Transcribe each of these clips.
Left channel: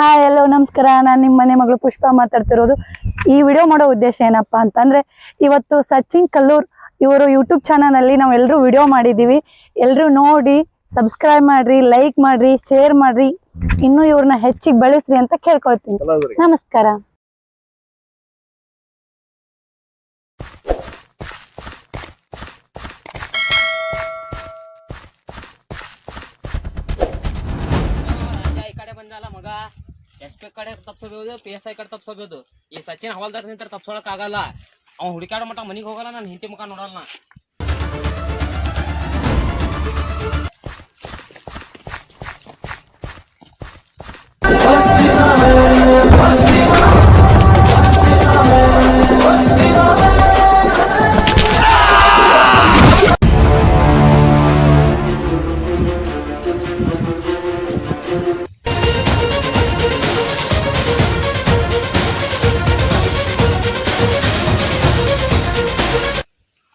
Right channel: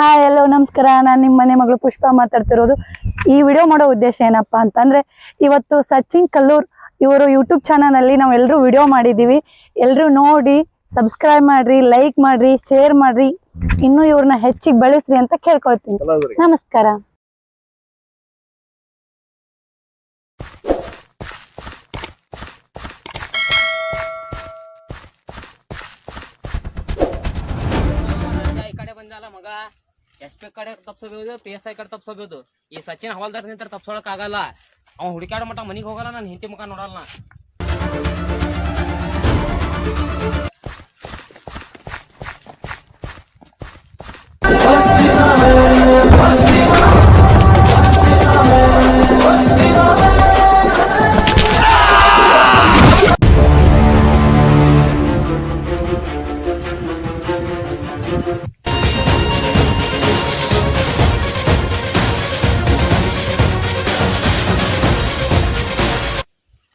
Hi ಎಲ್ಲೋ ನಮಸ್ಕಾರ. ನಾನು ನಿಮ್ಮ ಮನೆ ಮಗಳು ಪುಷ್ಪ ಮಾತಾಡ್ತಿರೋದು. ಈ ವಿಡಿಯೋ ಮಾಡೋ ಉದ್ದೇಶ ಏನಪ್ಪಾ ಅಂತಂದ್ರೆ, ಇವತ್ತು ಸಚಿನ್ ಕಲ್ಲೂರ್ ಇವರು ಯೂಟ್ಯೂಬ್ ಚಾನಲ್ ಅಲ್ಲಿ ನಾವು ಎಲ್ಲರೂ ವಿಡಿಯೋ ಮಾಡಿದೀವಿ. ಎಲ್ಲರೂ ನೋಡಿ ಸಬ್ಸ್ಕ್ರೈಬ್ ಮಾಡ್ರಿ, ಲೈಕ್ ಮಾಡ್ರಿ, ಶೇರ್ ಮಾಡ್ರಿ, ಇನ್ನೂ ಇವ್ರನ್ನ ಹೆಚ್ಚಿಗೆ ಬೆಳೆಸ್ರಿ ಅಂತ ಕೇಳ್ಕೊಳ್ತೀನಿ. ನಮಸ್ಕಾರ. ಮಗ ಎಸ್ ಪಿ ಕಡೆ ತಪ್ಸೋದು, ಪಿ ಎಸ್ ಐ ಕಡೆ ತಪ್ಸೋದು. ಈ ಸಚಿನ್ ಹವಾಲ್ದಾರ್ ನಿಂತ ತಪ್ಸೋಳಕ್ ಆಗಲ್ಲ. ಅವ್ನು ಹುಡುಕಾಡೋ ಮಟ್ಟ ಮನಿಗೆ ಹೋಗಲ್ಲ, ನಾನು ಹಿಂತಿ ಮುಖ ನೋಡಲ್ಲ.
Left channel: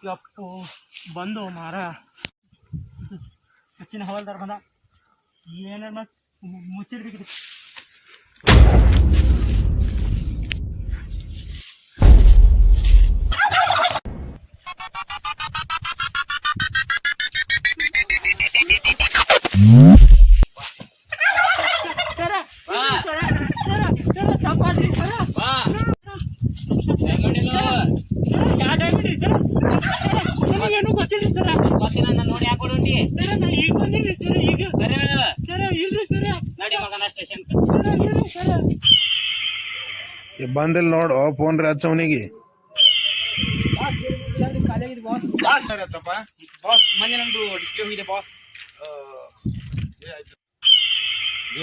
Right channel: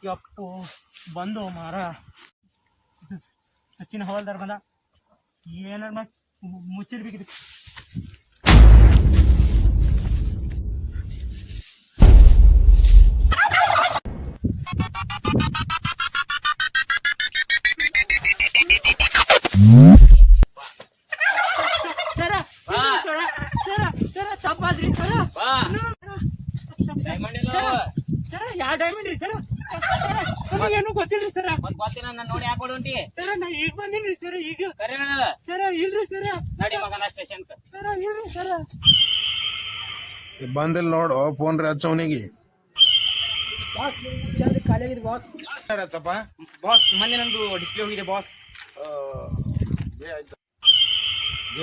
ಯಪ್ಪು ಬಂದು ಮಾರ ಸಚಿನ್ ಹವಾಲ್ದಾರ್ ಬಂದ. ಏನಾರ ಮುಚ್ಚಿರ್ಬೇಕಿದೆ. ತಪ್ಪಾದ್ರಿ ಸರ. ಯಾವ ಡೈಮಂಡ್ ರೀ ಸರ್? ನನಗೇನು ಗೊತ್ತಿಲ್ಲ ಸರ್. ಗೊತ್ತಿಲ್ಲ, ನಾನು ನೋಡಿ ಯಾಕೆ ಹೊಡಿ ಸರ್. ನಾ ಈಗ ಬಂದಿನಿ ಸರ್. ಈಗ ಸರ್ ಇಲ್ರಿ ಸರ್. ನಡಿ ಮಗನ ಸ್ಟೇಷನ್ ಸರ್. ಇಲ್ರಿ ಸರ್. ಬಂದಿಲ್ಲ ನೋಡು, ಫೋನ್ ರೀ ಹಚ್ಚವನಿಗೆ. ಬಾಸ್ ಚಾರ್ಜ್ ಖಾಲಿ ಆಗಿದೆ ಬಾಸ್. ಸರ್ ಹಚ್ಚಪ್ಪ. ಬಾಸ್ ಮೊನ್ನೆ ನಂದು ಡಿಸ್ಪ್ಲೇ ಹೋಗಿದೆ ಬಾಸ್.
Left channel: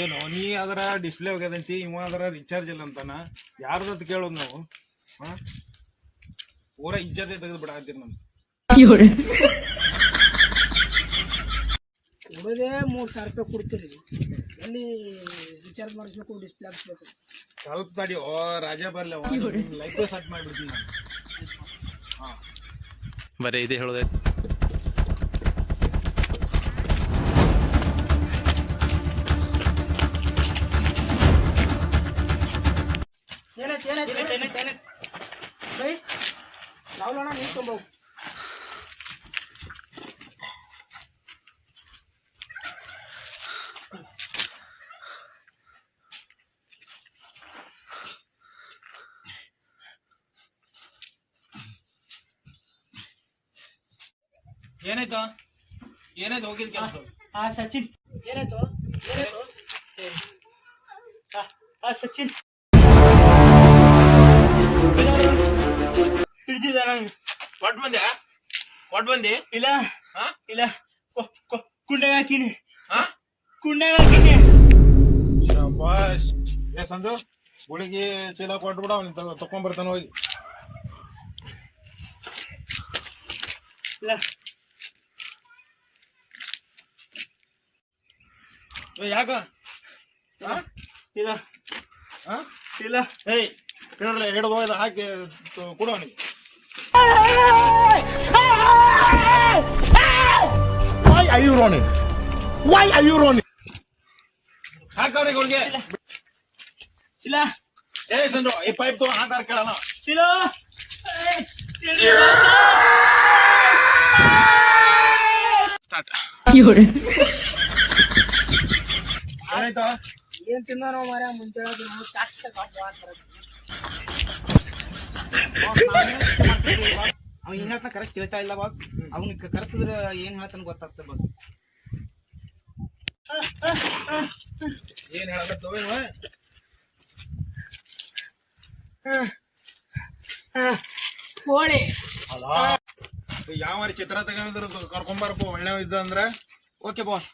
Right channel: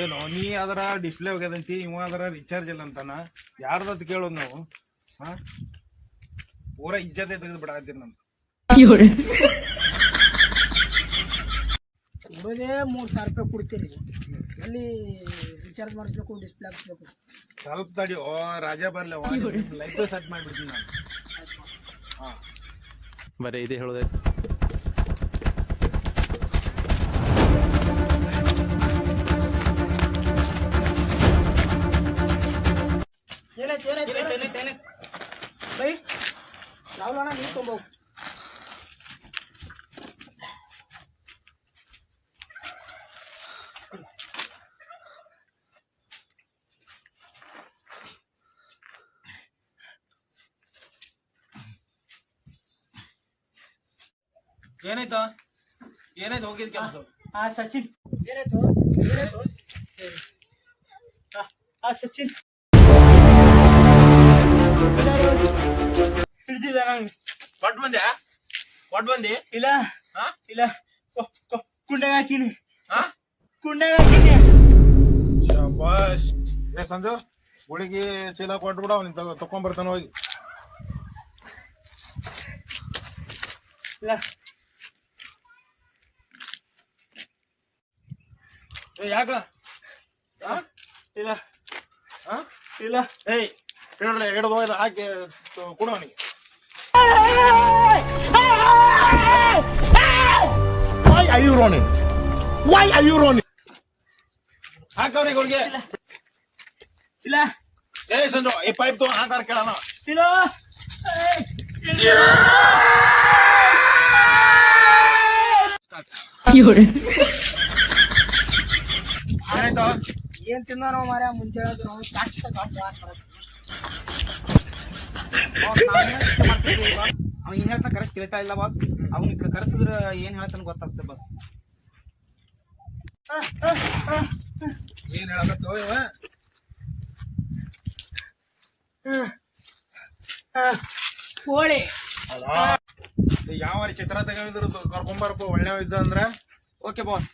ಏನು ನೀ ಅದರ ಡಿಸ್ಪ್ಲೇ ಹೋಗ್ಯದಂತಿ, ಇವ ಅದರ ರಿಚಾರ್ಜ್ ಇಲ್ಲ ಅಂತಾನ. ಯಾರ್ದತ್ ಕೇಳೋದು ನಾವು? ಪೂರಾ ಇಜ್ಜತೆ ತೆಗೆದು ಬಿಡಾಕತ್ತೀರಿ ನಮ್ದು. ಕೊಡೋದೇ 3,000 ರೂಪಾಯಿ ಕೊಡ್ತೀರಿ, ಅಲ್ಲಿ ರಿಚಾರ್ಜ್ ಮಾಡಿಸ್ಬೇಕು, ಡಿಸ್ಪ್ಲೇ ಹಾಕ್ಸ್ಬೇಕು. ಸ್ವಲ್ಪ ತಡಿ, ಓ ರಾಜಾ ಬರ್ಲಿ, ಲೈಫ್ ಸೆಟ್ ಮಾಡಿಬಿಡ್ತೀನಿ ನಾನು. ಬರೀ ಇದೇ ಹೇಳೋದೈತೆ. ಯಾವ್ಲಣ್ಣ ನೀರು ತೊಂಬವು. ಏನಾಯ್ತು ಏನಾಯ್ತು ಹೋಗಿದ್ ಕೆಲಸ? ಸಚಿನ್ ಏನಾಯ್ತು? ಸಚಿನ್ ಹಿಡ್ದಿದ್ದ ನಂಗೆ. ಕೊಟ್ ಬಂದೆ ಇಲ್ಲ ಹಾ? ಇಲ್ಲ, ಕುಂಡಾಗ ಹಾಕಿನಿ. ಕುಂಡಾಗ ಹಾಕಿನಿ. ಶಾಬಾಷ್. ಏ ಸಂಜು, ಗುಳಿಗೆ ಚೀಲ ಕೊಟ್ಬಿಡ, ಅವ್ನಿಗೆ ತಕೊಂಡ್ಬರ್ತಾನ ಹೋಗಿ. ಇಲ್ಲ ಯಾಕ? ಇಲ್ಲ ಇಲ್ಲ. ಏಯ್ ಹಿಡಲ್ಲ, ಹಿಡಿದು ಹೋಯ್ದ ಹಾಕಿ ಕೊಡು ಅವನಿಗೆ. Why are you running? Why are you running? ಹಾಕ ಅವನಿಗೆ ಹುಡುಗಿ. ಇಲ್ಲ ಏ ಸಂಜು, ಈ ಪೈಪ್ ತಗೊಂಡು ಹಾಕಾರ ಕೇಳೋಣ. ಇಲ್ಲ. ಆಯ್ತಾ? ಏನ್ ತಿನ್ನೋ ನಾವು ಮಾರ್ಯ ಮುಂಚೆ ನಾವು ವಾಸ್ ಬರುತ್ತೆ. ಅವ ಏನ್ ಹೇಳ್ತಾನ ಕರೆಕ್ಟ್ ಕೇಳ್ತಾ ಇಲ್ಲ ಬಾಸ್. ಅವ್ನಿಗೆ ಕರೆಸಿದ್ರೆ ಏನ್ ಹೇಳ್ತಾನ ಗೊತ್ತಾಗ್ತದೆ ಬಾಸ್. ಏನ್ ಹೇಳಕತ್ತೋ ಇವ? ಕೋಳಿ ಅಲ್ಲ, ಯಾವ ಚಿತ್ರ ತೆಗಿದ್ರು ಕರ್ಕೊಂಬಾರಪ್ಪ, ಒಳ್ಳೆ ಇದ್ದ ಅಂದ್ರ. Okay boss.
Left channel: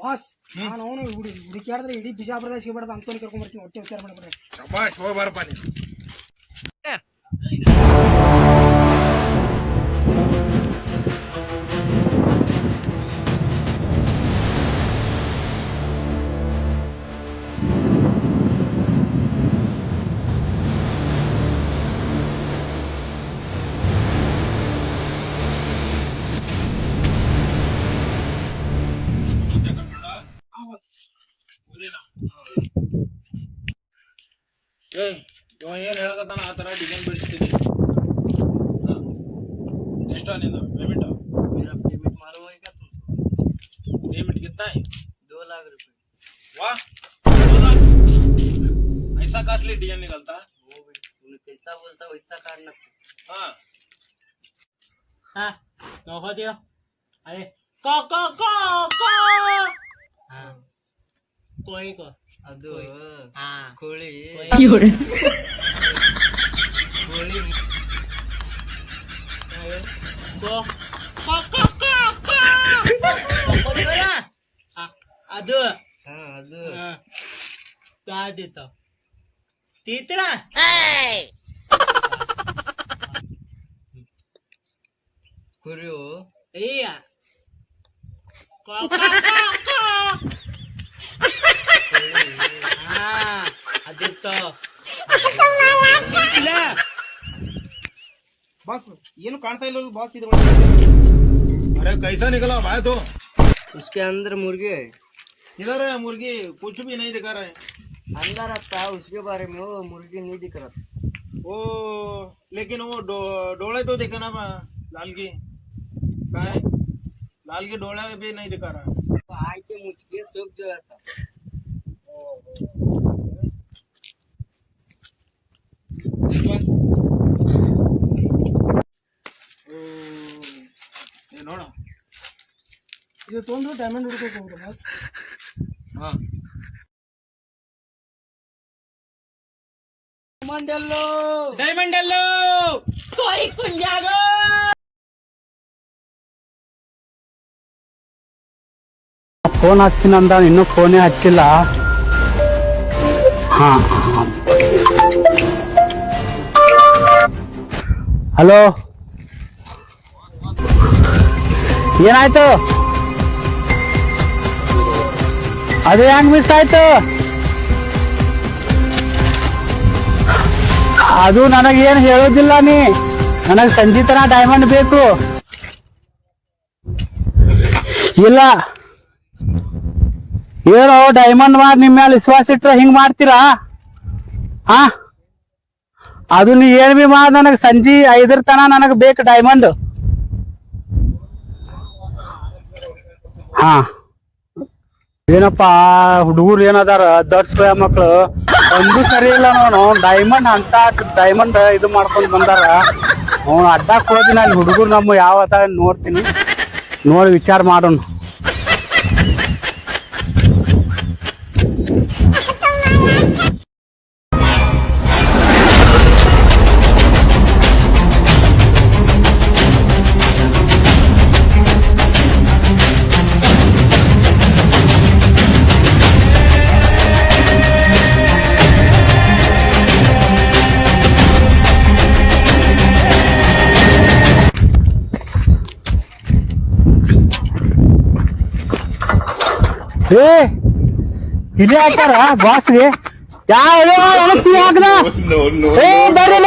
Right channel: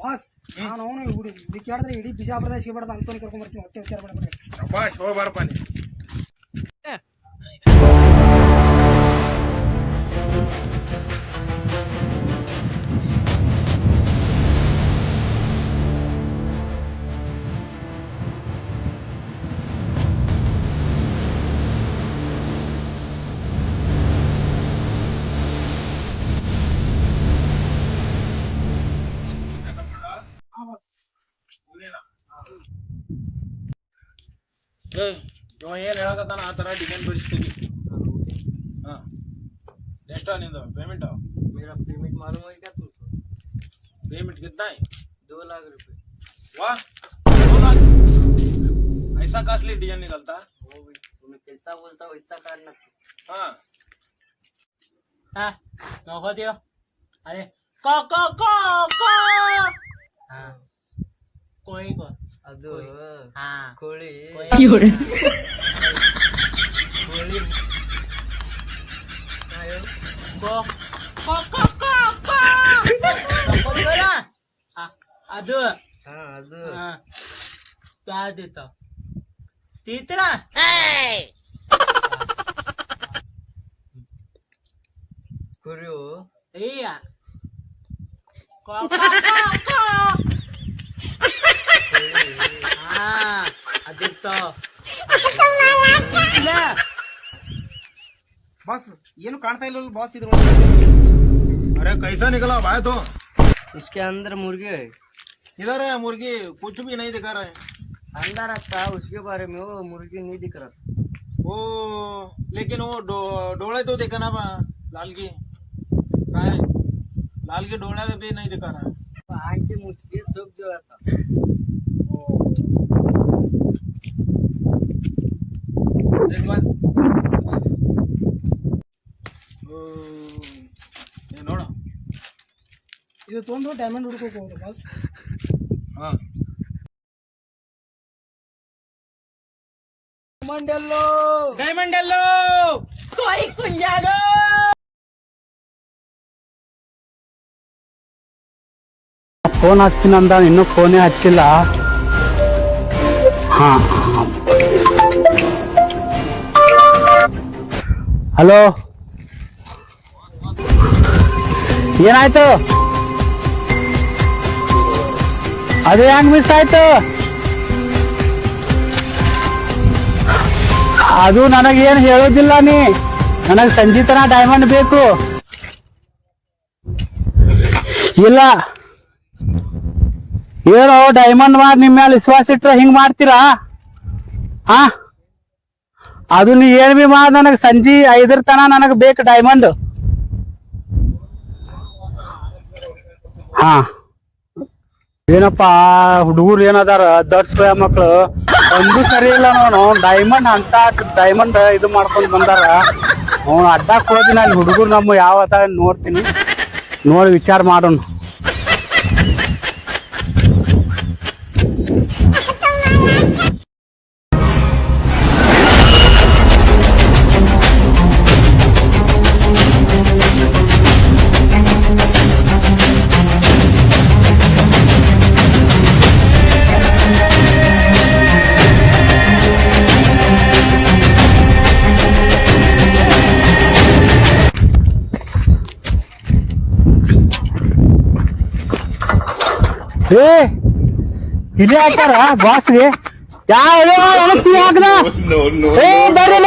ಬಾಸ್ ನಾನು ಅವನು ಹುಡುಕಿಯಾಡಿದ್ರೆ ಇಡೀ ಬಿಜಾಪುರದಾಗ ಸಿಗಬಾರ್ದು ಅಂತವ್ನು ಕರ್ಕೊಂಡ್ಬರ್ತೀನಿ. ಹೊಟ್ಟೆ ವಿಚಾರ ಮಾಡ್ಬಿಡ್ರಿ. ಶಬಾಷ್, ಹೋಗ್ಬಾರಪ್ಪ ನೀ. ಏ ಇವ ಏನ್ ಹೇಳಕತ್ತಾನ ಆ ತರ ಡಿಸೈನ್ ಬಿಡಿಸ್ತೀನಿ. ಎಷ್ಟ ನಿಂದು पेमेंट? मेरा पेमेंट मालूम है क्या तुमको? पेमेंट कितना है? 2 लाख रुपए। वाह 2 लाख! ऐसा कॉस्टली डिजाइन निकलता? वो भी तुम्हें कैसा बोलता वैसा काटना। हाँ हाँ नौका दियो अरे को हाँ कोई को ಅದು हाँ ಕೋಳಿ कोई ಕೋಳಿ को ಅದು ಹಾ ಅದು क्या देता तीतरा ಕುರಿಯು iya हाँ ಅದಿತ್ತು बॉस ಏನು ಕಾಣ್ತಾ ಇಲ್ಲ ಬಾಸ್ ಇದು अरे कैसा निकला भाई तो? उसके अंदर मुर्गी है। इधर है मुर्गी, कुछ भी नहीं दिखा रहा है। अंदर आता उसके बारे में वो मुर्गी नहीं दिख रहा। वो लेकिन वो डोळे तो दिखा ना लाल की का है? लाल के डोळे भी नहीं दिखा रहा है। आंखें मुझ के सूख जो था। देख बन ये नोड़ा ಇದು ತೊಂದು ಡೈಮಂಡ್ ಹುಡುಕೋಕೆ ಹೋಗ್ರು ಬಾಸ್ हाँ ಡೈಮಂಡ್ ಎಲ್ಲೋ ಕೊಯ್ ಕುಂಜಾಗೋ ಫೋನ್ ಹಚ್ತೀನಂದ ಇನ್ನೂ ಫೋನೇ ಹಚ್ಚಿಲ್ಲ. ಹಾ ಹಲೋ ಏನಾಯ್ತು? ಅದು ಹೆಂಗ್ ಮಿಸ್ ಆಯ್ತು? ಅದು ನನಗೇನು ಹೇಳೋದಿಲ್ಲ ನೀ. ನನಗೆ ಸಂಜೀತನ ಡೈಮಂಡ್ ಬೇಕು. ಇಲ್ಲ ಏನೋ ಡೈಮಂಡ್ ಮಾಡಿ ನಿಮ್ಮ ಮೇಲೆ ವಿಶ್ವಾಸ ಇಟ್ರೆ ಹಿಂಗ್ ಮಾಡ್ತೀರಾ? ಹಾ ಅದು ನೀ ಏನ್ ಬಿ ಮಾಡ್, ನನಗೆ ಸಂಜೆ 5 ತನ ನನಗೆ ಬೇಕು ಡೈಮಂಡ್. ಹಾ ಏನಪ್ಪಾ ಹುಡುಗರು ಏನದಾರ ದೊಡ್ಡ ಮಕ್ಳು ಒಂದು ಸರಿ ಇಲ್ಲ. ನೋಡು ಡೈಮಂಡ್ ಅಂತ ಡೈಮಂಡ್ ಇದು ಮಾಡ್ಕೊಂಡ್ ಬಂದಾರ. ಅವ್ನು ಅಡ್ಡಾಕ್ ಹೋದಿನ ಅಲ್ಲಿ ಹುಡುಗರು ನಮ್ಮ ಯಾವ ನೋಡ್ತೀನಿ, ನೋಡಿ ವಿಚಾರ ಮಾಡೋಣ. ಏ ಇಲ್ಲಿ ಹಾಕ್ಯಾರ ಬಾಸ್ಗೆ ಯಾವ ಹಾಕದ? ಏ ಬರ್ರಿ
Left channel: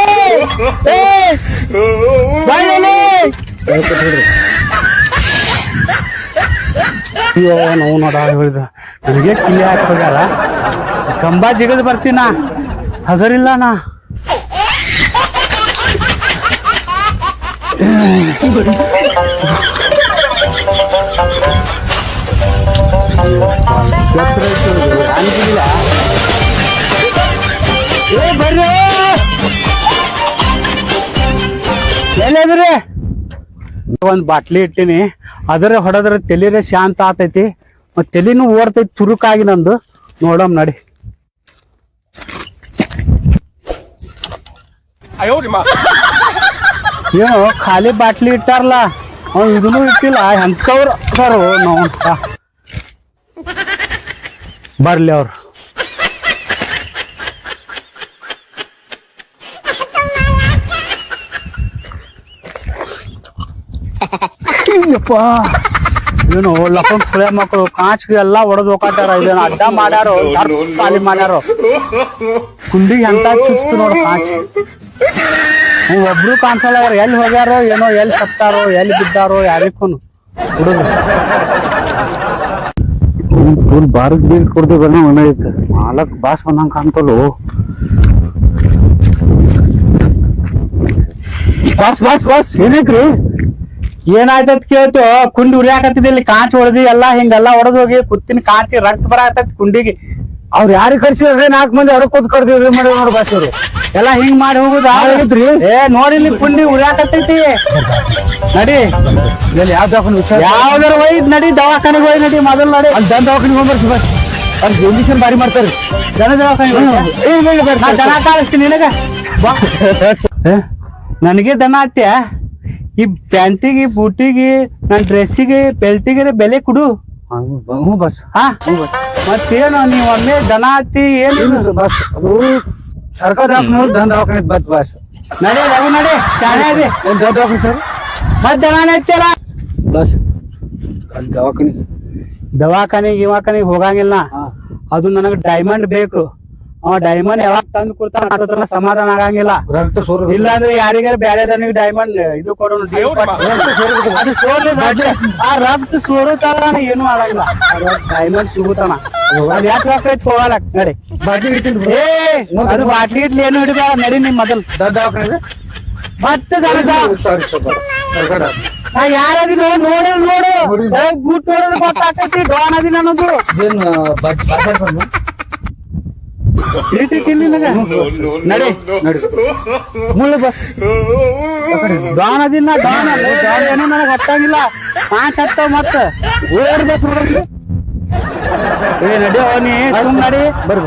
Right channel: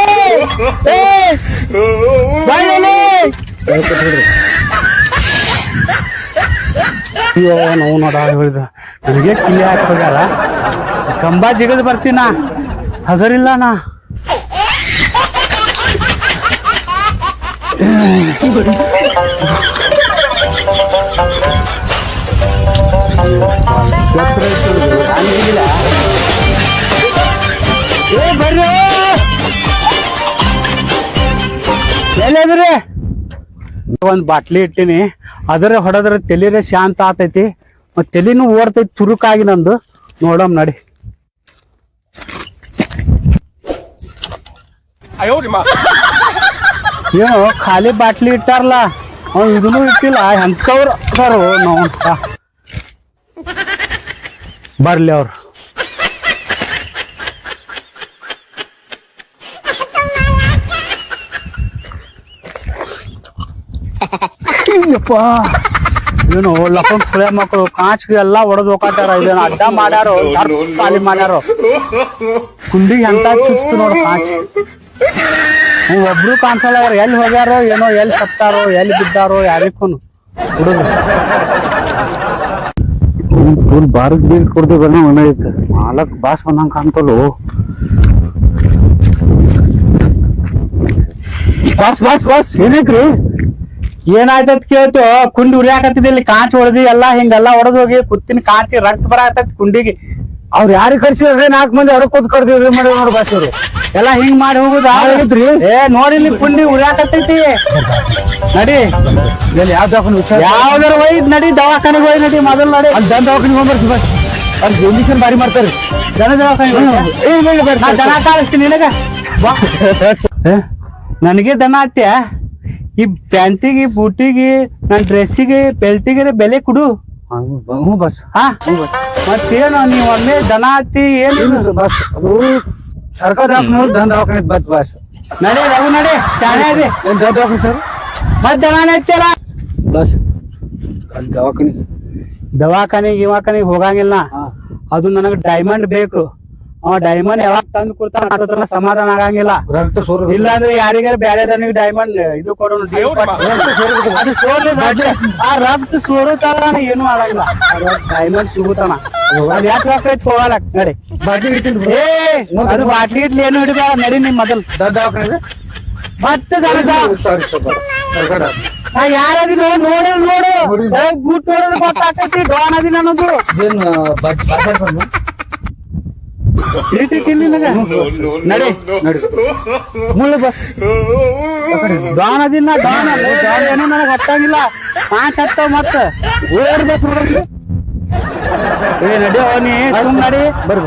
ಅಯ್ಯೋ ನಾವು ನೋಡ ಹೇಳಿದ ನನಗೆ ಕಿಲಿ ಹಾಕಿ ಹೋಗ್ಯಾರ. ಕಂಬ ಜಿಗದ್ ಬರ್ತೀನ ಹಗರಿಲ್ಲ ನಾ. ಏ ಬರ್ರಿ ಎಲ್ಲಿದ್ರಿ? ಒಂದ್ ಬಾಟ್ಲಿ ಇಟ್ಟಿನಿ, ಅದರ ಹೊಡೆದ್ರ ತಲಿರೇ ಶಾಂತ ಆತೈತಿ, ಮತ್ ತಲಿನೂ ಓಡ್ತೈತಿ ಚುರುಕಾಗಿ ನಂದು. ನೋಡಮ್ ನಡಿ. ಏನು ಖಾಲಿ ಬಾಟ್ಲಿ ಇಟ್ಟಾರಲ್ಲ, ಅವ್ನು ಇದನ್ನು ಇಟ್ಟಿಲ್ಲ. ಎಂತವ್ರು ಸರ್ ನಾವು ಬರ್ಲಿ ಅವ್ರು. ಏನು ಲಪನ್ ಸುಳೆ ಮಕ್ಕಳು ಕಾಂಚ್ಗೆ ಎಲ್ಲಾ ಹೊಡೆದ್ ಹೋಗಾಟಾರ. ಇದೇನು ಅಡ್ಡ ಮಾಡ್ಯಾರೋ ಸಾಲಿ ಮಾಡ್ಯಾರೋ. ಕುಂಡಿಗೆ ಎಂತ ಚುಸ್ತು ನೋಡು ಕಾಂಚ್. ಒಬ್ರು ಕಾಣಿಸಲ್ಲ. ಅವ್ರು ಎಲ್ಲಿ ಹೋಗ್ಯಾರೋ ಏನೋ, ಎಲ್ಲಿ ಸತ್ತಾರೋ, ಎಲ್ಲಿ ಬಿದ್ದಾರೋ ಯಾರಿಗೂ ಹುಡುಗ. ಫುಲ್ ಬಾರಕ್ ಬೀರ್ ಕುಡ್ದು ಬನ್ನ ಒಣ ಐತೆ. ಮಾಲಕ್ ಬಾಸ್ ಬಂದಂಗ ಕಾಣ್ತಲು. ಬಾಸ್ ಏನೈತ್ರಿ ಏನಾಯ್ತತ್ ಕೇಳ್ತು ಕುಂಡಿ ಉರಿಯಾಕತ್ತಿದ್ ಇಲ್ಲಿ ಕಾಂಚ್ ಹೊಡೆದಿ ಎಲ್ಲಾ ಹಿಂಗೆಲ್ಲಾ ಹೊಡೆದ್ ಹೋಗಿ ಕುತ್ತಿನ ಕಾಂಚಿ ರಕ್ತ ಬರಾಕತ್ತೈತಿ ಕುಂಡಿಗೆ ಅವ್ರ ಯಾರಿಗೆ ಕರ್ಸಿದ್ರೆ 4 ಮಂದಿ ಅವ್ರ ಕೂತ್ ಕರ್ದಿವ್ರಿ ಮಾಡಿ ನೋಡ್ ಬಾಸ್ ಅವ್ರು ಎಲ್ಲಾ ಹಿಂಗ್ ಮಾಡಿ ಹೋಗುದಾ ಏ ನೋಡಿ ಇಲ್ಲಿ ಕುಂಡಿ ಉರಿಯಾಕತ್ತೈತಿ ನಡಿ ಯಾವ ದವಾಖಾನೆ ಯಾವ್ದಾರ ಒಯ್ದ್ ನಡಿ ದವಾಖಾನೆಗೆ ಒಯ್ದ್ ನಡಿ ಮೊದಲು ನಡಿ ಅಲ್ಲಿ ದವಾಖಾನೆಗೆ ಹೋಗ್ಬರ್ತಿ ಬಸ್ ಅಲ್ಲಿ ಇಂಜೆಕ್ಷನ್ ಬಾರಿ ಮಾಡ್ತಾರೆ ದನ ದವಾಖಾನೆ ದನ ಕಾಣಿಸ್ತೀನಿ ನಿನಗ ಬಾ ನನಗೆ ದನ ಹತ್ಯ ಈ ಪ್ಯಾಂಟಿಗೆ ಬೂಟಿಗೆ ನನ್ ಡ್ರೆಸ್ಸಿಗೆ ಬೆಲ್ಟಿಗೆ ಬೆಲೆ ಕೊಡು ಬಸ್ ಹಾ ಮತ್ತೇನು ನೀವ್ ಒಮ್ಮೆ ದನ ಹತ್ತಿ ಏನು ಬಸ್ ಅದು ಸರ್ಕಾರ ದನ ದವಾಖಾನೆ ಬಸ್ ಬಸ್ ನಡೆ ರಘು ನಡೆ ಚಾಣೆ ಇದೆ ದವಾಖಾನೆ ಸರ್ ಮತ್ ದನ ಹಚ್ಚಲ್ಲ ಬಸ್ ದವಾಖಾನಿಗೆ ಹೋಗಂಗಿಲ್ಲ ಅದು ನನಗೆ ಡೈಮಂಡ್ ಬೇಕು ಅವ ಡೈಮಂಡ್ ಯಾವಾಗ ತಂದು ಕೊಡ್ತಾನ ಸಮಾಧಾನ ಆಗಂಗಿಲ್ಲ ಇಲ್ಲ ಅಂದ್ರೆ ಯಾರಿಗಾರ ಬ್ಯಾರೆ ದನಿಗೆ ಡೈಮಂಡ್ ಇದು ಕೊಡೋಣ ಅದು ಸೋರ್ಲಿ ಆ ರಕ್ತ ಸೋರುತ್ತಾನ ಏನು ಆಗಂಗಿಲ್ಲ ಡೈಮಂಡ್ ಸಿಗುತ್ತಾನ ಅದ್ ಯಾಕೆ ರೊಕ್ಕ ಹೋಗಲ್ಲ ನಡಿ ಏ ಅದು ಬಾಟ್ಲಿ ಇಡ್ಲಿ ಏನು ಹಿಡಿದ ನಡಿ ನಿಮ್ ಮೊದಲ್ ಮತ್ತೆ ಯಾರದಿನ ನೋಡು ಬೂಟ್ ನೋಡಿದ್ರೆ ಗೊತ್ತಾಗ್ತೈತಿ ಡಾನ್ ಅದಿನ ಅನ್ನೋದು ನಡಿ ಮುಳ್ಳು ಬಸ್ ಡಾನ್ ಅದಿನ ಡಾನ್ ಏನೋ ನನಗೆ ಹತ್ತಂಗಿಲ್ಲ 5 ಹತ್ತಾವ ಮತ್ತ ಓಡ್ ಬಸ್ ಏ ನಡಿ ನೀ ಸುಮ್ ನಡಿ ಬರ್ಬ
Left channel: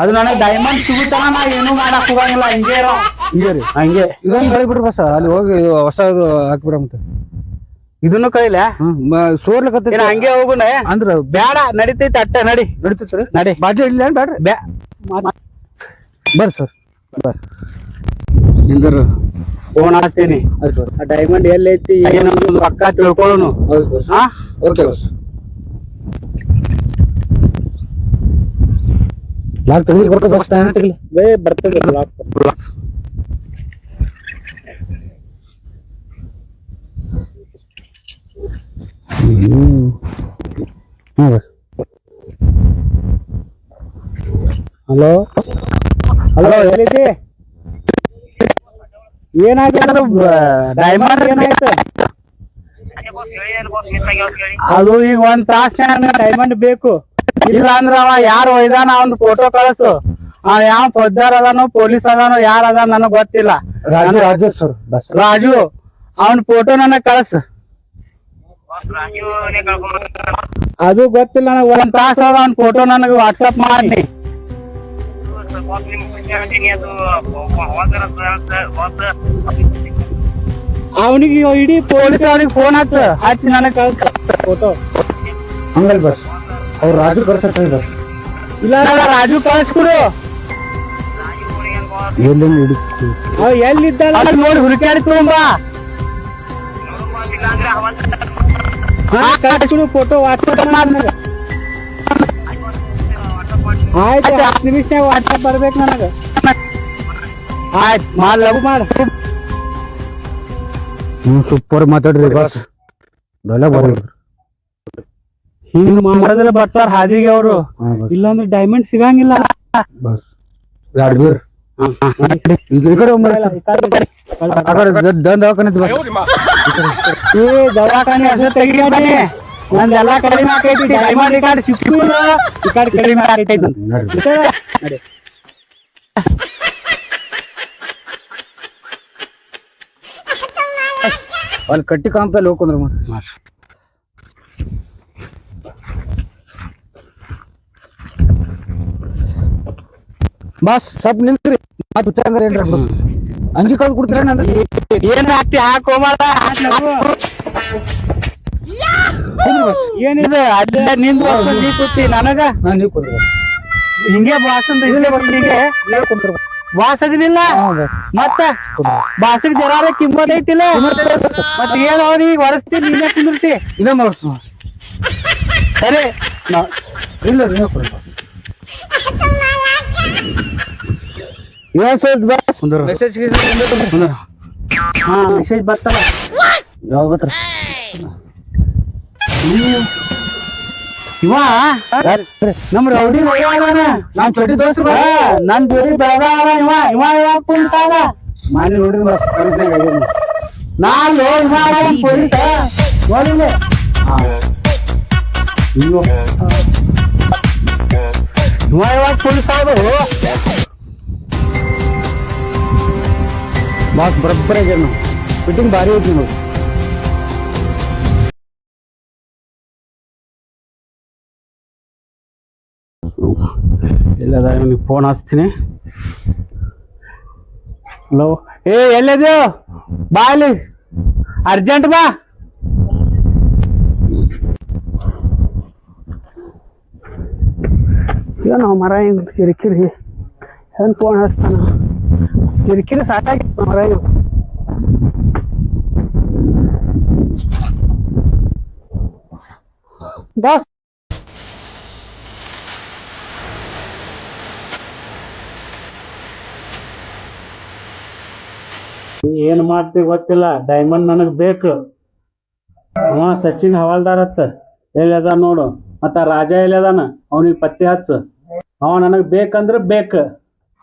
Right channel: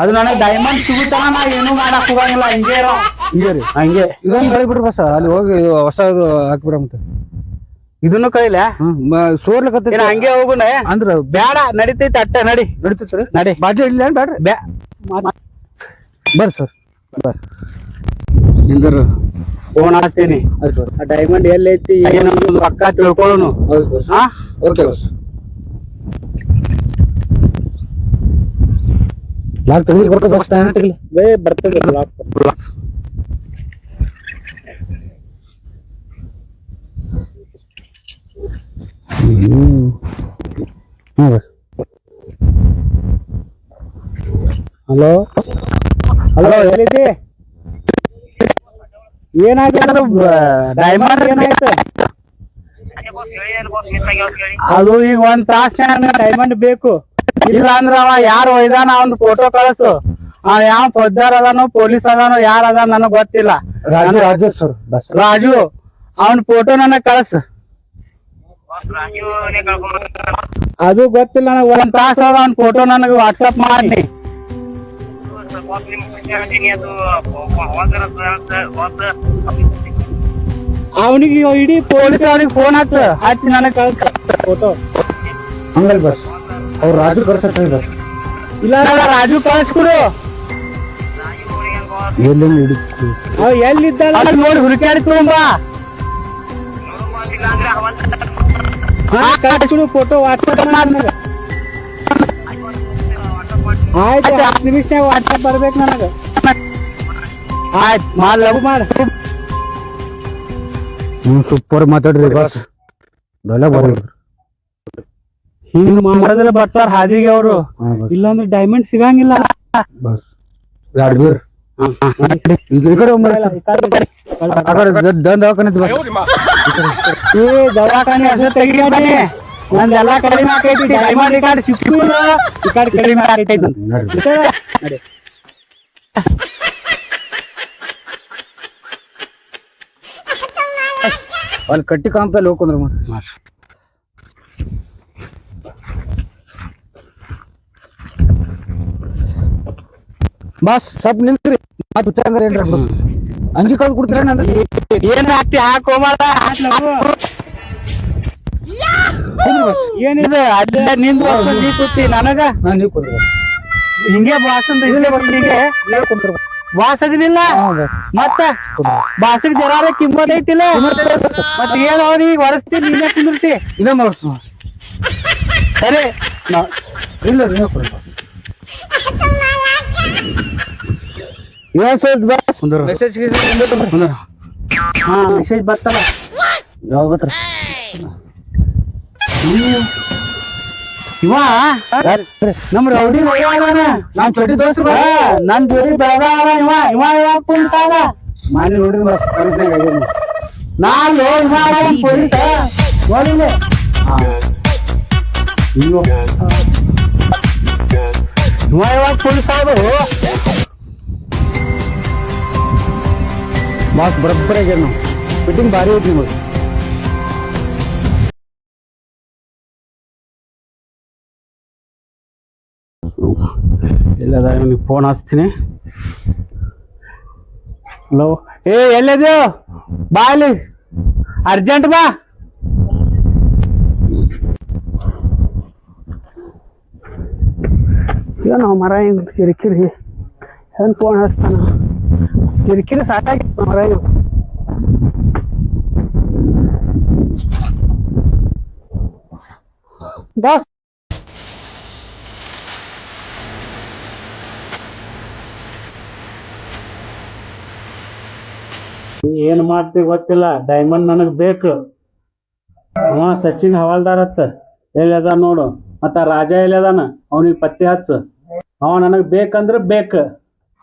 ಅದು ನನಗೆ ಡೈಮಂಡ್ ಸಿಗುತ್ತಾನ ನಾ ಏನು ಮಾಡಕ್ ಹೋಗಂಗಿಲ್ಲ ಹಿಂಗೆ ಇರೋ ಹಂಗೆ ಇದನ್ನ ಕಳಿಬಿಡ್ರಿ ಬಸ್ ಅಲ್ಲಿ ಹೋಗಿ ಹೊಸ ಹಾಕ್ಬಿಡ ಮತ್ತೆ ಇದನ್ನು ಕೈಲ ಸೋರ್ಲಕತ್ತ ಹಂಗೆ ಹೋಗುನ ಅಂದ್ರ ಬ್ಯಾಡ ನಡಿತೈತಿ ಅಟ್ಟ ನಡಿ ನಡಿತೈತ್ರಿ ನಡಿ ಬಾಟ್ಲಿ ಇಡ್ಲಿ ಬ್ಯಾಡ್ರಿ ಬರ್ರಿ ಸರ್ ಬರ್ರಿ ನಿಂದ್ರ ಫೋನ್ ಹಾಕ್ತೀನಿ ಡೈಮಂಡ್ ಎಲ್ಲೈತಿ ಏನೋ ಪಕ್ಕ ತಿಳ್ಕೊಳ್ಳೋನು ಹಾ ಓಕೆ ಬಸ್ ಲಾಕ್ ತೆಗಿ ಬರ್ತದೆ ಬಸ್ ತೆಗಿಲಿ ಬರ್ತದೆ ಲಾಕ್ ಹಲೋ ಹಲೋ ಎಲ್ಲಿದ್ದಿ ಏನಾಯ್ತು ಡೈಮಂಡ್ ಏನಾಯ್ತು ಅದು ಈಗ 1 ತಾಸ್ನ್ಯಾಗ ಡೈಮಂಡ್ ಬೇಕು ಇಲ್ಲ ಅಂದ್ರ ಅವ ಯಾರು ಒಯ್ದಾನ ಅವ್ನ ಫೋಟೋ ಕಳಿಸು ಅವ ಯಾವ ಪೊದ್ದಾರ ಅದಾನೋ ಪೊಲೀಸ್ ಅದಾನೋ ಯಾರ ಅದ ನನಗ್ ಗೊತ್ತಿಲ್ಲ ರಾಜು ಅವನ್ ಫೋಟೋ ನನಗ್ ಕಳ್ಸ ಅದು ಗೊತ್ತಿಲ್ಲ ನನಗ್ 1 ತಾಸ ಅದ ಅವ್ನ ಫೋಟೋ ನನಗ್ ವಾಟ್ಸಪ್ ಮಾಡಿ ಅವನಿಗೆ ಇಡೀ ಪೊಲೀಸ್ ಅವ್ನಿಗೆ ಫೋನ್ ಹಚ್ಚಿ ನನಗ್ ಕಳ್ಸ ಫೋಟೋ ಹಂಗಲ್ ಬಸ್ ಅವ್ರು ರಾಜು ಕಳ್ಸತ್ತ ಇಲ್ಲ ರಾಜು ಕಳ್ಸ್ಕೊಡು ಎಲ್ಲಿದ್ದ ನೋಡಿ ಹುಡುಕಾಡಿ ತಗೊಂಬ ಕಳ್ಸ್ಕೊಡು ಫೋಟೋ ವಾಟ್ಸಪ್ ಮಾಡಿ ಆಯ್ತು 10 ನಿಮಿಷ ವಾಟ್ಸಪ್ ಬರ್ಬೇಕು ನನಗ ಆಯ್ತು ಮಾಡ್ ಲಘು ಮಾಡ ಸೂಪರ್ ಮಾತಾಡ್ರಿ ಬಸ್ ಹಿಂಗ್ ಮಾಡಿದ್ರೆ ಬರ್ತಾರ ಹಾದಿಗೆ ಅವರು ಇಲ್ಲಾಂದ್ರೆ ಡೈಮಂಡ್ ಸಿಗಂಗಿಲ್ಲ ಬಸ್ ದವಾಖಾನೆ ಹೆಸರು ತೆಗಿಯಾಡಿ ನಂದೆಲ್ಲಾ ಕಡಿಮೆ ಆಕೈತಿ ಡೈಮಂಡ್ ಈ ಕಡೆ ಸಿಕ್ಕಿಲ್ಲ ಈ ಕಡೆ ಕಡಿಮೆ ಆಕೈತಿ ಅಲ್ಲಿ ಕಟ್ಟಿ ಕಾಂತಲ್ಲಿ ಹೋಗ್ಕೊಂಡ್ರ ಬಸ್ ಸ್ವಲ್ಪ ನಿಲ್ಸ್ರಿ ಅಂಗಿ ಕಳ್ದು ಕೊಡ್ತೀರ ಏನ್ ಹಾಕ್ತಿ ಹಾಕೋ ಏನಿದೆ ಅಲ್ಲೇ ನಿಂದು ನೀ ಕೂತಿ ನನಗ ಹಿಂಗೆ ಬಾಸಂದ ಹಿಂಗೆ ಬಾಸದಿನಿಲ್ಲ ಮತ್ತ ಬಾಸಿಗೆ ಜರಾರ ಕಿಮ್ಮತ್ ಐತಿಲ್ಲ ಮತ್ ಏನ್ ಅವ್ರಿಗೆ ಹೊರಸ್ತಿ ನೀನೇ ಕುಂದಿರ್ತಿ ಇದೇ ಮಾಡ್ಸ ಸರಿ ಇಲ್ಲ ಮೆಸೇಜ್ ಹಾ ಮೆಸೇಜ್ ಬರ್ತಲ್ಲ ಯಾವಾಗ ಬರ್ತಾರ ಇವ ನಮ್ ರೌಡಿ ನಾನ್ ಚೋಟಿ ದೋಸ್ತ ನನ್ ಜೋಡಿ ಬೆಳಗಾವ ಇವ ಇವ ಕುಂತಾಗ ಮಾಡಿ ನೋಡ್ರಿ ನಾನು ಪೊಲೀಸ ನೋಡಿಲ್ಲ ಯಾವಾಗ ಪೊಲೀಸ್ ಆದ್ರು ಬಾಸ್ ಬರೋಬ್ಬರ ಆಗ್ಯಾರ ನಾವು ಫಿಟ್ಟಿಂಗ್ ಭಾರಿ ಐತಿ ನಿಮಗೆ ಎಲ್ಲದ ನಿಮಗೆ ಫೋನ್ ಹಚ್ತೀನಿ ಹಲೋ ಏ ಎಲ್ಲಿದ್ಯೋ ಬಾ ಅಲ್ಲಿ ಅರ್ಜೆಂಟ್ ಬಾ ಏನು ಮರ ಹಿಂಗ್ ಕಿರಿಕಿರಿ ಏನ್ ಫೋನ್ ಹಚ್ತಾನ ಕಿರಿಕಿರಿ ಸಾಕಾಗಿತ್ತು ಮರ ಬಾಸ್ ಏನ್ ಮಾಡ್ತೀವಿ ಗೊತ್ತಿಲ್ಲ ಡೈಮಂಡ್ ನನಗ್ ಬೇಕು ಅವ ಸಚಿನ್ ಹವಾಲ್ದಾರ್ ಅತ್ತ ಎಲ್ಲಿ ಅದ ನೋಡು ಮತ್ತ ರಾಜ ಎಲ್ಲಿ ಅದಾನ ಅವನಿಗೆ ಪತ್ತೆ ಹಚ್ಚ ಅವ ನನಗ್ ಬೇಕಂದ್ರ ಬೇಕ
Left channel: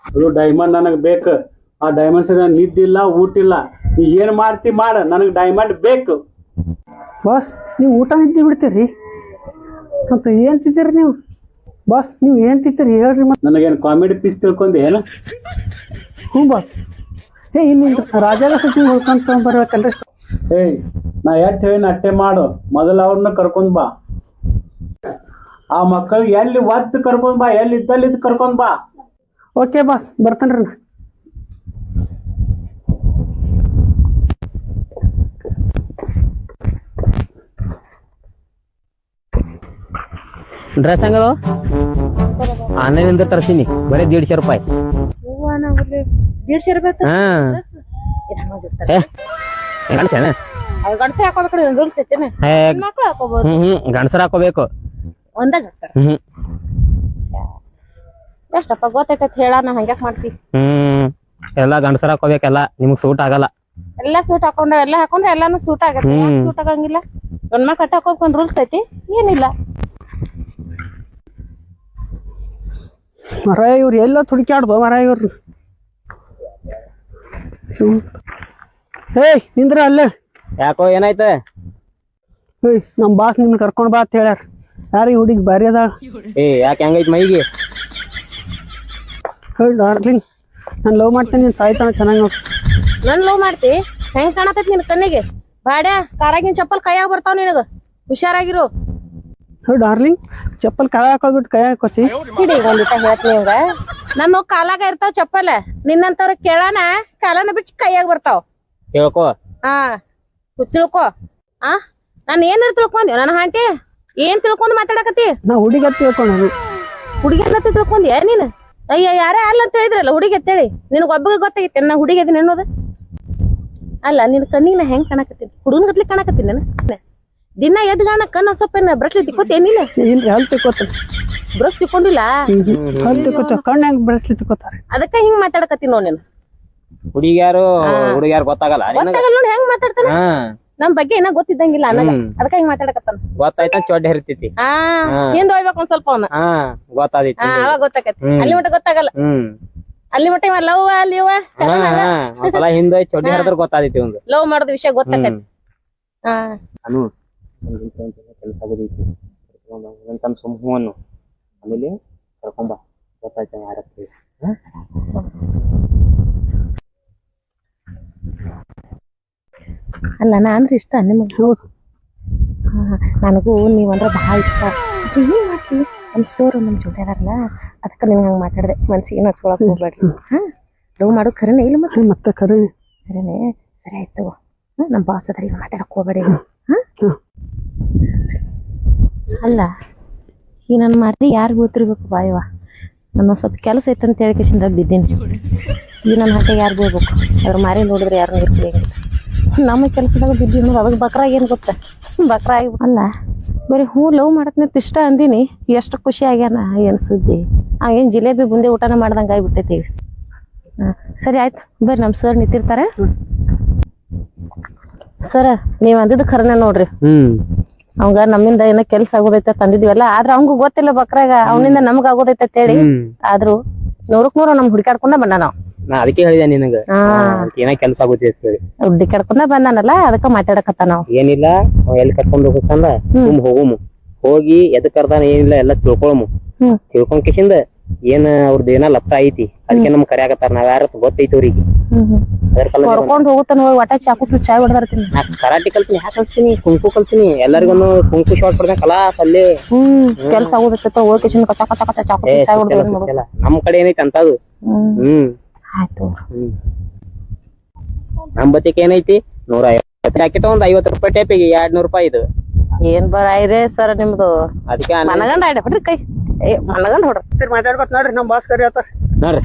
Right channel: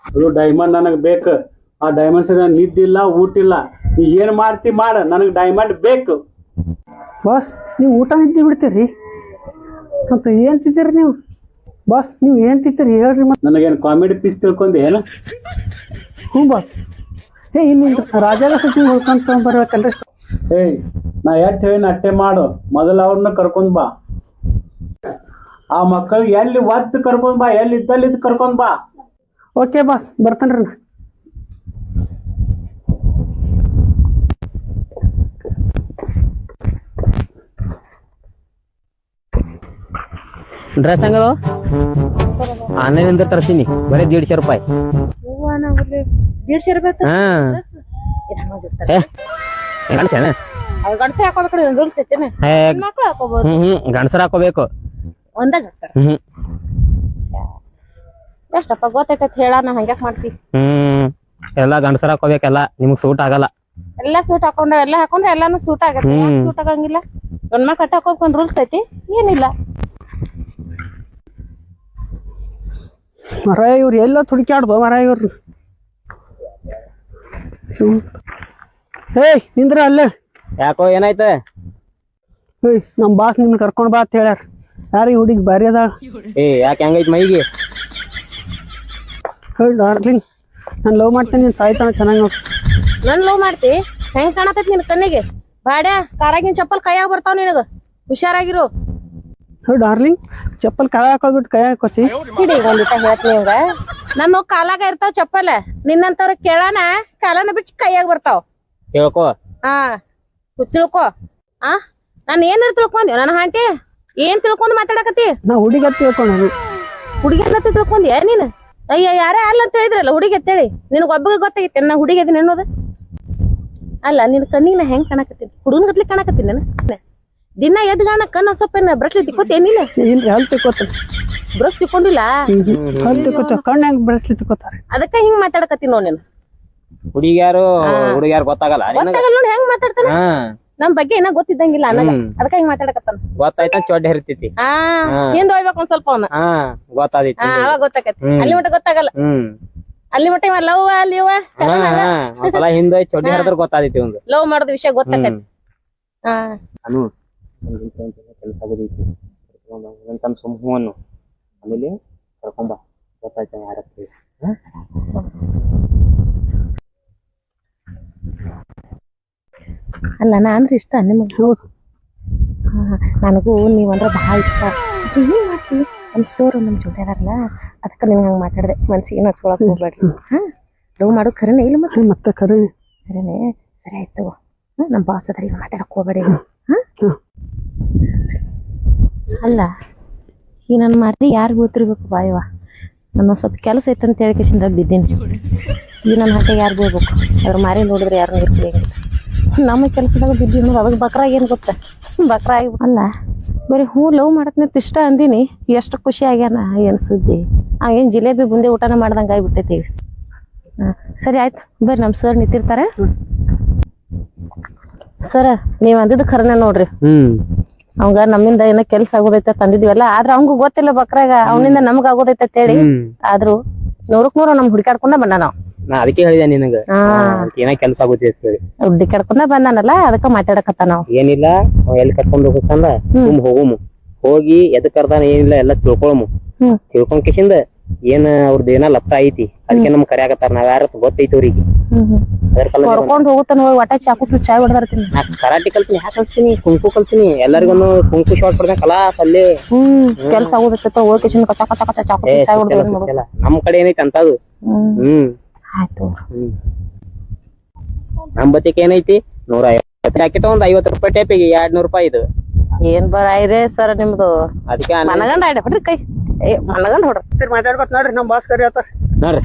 ಅದು ಡೈಮಂಡ್ ನನಗ್ ಬೇಕು ಆ ಡೈಮಂಡ್ ನಿದ್ದಿಲ್ಲ ಊಟಿಲ್ಲ ನೀ ಏನ್ ಮಾಡ್ತಿ ಮಾಡ ನನಗ್ ಡೈಮಂಡ್ ಬೇಕು ಬಾಸ್ ನೀವು ಊಟ ನಿದ್ದೆ ಬಿಡ್ತೀರಿ ಮತ್ತೆ ಏನ್ ತಿಂತೀರಿ ನೀವು ಬಾಸ್ ನೀವು ಏನ್ ತಿಂತೀರಿ ಹೇಳ್ರಿ ಮತ್ತೆ ನನಗೇನ್ ಕಾಮಿಡಿ ಪೀಸ್ ತಿಳ್ಕೊಂಡಿ ಏನ ಹ್ಞೂ ಬಾಸ್ ಏ ಇಲ್ಲಿ ರಾಜಾಗ ಸಚಿನ್ ಹೊಡ್ಕೊಂತ ಬರ್ಬೇಕಲ್ರಿ ಏಯ್ ನಾ ಎಷ್ಟ್ ಹೇಳಿನ ಅಟ್ಟೆ ಮಾಡು ಮೊದಲ ಅವ್ರನ್ನ ಕರ್ಕೊಂಡ್ ಬಾ ಆ ಮಕ್ಕಳಿಗೆ ಎಲ್ಲಿ ಒತ್ತು ಕರ್ಕೊಂಡ್ ಬಾ ಎಲ್ಲಿ ಇದ್ದಲ್ಲಿ ಕರ್ಕೊಂಡ್ ಬಾ ಓಕೆ ಬಾಸ್ ಬರ್ತೇನ್ರಿ ನಾ ಡ್ರೆಸ್ ಹೆಂಗದ ಆನ್ಲೈನಿಂದ ತರ್ಸೀನಿ ಬರೀ 150 ರೂಪಾಯಿ. 150 ರೂಪಾಯಿ ಹಾ ಗಂಟೆ ಹಾಕೋಬೇಕ್ರಿ ರೂಲ್ಸ್ ಐತೇನೆ ಮಕ್ಳು ಹಾಕೋಬಹುದು ಗಂಡಸರ ಹಾಕೋಬೇಕು. ಒಂದಾಗ ಎಷ್ಟಪ್ಪ ಗೊತ್ತೈತತ್ ಹೇಳ ನಾ ಹಂಗ್ಯಾಕ್ ಮಾಡ್ತಿ ಎಲ್ಲಾ ಗಂಡಸರ ಹಾಕೋಬೇಕೆಲ್ಲ ನಿಮಗ್ ಸೂಟ್ ಆಗಲ್ಲ. ಎಲ್ಲಾ ಸೂಟ್ ಹಾಕೊಂಡ್ರೆ ಎಲ್ಲಾ ಹಾಕೊಂಡ್ರೆ ಎಲ್ಲಾನು ಸೂಟ್ ಆಗತ್ತೆ ಸೂಟ್ ಆಗಂಗಿಲ್ಲ ಗಂಡ್ ಮಕ್ಳು ಕಟ್ಟ ಹಾಕೋಕೊಂಡ್ ರೂಲ್ಸ್ ಐತಿ ಏನಿಲ್ಲ ಮರ ಇವ್ರು ಎಲ್ಲ ತುಡುಕ್ಯಾಡ್ದು ಮರ ಇವ್ರು ಏಯ್ ನಿಂದ್ರ ಅಲ್ಲೇ ಯಾಕೋ ಏನಾಯ್ತ ಏಯ್ ನಮ್ ಬಾಸ್ ನಿಮ್ನ ಕರ್ಕೊಂಡ್ ಬಾ ಅಂತ ಹೇಳ್ಯಾರ ಯಾರೀ ಹುಡುಗಿ ಬಾರಿ ಅದಾಳ ಏ ಯಾಕೆ ಹೆಂಗೈತ್ ಮೈಗೆ ಹೇಳಿ ಡಾರ್ಲಿಂಗ್ ನಾನು ಲವ್ ಮಾಡ್ತೇನೆ ನೀನು ಸಾಯ್ತಾನ ಚೆನ್ನಾಗಿ ನೋಡ್ರಿ ನನ್ ಲವ್ ಮಾಡ್ತಿ ಹೆಂಗ್ ಕಾಣತೈತಿ ನಿನ್ ಕಣ್ಣಿಗೆ ಬಾಡ್ಯಾ ಕಾರಾಗಿನ್ ಚಪ್ಪಲ್ ಕೈಯಾಗ ಬರ್ತಾವ ನಿನಗ ಹುಷಾರಾಗಿರು ಹೇಳಿ ಡಾರ್ಲಿಂಗ್ ಚಪ್ಪಲ್ ಕೈ ಹಾಕೊಳ್ಬಿಟ್ಟು ಕೈ ಹಾಕೋತಿ ಹಿಡಿ ಒಂದಿಟ ಹೇಳ್ತೀನಿ ಇವಂಗ ನನ್ನ ಕಾಲಾಗ ಇರ್ತಾವ ಚಪ್ಪಲ್ ನಿನ್ನಂತವ್ರ ಕೇಳಾನ ಕಾಲನ ಬಿಟ್ಟು ಕೈಯಾಗ ಬರ್ತಾವ ಹೇಳ್ಕೋ ಹಾ ತಿಳ್ಕೊ ಆ ನಾನ್ ಏನಾರ ತಿಳ್ಕೊಂಡಿ ನನ್ನ ಹಾಂಟಿ ಏನ್ ತಿಳ್ಕೊಂಡ್ ಮಾತಾಡಕತ್ತಿ ನಾ ಹುಡುಗಿ ಅಂತ ತಿಳ್ಕೊಂಡು ಹುಡುಗಿ ಅಂತ ತಿಳ್ಕೊಂಡಿ ನೀನ್ ಅಯ್ಯ ಯಾರೇ ಅಲ್ಲ ಅಂತ ಹೇಳಿದ್ರಲ್ಲ ಹುಡುಗಿ ಅಂತೇಳಿ ನಿನಗ್ ಒಬ್ಬಗೆ ಗೊತ್ತಾಗಿತ್ತೆ ನಾ ಹುಡುಗಿ ಅದೀನಿ ಅನ್ನೋದು ಅಲ್ಲ ನಿನ್ ಕಣ್ಣಿಗೆ ನಾ ಹೆಂಗ್ ಕಾಣಕತ್ತೀನಿ ಹುಡುಗನ ಗತ್ಲಿ ಕಾಣಕತ್ತೀನಿ ನಾನು ದಿನ ಎದ್ಗಾಣ ಕಣ್ಣ ಸ್ವಲ್ಪ ಬ್ರಷ್ಲಿ ತಿಕ್ಕೋತೇ ನೀನ್ ಇಲ್ರಿ ಹಲ್ ತಿಕ್ಕೋತ ಬ್ರಷ್ ತಿಕ್ಕೊಂಡಿಲ್ಲ ಹಲ್ ತಿಕ್ಕೋತ ಕಣ್ಣು ಹೆಂಗ್ ಬ್ರಷ್ಲಿ ತಿಕ್ಕೋತಾರ ಅದಕ್ಕ ಹಿಂಗ್ ಮಾತಾಡಕತ್ತೀನಿ ನೋಡ್ ನೀನು ಹುಡುಗಿಯಾರು ಹುಡುಗಿಯಾರು ಗೊತ್ತಾಗಲ್ಲ ಗೊತ್ತಾಗಲ್ಲ ನೋಡಿ ಹೆಂಗ್ ಮಾತಾಡ್ತಾನ ನಮ್ ಬಗ್ಗೆ ಏನ ಗೊತ್ತಿದ್ದಂಗಿಲ್ಲ ಅನ್ನಗ ಅದಕ್ಕ ಹಿಂಗ್ ಮಾತಾಡಕತ್ತಾನ ಗೊತ್ತಾಯ್ತ ಚೊಡ್ಡ ಹರಿತೈತಿ ಹಾ ಹಿಂದ್ ಹೋಗ್ಬೇಕು ಒಂದ್ ಸ್ವಲ್ಪ ಅವನ ಗೊತ್ತಾದೈತಿ ಅವಾಗ ಗೊತ್ತಾಕತಿ ಅಲ್ಲಿ ಮಟ್ಟ ಗೊತ್ತಾಗಲ್ಲ ಅಲ್ಲಿ ಮಟ್ಟ ಇವ ಲವ್ ಅಲ್ಲಿ ಒಂದ್ಸಲ ಹಿಂದೆ ಚೊಡ್ಡಿ ಹರಿದ್ರ ಗೊತ್ತಾದೈತಿ ಒಂದು ಲವ್ ಮಾಡೋದ್ ವಿಷಯ ಗೊತ್ತಾಕತಿ ಹಾ ಅನು ಕೆಲಸ ಆಗೋದೈತಿ ಅಂತ ಸುಮ್ ಹೂ ಅನ್ನು ಆಮೇಲೆ ಕರ್ಕೊಂಬ ಗೊತ್ತಾಯ್ತ ಯಾರತ್ತಿ ಅಲ್ಲ ನಾನ್ರಿ ಇಷ್ಟ ನಿಮಗ್ ಹೌದು ನನಗೂ ನೀವಂದ್ರ ಬಹಳ ಇಷ್ಟ ಏನ್ ಮಾಡ್ತೀವಿ ನಮ್ ಸರ್ ನಮ್ ಜೊತೆ ಅದಾರಲ್ಲ ಅದಕ್ಕ ನಿಮ್ಗೆ ಹಂಗ ಮಾತಾಡ್ದೆ ಮನ್ಸಿಗೆ ಹಚ್ಕೊಳಕ್ ಹೋಗ್ಬೇಡ್ರಿ ಹಾ ಲವ್ ಮಾಡೋದ್ ಖರೇನೆ ಇಲ್ಲ ಮತ್ತೆ ಖರೆ ಖರೇನೆ ಸರಿ ಆಯ್ತು ನಮ್ ಬಾಸ್ ಅದ್ರ ಈಗ ಮಾತಾಡಕ್ ಹೋಗ್ಬೇಡಿ ಅಲ್ಲ ಈ ನನ್ ಮಾತಿ ಯಾರು ಗೊತ್ತಿರ್ಬೇಕು ಬಾಯವ ನನ್ನ ಸ್ವಲ್ಪ ಕೆಲಸ ಐತಂತ ಹೇಳಿ ಕಿಶಿಂದ ಬಿದ್ದೀನಿ ಈ ನನ್ನ ಹಟ್ಟೆಗೆ ಯಾರು ಹೋಗ್ಬೇಕು ಅದ್ರ ಮಾರಿ ನೋಡಿದ್ರೆ ಯಾರು ಇರ್ತೀವಿ ನಮ್ಮ ಕೆಲಸದಾಗ ಬಿದ್ದೀವಿ ಅನ್ನೋದು ಅದಕ್ಕೆ ಬಕ್ರಾಗ ಏನು ಗೊತ್ತ ಬಕ್ರಾಗಿ ಅಲ್ಲ ಬರೀ ಹ್ಞೂ ಲವ್ ಮಾಡತ್ನಂತ ಇಷ್ಟ ಅಂದಿನಿ ಎಷ್ಟು ಖುಷಿ ಆಗ್ಯಾನ ಏನು ಸುದ್ದಿ ಏನು ಜಿಲೇಬಿ ಬುಂದೆ ಊಟನ ಮಾಡ್ದಂಗೆ ಆಗಿಬಿಟ್ಟೈತಿ ಹಾಂ ಸರಿ ಆಯ್ತು ಬರ್ರಿ ನಮ್ಮ ಸರ್ ನಿಂತಿರ್ತಾರೆ ಸರ್ ನೀವು ಅಂದಿದ್ದು ಖರನೆ ನೋಡ್ರಿ ಅವಂಗ ನಮ್ಮಿಂದ ಏನೋ ಕೆಲ್ಸ ಆಗೋದೈತೆ ತಂದಿದ್ವಲ್ಲ ಆದ್ರ ಅವಂಗೂ ಗೊತ್ತಿಲ್ಲ ಬಕ್ರಾಗ ಅವನಿಂದ ನಮ್ಗ ಆಗೋದೈತೆ ಹೇಳಿ ಆದ್ರೂ 100ಕ್ಕೆ 100 ನಮ್ ಹುಡುಕಾಡ್ಕೊಂಡ ಬಂದ ನಾವ್ ನಾ ಅದಕ್ಕೆ ಹೇಳಿದೆ ನಿನಗ ಏನ ಕೆಲ್ಸ ಆಗುತ್ತೆ ಅಂತ ಹೇಳಿ ಹುಡ್ಡಿ ಕಡ್ಕೊಂಡ ಬಂದಾನಲ್ಲ ಅದಕ್ಕ ಮಾತಾಡಕತ್ತ ನಾವ್ ಏನಿಲ್ಲ ಅವ ಎಲ್ಲಿ ಕರ್ಕೊಂಡ್ ಹೋಗ್ಬೇಕಂದ ಹೋಗುಮು ಹೋಗಿ ಎದಕ್ ಕರ್ದಾನ ಏನಿಲ್ಲ ಎಲ್ಲಾ ತಿಳ್ಕೊಳಮು ತಿಳ್ಕೊಂಡ್ ಕಿಶಿಂದ ಏನ್ ಅವ್ರದ್ದು ಏನ ಲಪ್ಪ ಐತಿ ಅದಕ್ಕೆ ನಮ್ ಕರ್ಯಾಕತ್ತಾರ ನಾವ್ ಯಾರ ಗೊತ್ತೈತಿ ಅವ್ರಿಗೆ ಅದ್ರ ಕರ್ಕೊಂಡ್ ಹೋಗುತ್ತಾನ ಒಟ್ಟ ಚಾಕು ಚಾಯ್ ಹೊಡೆದಿರ್ತೀನಿ ನಾ ಕರಾಟಿ ಕಲ್ತೀನಿ ಯಾಕೆ ಕಲ್ತೀನಿ ಕುಂಕು ಕಲ್ತೀನಿ ಎಲ್ಲರಿಗೂ ಕುಂಕು ಶಾಟ್ ಕೊಡ್ದ ಕಲಾಸ್ ಅಲ್ಲೇ ಕೆಲ್ಸ ಆಗುದಿತ್ತ ಹೋಗಿ ಕಿಶನ್ ಕಚ ಕಚ ಕಚ ಚಾಕು ಚಾಯ್ ಹೊಡೆದ ನಮ್ ಕಡೆ ಏನೈತಿ ಅಂತದು ಆಯ್ತು ನಮ್ ಬತ್ತಿಗೆ ಏನೈತಿ 150 ಪ್ಯಾಕೆಟ್ ಒಂದ್ 50 ರೂಪಾಯಿ ಟೇಪಿಗೆ 200 ರೂಪಾಯಿ ಇದು ಏನ್ ಬರಾಯ್ರೆ ಸರ್ ನಿಮ್ದು ಅದಕ್ಕೆ ಮನಗಂಡ ಆಯ್ಡ ಬಿಡ್ರಿ ಕೈ ಮನಗಂಡ ಹೊಡ್ರಿ ಮಾತಾಡ್ಕೊತ ನೋಡ್ರಿ ನಮ್ ಬಾಸ್ ಕರಿ ಆತ ನೋಡ್ರಿ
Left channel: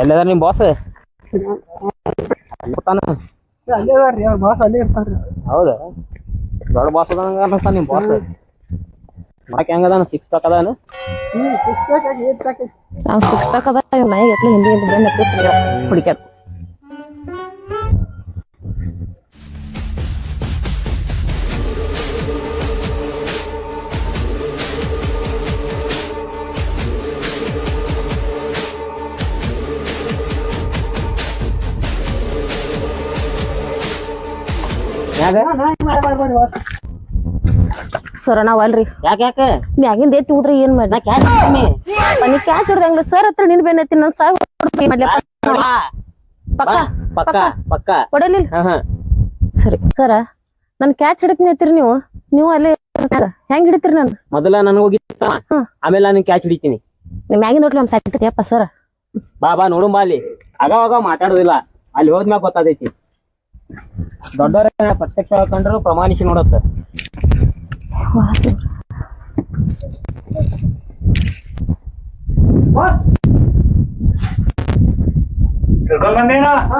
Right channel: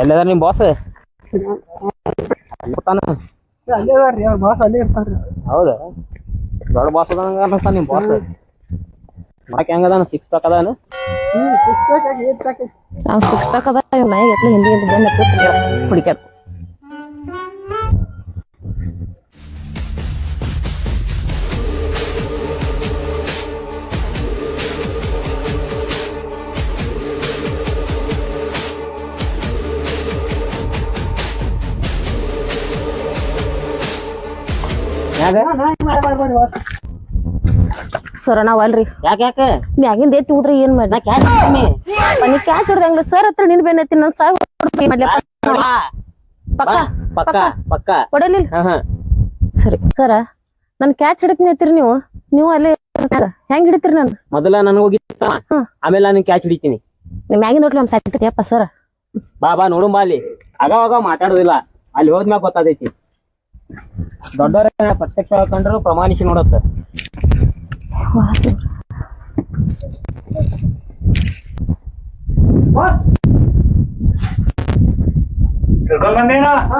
ಎಲ್ಲದಾರ ನಿಮ್ ಬಾಸ್ ಅಲ್ಲೇ ಅದಾರ್ರಿ ಅವ್ರ ಬಾಸ್ ಅಲ್ಲೇ ಇರ್ತಾರ್ರಿ ಹೌದಾ ದೊಡ್ಡ ಬಾಸ್ ಅದ ಅನ್ಸ್ತಾನ ನಿಮ್ ಬಾಸ್ ಮಾಡಕ್ ಹೆಂಗದಾನ 6 ಪ್ಯಾಕ್ ಅದಾನ ನಾವ್ 6 ಪ್ಯಾಕ್ ಅದ ನಾಯಿ ಎತ್ಲ ಹಿಂದಿ ಬೆನ್ನ ಹುಡುಕ್ಯಾಡ ಸರ್ ನಾವ್ ಅಲ್ರಿ ಯಾಕೆ ಮ್ಯಾಗಿಂದ ಎತ್ತಿ ಹೋದ್ರಿ ಏನ್ ಮಾಡಿ ನೀ ಕ್ಯಾಚ್ ಹೊಡ್ದಂಗ್ಲ ಸರ್ ಹತ್ರ ನಿನ್ ಬೆನ್ನ ಎತ್ತಿ ನನ್ ಸಾಯ್ ಪಕ್ಕ ಪಕ್ಕ ಪಕ್ಕ ಹೊಡಲಿಲ್ಲ ಸರಿ ಸರ ನನ್ ಕ್ಯಾಚ್ ಹಿಡಕ್ನಿ ಎತ್ತೀರಿ ನೀವು ಅಲ್ಲೇ ಹೆಂಗ್ ಹಿಡಿತೀರಿ ನನ್ ಮೊದಲ ನನ್ ಹೋಗಿ ಆಮೇಲೆ ನಾನು ಕ್ಯಾಚ್ ಹಿಡಿತೀನಿ ನಿಮ್ ಮ್ಯಾಗಿಂದ ನೋಡ್ಲಿ ನಮ್ ಸಾಯ್ತೈತಿಯಪ್ಪ ಸರ್ ಬಾ ನೋಡು ಬಾ ಅಲ್ಲಿ ಆಗಾವಾಗ ಮಾತಾಡುದಿಲ್ಲ ಅಲ್ಲಿ ಹೋದ್ಮ್ಯಾಗ ಗೊತ್ತಾದೈತಿ ದೊಡ್ಡವರ ಪ್ರತ್ಯಕ್ಷ ಕಂಡ್ರು ಪ್ರಮಾಣಿಸಿ ನೋಡತ್ತ ಕರ್ಕೊಂಡ್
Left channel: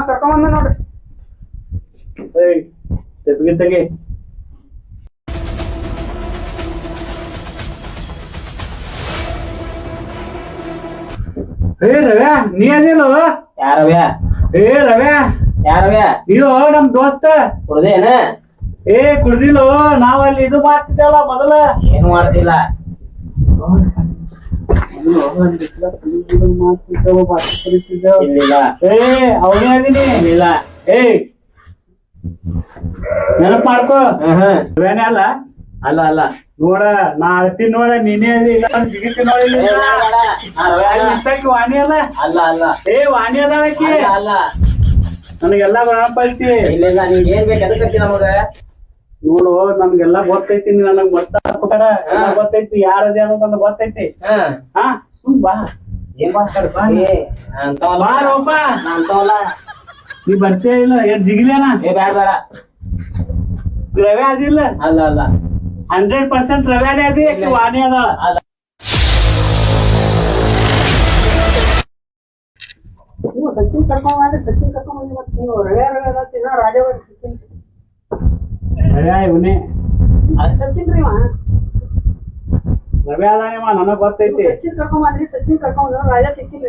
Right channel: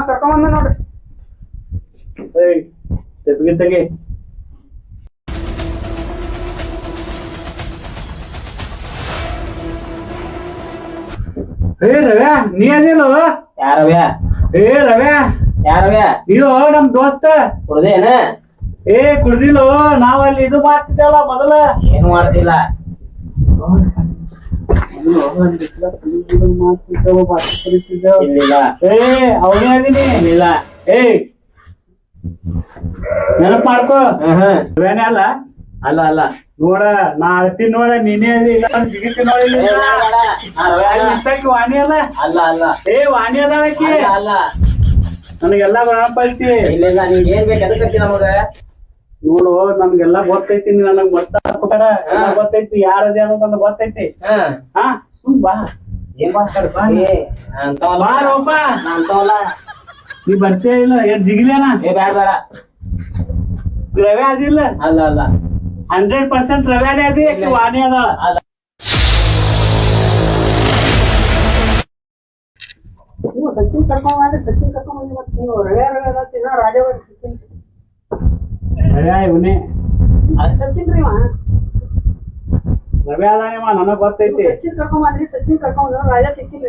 ಕರ್ಕೊಂಡ್ ಬಂದ ನೋಡ್ರಿ ತೆಗಿ ಏ ರವ್ಯಾ ನೀ ಅದಿಲ್ಲ ಯಾರವ್ಯಾ ರವ್ಯಾ ಯಾರವ್ಯಾ ಇದು ನಮ್ ದೋಸ್ತ ಕುಡ್ದೇನ ಕುಡ್ದಿಲ್ಲ ನಾವ್ ಅಲ್ಲಿ ಇದು ಮಾಡ್ತಿದ್ದಲ್ಲ ಮೊದಲ ಏನು ಮಾಡ್ತಿಲ್ಲ ಇಲ್ಲಿಲ್ಲ ಅವನೇ ಅದೀನಿ ಇಲ್ಲ ನೆನಪ್ ಮಾಡ್ಕೋ ರವ್ಯಾನೇ ಅಲ್ಲ ಅಲ್ಲ ಅಲ್ಲ ನೋಡ ನಾ ಅಳ್ತೀನಿ ನೋಡ ನೀನೇ ಅದಿ ಇಲ್ಲ ಜಿಗಿತಿ ನೋಡಿ ವಾಣಿ ಅಲ್ಲ ಅಲ್ಲ ಅಲ್ಲ ವಾಣಿ ಅದಾಳಕಿ ಅಲ್ಲ ನನಗೆಲ್ಲ ನೆನಪ ಐತಿ ಇಲ್ಲ ನಿಂಗೆ ಏನ್ ಬೇಕು ಎದಕ್ಕೆ ನಮಗ ನೋಡು ನನ್ಗೆಲ್ಲ ಗೊತ್ತೈತಿ ನನಗ್ ಗೊತ್ತಾಗ್ಬೇಕಾರ ಗೊತ್ತೈತಿ ಯಾರದೇ ಅನ್ನೋದು ನನಗ್ ಗೊತ್ತೈತಿ ಹಾ ಸುಮ್ ಬಾ ಏನ್ ಮಾಡ್ತಾರ ಬಾ ರೋಪ ಅಂತವಲ್ಲ ನೀ ಬರ್ತೇ ಇಲ್ಲ ಏನ್ ಜಿಗಿಲೇನ ಬೇಡ ಬೇಡ ರವೆ ಅದಿಲ್ಲ ಅಲ್ಲ ಅಲ್ಲ 100% ರವ್ಯಾನೇ ಅದಿ ವಾಣಿ ಅದ ಸಚಿನ್ ಕರ್ಕೊಂಡ್ ಬಂದಿ ಮತ್ತೆ ನೀವು ರವೆ ರಾಜವರ್ ರವ್ಯಾ ಇವನೇ ಸಚಿನ್ ರೀ ರವ್ಯಾ ಅದಾನೇವ ನನಗ್ ಗೊತ್ತೈತಿ ಸಚಿನ್ ಕರ್ಕೊಂಡ್ ಬಂದ್ರಿ ಸಚಿನ್ ಕರ್ಕೊಂಡ್ ಬಂದ್ರ ರಾಜ ಸಿಕ್ಕಿಲ್ಲ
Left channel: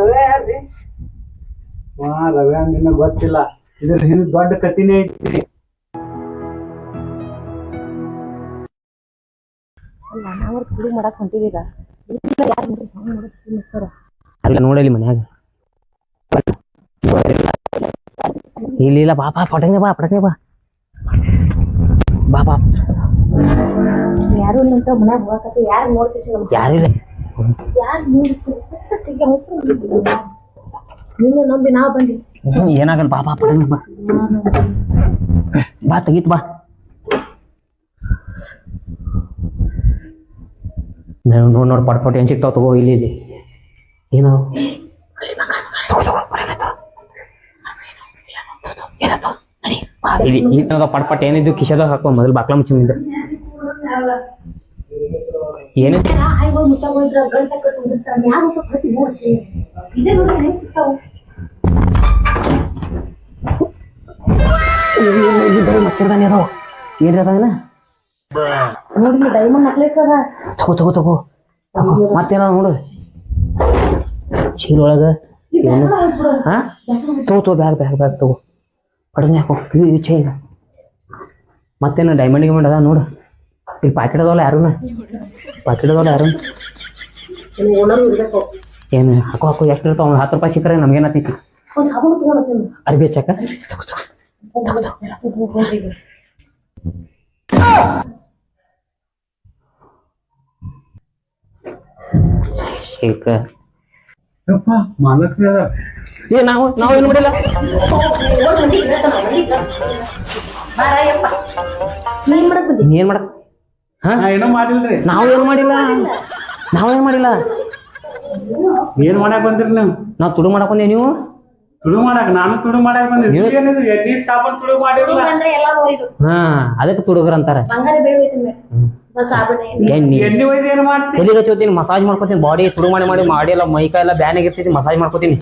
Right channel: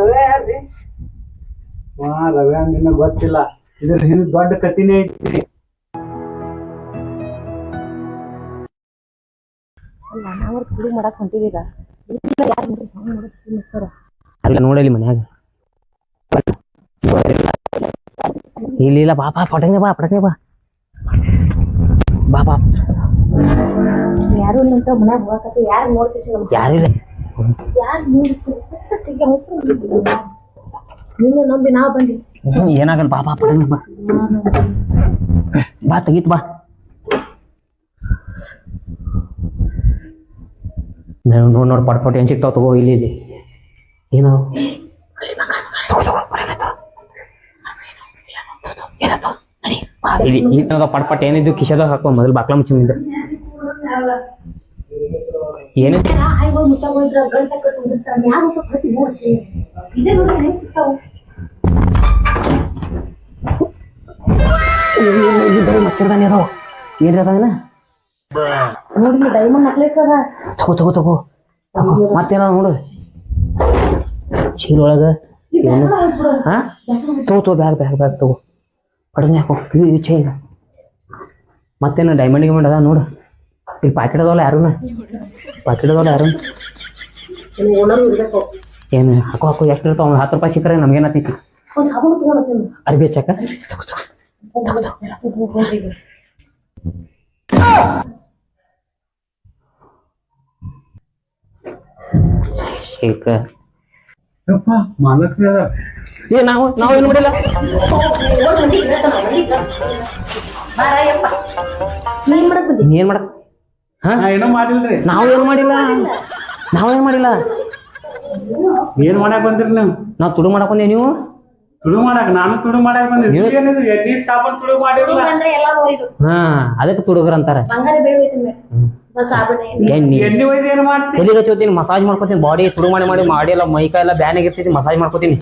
ರವೆ ಯಾರ್ರಿ ರವ್ಯಾ ನಿನಗ್ ಗೊತ್ತಿಲ್ಲ ಇದ್ರ ಹಿಂದ್ ದೊಡ್ಡ ಕತ್ತಿನೇ ಐತಿ ನಾವ್ ಕುಡಿ ಮಾಡಕ್ ಹೊಂಟಿದೀಗ ಅಲ್ಲ ನೋಡಲಿ ಮನ್ಯಾಗ ಇಲ್ಲ ಬಾ ಪಟಂಗ ಬಾ ಬಾ ಯಾರು ಇಲ್ಲ ಅಂತ ಮನ್ಯಾಗ ಹೋಗಕತ್ತಿ ಯಾರು ನೋಡ್ತೀವಿ ಯಾರಿಲ್ಲ ಯಾರು ನಿನ್ನ ನಂಬಿ ನಾ ಬಂದಿ ಏನಾಗಲ್ಲ ಬಾ ಪಟಂಗ ಬಾ ತೆಗೀತ್ ಬಾ ನೋಡ್ ಪಟ್ ಏನ್ ಸಿಗ್ತಾವ ತಗೋ ಇಲ್ಲಿ ಏನು ಪಟ್ ಏನಿದ್ದು ಕಿಶದಾಗ ಹಾಕೋ ಮೊದಲು ಬಾಕ್ಲ ಮುಚ್ಚಿಂದ ಏನು ಮತ್ತಿರ್ದಾನೆ ಅದು ಏನಿರದಾನ ನೋಡಿ ಡೈಮಂಡ್ ನೆಕ್ಲೆಸ್ ಅದ ತಗೋ ಮತ್ತೇನ ನೋಡು ಚೀಲ ಒಳಗ ಏನು ಹಾ ತಗೋ ಬ್ಯಾಗ್ ತಗೋ ಕಡಿಮೆ ಹಾಕೋ ಇದು ಚೈನ್ ಮತ್ತೇನು ಡೈಮಂಡ್ ಗಿಮಂಡ್ ಅದ ನೋಡು ಇಲ್ಲಿ ಪಾಕೆಟ್ ಅದಾವಲ್ಲ ಯಾರು ಪಾಕೆಟ್ ಅದಾವಲ್ಲ ಯಾರು ಏನು ಹಾಕೋ ಹಾಕೋ ಎಷ್ಟು ಇರ್ತಾವ ಒಂದು 10 ರೂಪಾಯಿ ಸಿಕ್ಕರೆ ನಮ್ಗೇನತ್ತೈತಿ ಅರ್ಬಿ ಹಚ್ಚಾಕ ಶೇಖ ಮಾಲಕ್ರ ಏ ನಾವು ಏನು ಮಾಡಿಲ್ಲ ಏನ್ ಮಾಡಕ್ ಹಾ ಏನೋ ಮಾಡಿಲ್ರಿ ನಾವೇನು ಮಾಡಿಲ್ಲ ಏನ್ ಮಾಡಕ್ ಬಂದ್ರಿ ನೀವು ನಾವ್ ತುಡು ಮಾಡಕ್ ಬಂದೇವ್ ನೀವು ತುಳು ಮಾಡಕ್ ನಾನು ತುಳು ಮಾಡಕ್ ಬಂದೆ ಏನಿದು ಎಣ್ಣೆ ಸಾಬೂನ್ ತುಳು ಮಾಡಿರಲ್ಲ ಹಾ ಅದಕ್ಕೆ ತುಡುಗರ್ ಅಂತಾರ ಎಣ್ಣಿ ಎಣ್ಣೆ ಒಯ್ದು ಏನ್ ಮಾಡ್ತಿ ತಲೆಗೆ ಹಚ್ಚೋತೀನಿ ಮಸಾಜ್ ಮಾಡ್ಕೋತೀನಿ ಬಾಡಿ ತುಡು ಮಾಡಿ ಎಲ್ಲ ಮೈಕೈ ಎಲ್ಲ ಬ್ಯಾನ್ ಆಗಿರ್ತೈತಿ ಮಸಾಜ್ ಮಾಡ್ಕೋತೀನಿ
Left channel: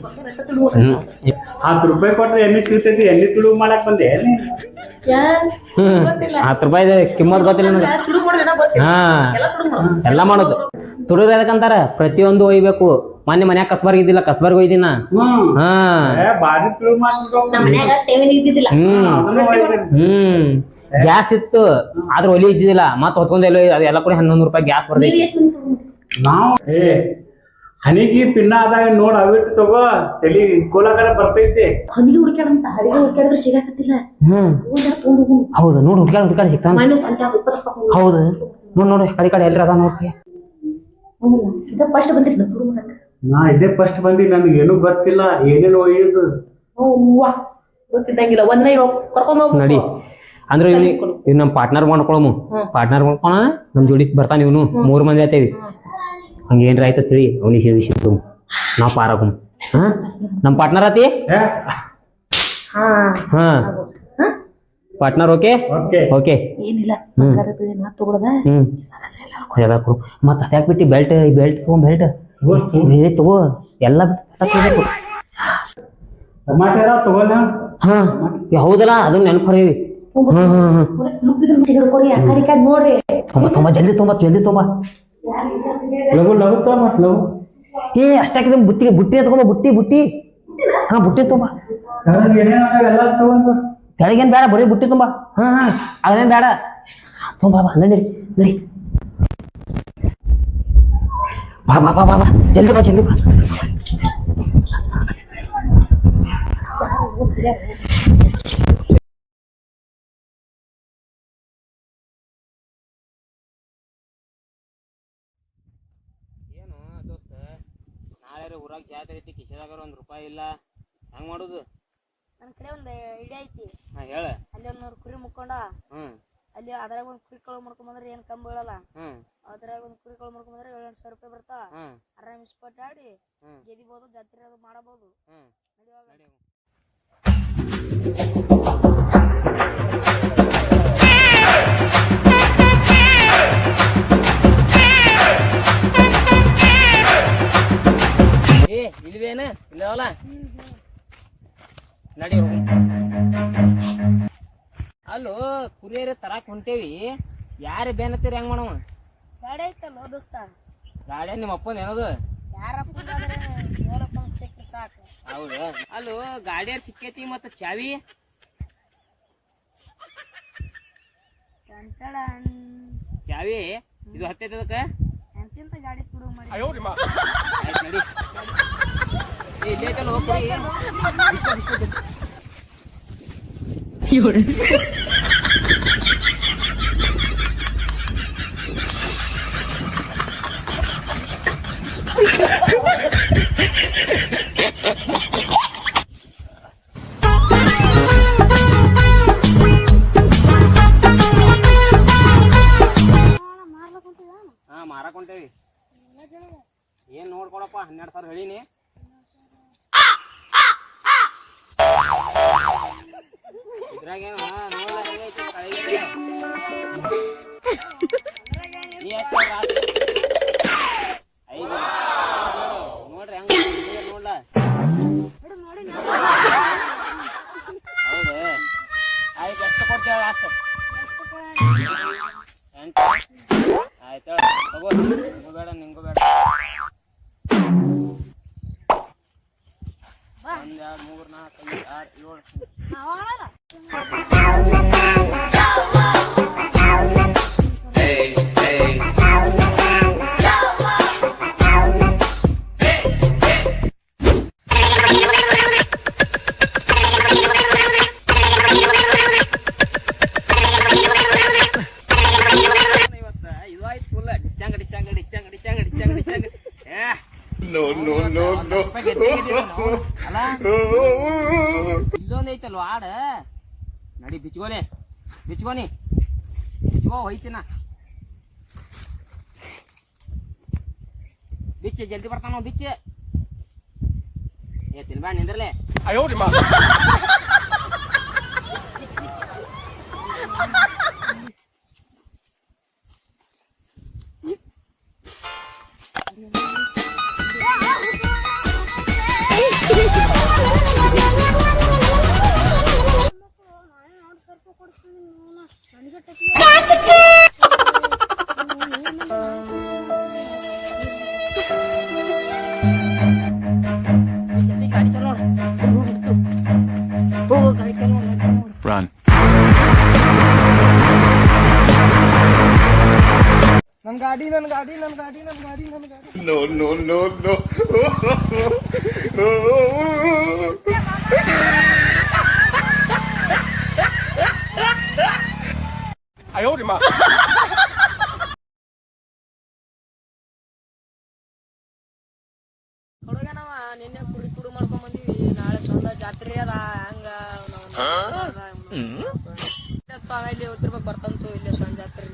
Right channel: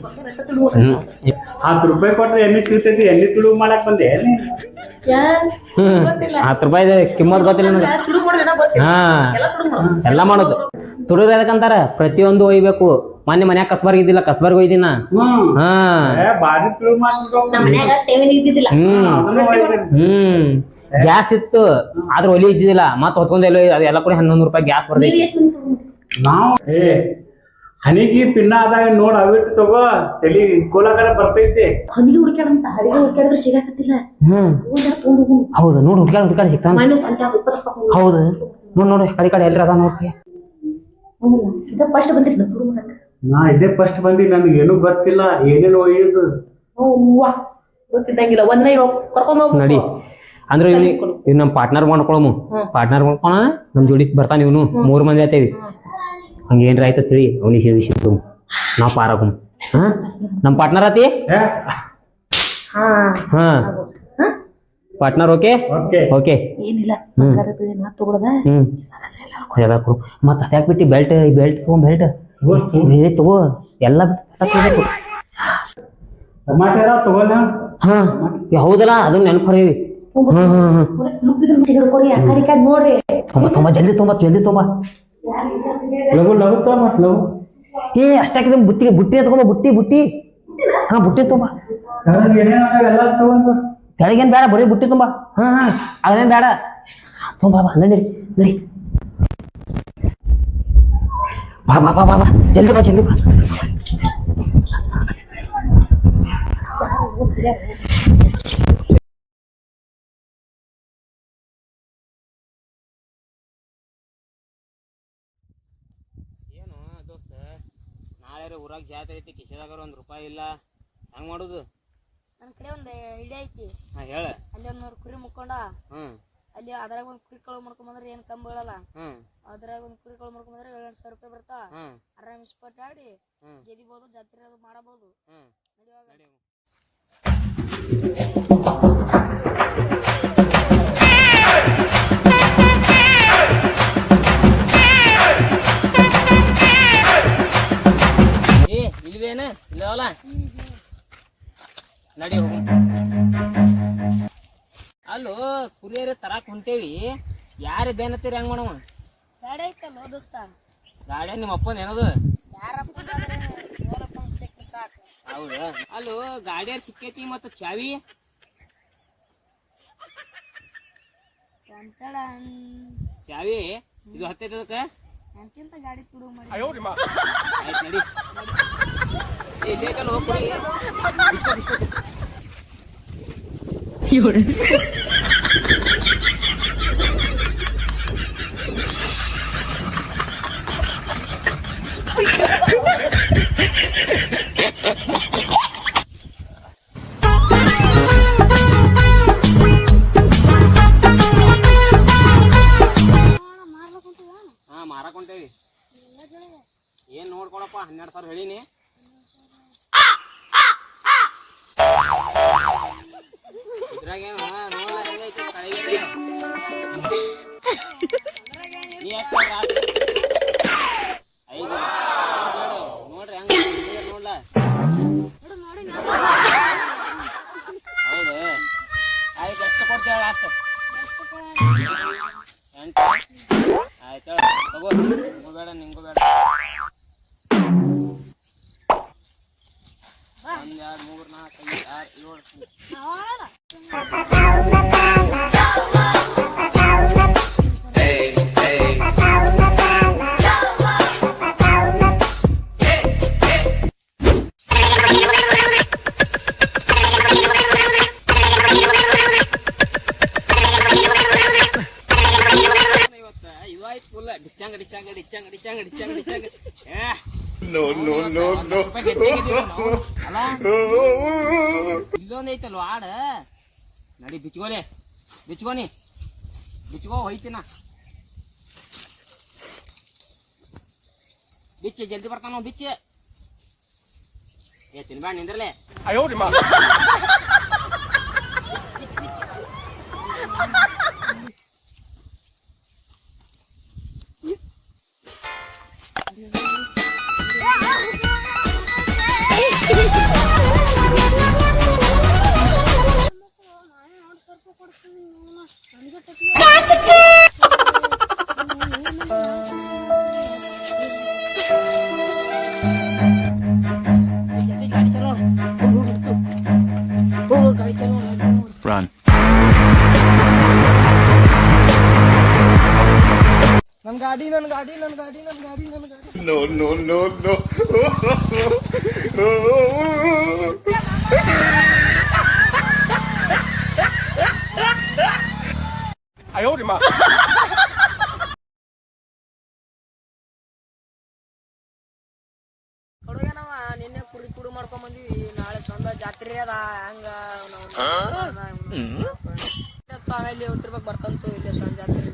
10 ರೂಪಾಯಿ ಕೊಟ್ರೆ ಎಣ್ಣೆ ಸಿಗ್ತೈತಿ ಎಣ್ಣೆ ತುಳು ಮಾಡಕ್ ಬಂದೆ 10 ರೂಪಾಯಿ ಕಿಮ್ಮತ್ ಗೊತ್ತಿಲ್ಲ ನನಗೆ ಹಾ ಎಲ್ಲ ಮಾಡೋದು ತುಡುಗ್ರ ಎದಕ್ಕಂತಾರ ಪ್ರತಿಯೊಂದು ಒಯ್ಬೇಕು ಮೊನ್ನೆ ಮನ್ಯಾಗ ಕಸ್ಬರ್ಗ್ ಇದ್ದಿಲ್ಲ ಕಸ್ಬರ್ಗ್ ಒಯ್ದಿನ ಹಾ ಬಾರಿ ತುಳು ಮಾಡ್ಬಿಟ್ಟು ಗ್ಯಾಸ್ ಇತ್ತು ಆದ್ರೆ ಒಲಿ ಇದ್ದಿದ್ದಿಲ್ಲ ಮತ್ ಹೊತ್ಕೊಂಡೆಲ್ಲ ಅದೆಲ್ಲ ಕೂಡ 11 ರೂಪಾಯಿ ಗ್ಯಾಸ್ ಬರ್ತೈತಿ ನಾವು ಹನಿಗಿ ಪಿನ್ನ ಆದಾಗ ನೋಡ್ ಅವಿಟ್ಟು ತಗೋ ತಲಿ ಕೋಲಾಕರ ಬರ್ತೈತಿ ಹೌದು ನೋಡು ಹುಡ್ಕಾಡ್ ಸಿಗ್ತಾನ ಹೌದು ನೋಡಿ ಕಡೆ ಎಲ್ರ ಅದ ನೋಡ್ರಿ ನಾ ಇದೇ ಫಸ್ಟ್ ಬಂದಿ ನನ್ಗೆ ಏನು ಗೊತ್ತಿಲ್ಲ ಏನೇನು ಒಯ್ಯುದು ನಡಿ ಅಂದ್ರೆ ಇವ್ ನಮ್ ಪಾರ್ಟ್ನರ್ ಮಾಡ್ಕೊಳಮು ಪಾರ್ಟ್ನರ್ ಮಾಡ್ಕೊಳ ನಮ್ ಜೋಡಿ ಬರ್ತಾನ ಇವನು 3 ಮಂದಿ ಆತೇವಿ ಹಂಗೇನ್ರ ಆಯ್ತ ತಿಳಿ ಅವನಿಗೆ ಸಿಕ್ತು ನಾವ್ ಪಾರಾಗಮ್ ಹಾ ನಮ್ ಪಾರ್ಟ್ನರ್ ಆತಿ ಹಾ ಪಾರ್ಟ್ನರ್ ಓಕೆ ಓಕೆ ಏನಿಲ್ಲ ಮತ್ ಅದ್ಯಾಕ್ ಬಿಟ್ಟಿ ಬೆಲ್ಟ್ ತಗೋ ಬೆಲ್ಟ್ ತಗೋ ಎಲ್ಲ ತಗೋಬೇಕು ಟಮಾಟರ ತಗೋಲ್ಲ ಹಾ ಹೌದಲ್ಲ ಅದನ್ನ ನೆನಪರಿ ತುಂಬಾ ಜಲ್ದಿ ತುಂಬಾ ಲಘು ಲಘು ಲಘು ಏ ಅಷ್ಟಾಕಿದ ಬುಟ್ಟಿ ತಗೊಂಬ ಬುಟ್ಟಿ ಹಾ ಬುಟ್ಟಿ ತುಂಬಾ ಎಲ್ಲ ತಗೊಂಡು ಕೆಳಗೇನ್ ಬೇಡ ಬರೀ ಬುಟ್ಟಿ ತುಂಬಾ ಹಾ ಅದೇನ್ ಬೇಡ ತುಂಬಾ ಬಾ ನಡಿ ಬಾ ಜಲ್ದಿ ಬಾ ಏನು ದೋಸ್ತ ನಾಳೆ ಊರಾಗ ಜಾತ್ರೆ ಐತಿ ಕಿಶೆದಾಗ $1 ರೂಪಾಯಿ ಇಲ್ಲ ಹೆಂಗ್ ಮಾಡುದು ನನ್ನ ಕಡೆ ಒಂದು ಐಡಿಯಾ ಐತಿ ಹಾ ಹೇಳ ಅಲ್ಲಿ ಒಂದು 100 ಕುರಿ ಮುಕ್ಕೊಂಡ ಅಲ್ಲಿ ಅದ್ರಾಗ ಒಂದು ಕುರಿ ಕಳು ಮಾಡ್ಕೊಂಬಂದ್ರೆ ಏನು ಕಮ್ಮಿ ಬೀಳಲ್ಲ ಅದ್ರಾಗ ಒಂದು ಕುರಿ ಕಳು ಮಾಡ್ಕೊಂಬಂದ್ರೆ 700 ರೂಪಾಯಿ ಬರ್ತಾ ಆರಾಮ್ ಇಸ್ಪಟ್ ಆಡಿ ಗೆದಿಬಹುದು ಜಾತ್ರೆ ಅದು ಮಾಡಬಹುದು ಏ ಇಲ್ವೇನು ಇಲ್ಲವಲ್ಲ ನಡಿ ಅಲ್ಲೋ ಕುರಿಯರ ತರಾಕ್ ಹೊಂಟೇವಿ ಯಾರು ಬೇನತ್ತೀರಿ ಹೆಂಗ್ ಮಾಡವ ಗಾಡಿ ಐತಲ್ಲ ದೋಸ್ತ ಗಾಡಿ ನಿಮ್ಮ ಅಪ್ಪನ ಏನದು ಯಾರಪ್ಪ ಸಿಕ್ಕ್ರೆ ಸಾಕು ಹೌದು ಅಲ್ಲೋ ಗಾಡಿಯಾರ ಸಿಕ್ಕೈತಿ ಮತ್ತ ಚಾವಿ ಚಾವಿ ಇದು ಹತ್ತೈತದಕ್ಕ ಎಂತಿಂತ ಗಾಡಿ ತುಡು ಮಾಡಿ ಆಯ್ತು ನಡಿ ಬೇಕಲ್ಲ ಹೋಗ್ರಿ ಹಾ ಮಾರಾಕೊಂಟೇವಿ ಏನ್ ನೋಡ್ಕೊಡಪ್ಪ 12,000 ಹೇಳಿನಿ ಇದ್ರಾಗ ನೋಡ್ಲ ಹೆಂಗೈತಿ ನೋಡ್ರಿ ಹೆಂಗ ನೋಡ್ಲ ಹೌದು ಆಯ್ತು ಎಷ್ಟು ಕೊಡ್ತೇವ ಅಷ್ಟು 8 ಆಯ್ತು ತಗೋ ನಿಂಗೂ ಬೇಡ ನಿಂಗೂ ಬೇಡ 1 2 ಇಲ್ಲೊಂದ್ ಐತಲ್ವ ಆಡ ನಡಿ ಬಿಚ್ಕೋಲೆ ಬಿಚ್ಕೋನಿ ಬಿಚ್ಕೋ ಹೋಯ್ತಿನ ಬಿಚ್ಚ ಜಲ್ದಿ ಬರ್ತಾನ ಬಿಚ್ಚ ಏ ತಿನ್ಬ್ಯಾಡ ನಿಂದ್ರಲೆ Run. ನನ್ ಗಾಡಿ ನನ್ ಗಾಡಿ ನನ್ ಗಾಡಿ ನನ್ ಗಾಡಿ ನನ್ ಗಾಡಿ No, no, no, no. ಹುಡುಗನವ ನಿನ್ನೆ ಕುಡಿ ಕುಡು ಮಾಡ್ಕೊಂಡ್ ಬಂದಿವಿ ನಾಳೆ ಸ್ವಂತ ಜಾತ್ರೆ ಅದ ಹಂಗ ಆಮೇಲೆ ಉತ್ತಿರ್ಬೇಕು ಬರ್ತಂತು ಇಲ್ಲೇ ಸ್ವಂತ ಜಾತ್ರೆ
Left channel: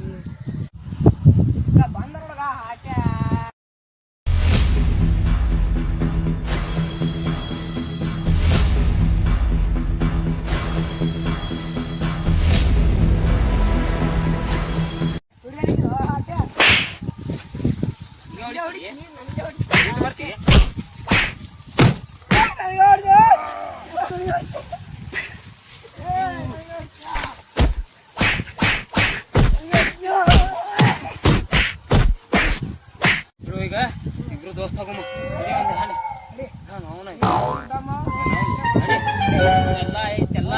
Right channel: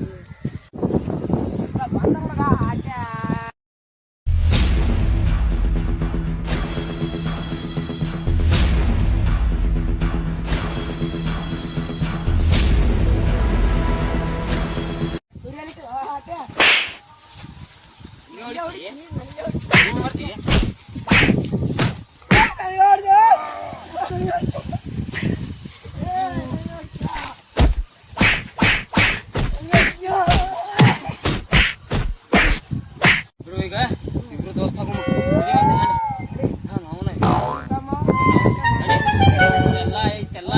ಈಗ ಇಬ್ರು ದೋಸ್ತ ಎಲ್ಲ ಐತೆಲ್ಲ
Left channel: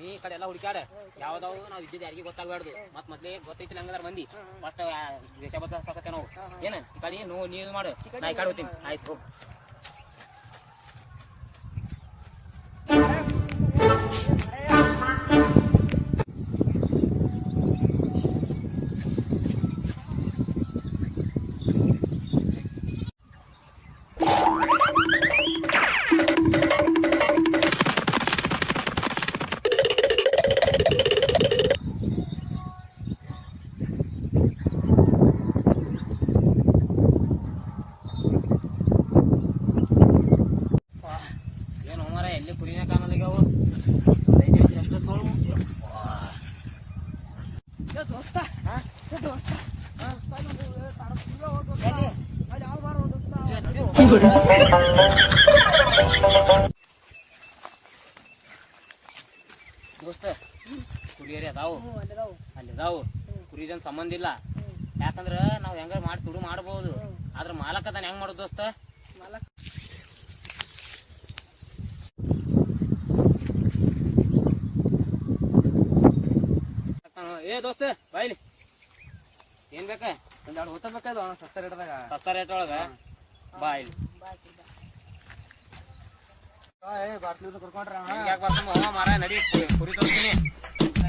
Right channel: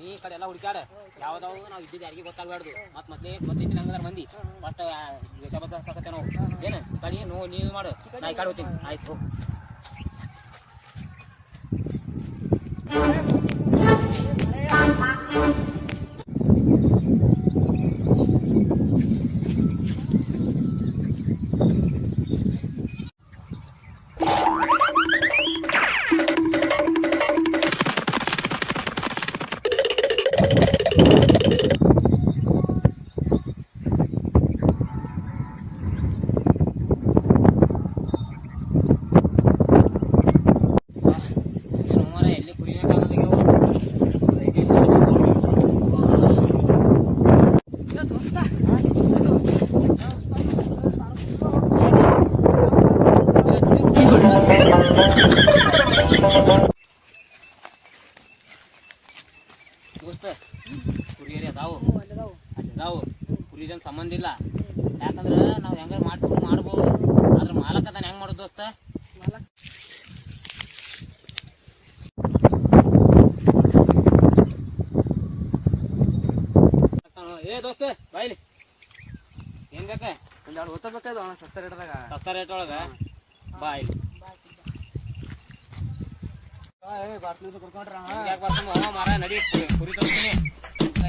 ಈ ಕಡೆ ಎಲ್ಲ ಹುಡುಕ್ಯಾಡ ಯಾವ್ದಾವ್ ನಾವ್ ಇದ್ದಿದ್ದು ಯಾರಿಗೆ ಗೊತ್ತಾಗ್ಬಾರ್ದು ಮತ್ ಮೊದ್ಲೇ ಗೊತ್ತೈತಿ ಹಂಗದಾರ ಮಂದಿ ಫಸ್ಟ್ ದೇಶ ಬದ್ಧ ಸಾಕತ್ತೆ ನಾವು ಏನ ಈ ಕಡೆ ನೀವು ಮಾಡು ನಾ ಈ ಕಡೆ ಹೋಗ್ತೀನಿ ಆಯ್ತು ದೋಸ್ತ ಕುರಿಯರಿ ಅದಾವು ಅದಾವು ಕುರಿದನ್ ಸಂಬಂಧ ಇಲ್ಲ ಯಾಕಂದ್ರ ನಾವ್ ಹೆಂಗಾರ ಮಾಡ್ಕೊಂಡು ಮಾಡ್ಬೋದು ಆದ್ರ ಮಾಲಕ್ ಅದನ್ನ ಹೆಂಗ್ ಮಾಡೋದು ದೋಸ್ತ ಏ ದೋಸ್ತ ಬಾಯ್ಲಿ ಏನ್ ಬೇಕ ಒಂದೆರಡು ಹೊತ್ತ ಬೇಕಾದ ಸಸ್ತ ರೇಟ್ ಒಳಗ ಬಾಯ್ಲಿ ಮಾರ ನಡಿ ಕುರಿ ತೋರ್ತೀನಿ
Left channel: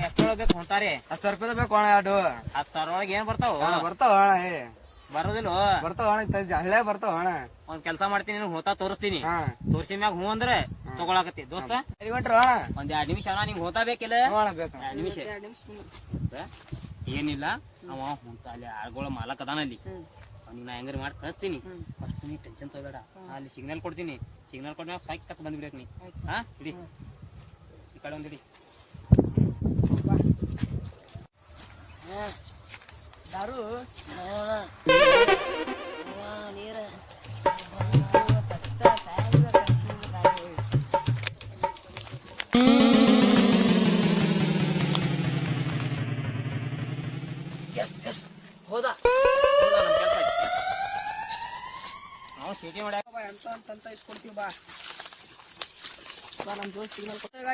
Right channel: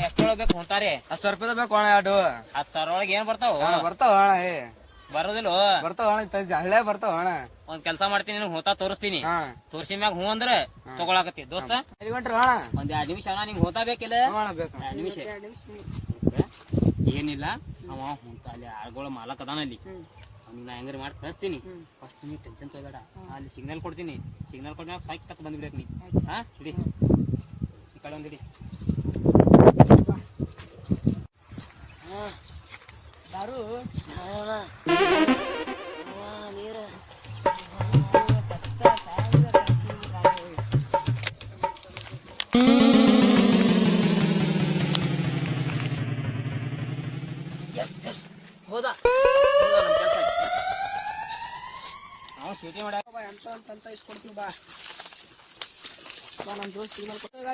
ಎತ್ತೊಳಬೇಕು ಹೊಂಟಾರೆ 10,000 ರೂಪಾಯಿ ಬೇಕು ಅಣ್ಣ ಎರಡು 10,000 ಒಳಗೆ ಏನ್ ಬರ್ತಾವ ಬರ್ತಾವ ಅಣ್ಣ ಬರೋದಿಲ್ಲ ಬರ್ತಾವ ಅಣ್ಣ ಹಳ್ಳೆ ಬರ್ತಾವ ಅಣ್ಣ ಒಂದ್ ಕೆಲ್ಸ ಮಾಡ್ತೀನಿ ಹೋತಾ ತೋರಿಸ್ತೀನಿ ತೋರ್ಸಿ ಮ್ಯಾಗ ಹೂ ಅಂದ್ರ ತಗೊಳಕತ್ತಿ ದೋಸ್ತ ಅಣ್ಣ ಒಂದ್ 2 ನಿಮಿಷ ಅಣ್ಣ ನಿಂಗ್ ಹೋತಾ ಬೇಕಿಲ್ಲ 2 ನಿಮಿಷ ಏನಿಲ್ಲ ಅವ ಹೊಂಟ ಅಲ್ಲಿ ಆಳ್ಗಳ ಮಾಲಕ್ ಅದಾನ ಅಲ್ಲಿ ಅವ್ನಿಗೆ ನಾ ಹೆಂಗಾರ ಮಾಡಿ ಕಳಿಸ್ತೀನಿ ಫಸ್ಟ್ ನೀ ಟೆನ್ಷನ್ ತಗೋಬೇಡ ಅಲ್ಲಿ ಸಿಗ್ನಲ್ ಕೊಡ್ತೀನಿ ಸಿಗ್ನಲ್ ಕೊಟ್ಟಾಗ ಸಾಕಿ ತಕ್ಕ ಬಂದ್ಬಿಡಕ್ ನೀ ಹಾ ಇಡಿ ಈ ಕಡೆ ಒಂದಿಡಿ ದಾರು ನೀರು ನಮ್ ಕೆಲ್ಸ ಐತಿ ನಾವು ಚೀಟಿ ಮಾಡ್ಯಾಕ ಅಂತ ಇಸ್ಕೊಡ್ತೀವಿ ಬಾ ನಮ್ ದೋಸ್ತ್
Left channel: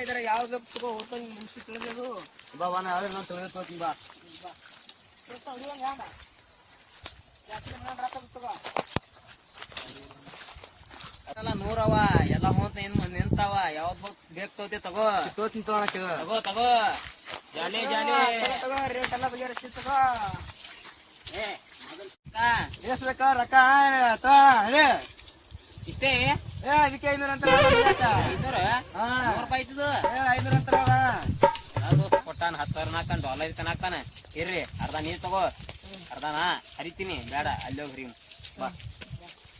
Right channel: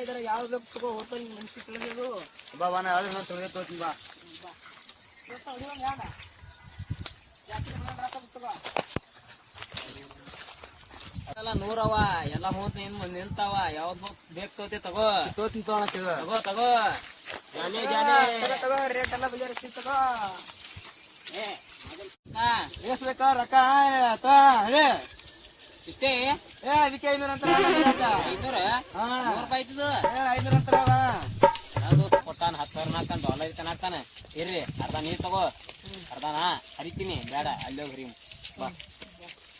ಇದ್ರ ಯಾವ್ದು ತಗೋ ಹೋಟೆಲ್ ಮುಗಿಸಿ ತಿಳಿದು ಇದಾವ ನಾ ಯಾವ್ದು ನಾನು ತೊಗೊಂಡು ತೋತೀನಿ ಬಾ ಎಲ್ಲ 100 ಅವ ಎಲ್ಲ ಹೋತ್ ಏನ್ ನಿಂತಾವ ಯಾವ್ದು ಬೇಕು ತಗೋತಿ ತಗೋ ತಗೋತೀನಿ ತಗೋ ತಗೋ ಜಾಲಿ ತಗೋ ರೇಟ್ ಎಲ್ಲ ಬಗೆಹರಿಸಿ ತಗೋ ಎಷ್ಟ್ ಬೇಕಾ ರೊಕ್ಕ ಇಷ್ಟೇ ಅದಕ್ಕೆ 500 ಅಂತ 500 ರೂಪಾಯಿ ಆಯ್ತದ 500 ಅಂತಾರ ಕೊಟ್ಟಾನ 10,000 ಹಾಕ್ತಾನ $1 ತನ ಹಾಕ್ತಾನೆ ಇರ್ರಿ ಅರ್ಧ ನೀರ್ ತಗೋ ಅರ್ಧ ನಾ ಹರಿತೀನಿ ಬೇಡ ಅಲ್ಲಿ ಹೋಗಿ ಹರಿವು ಬಾ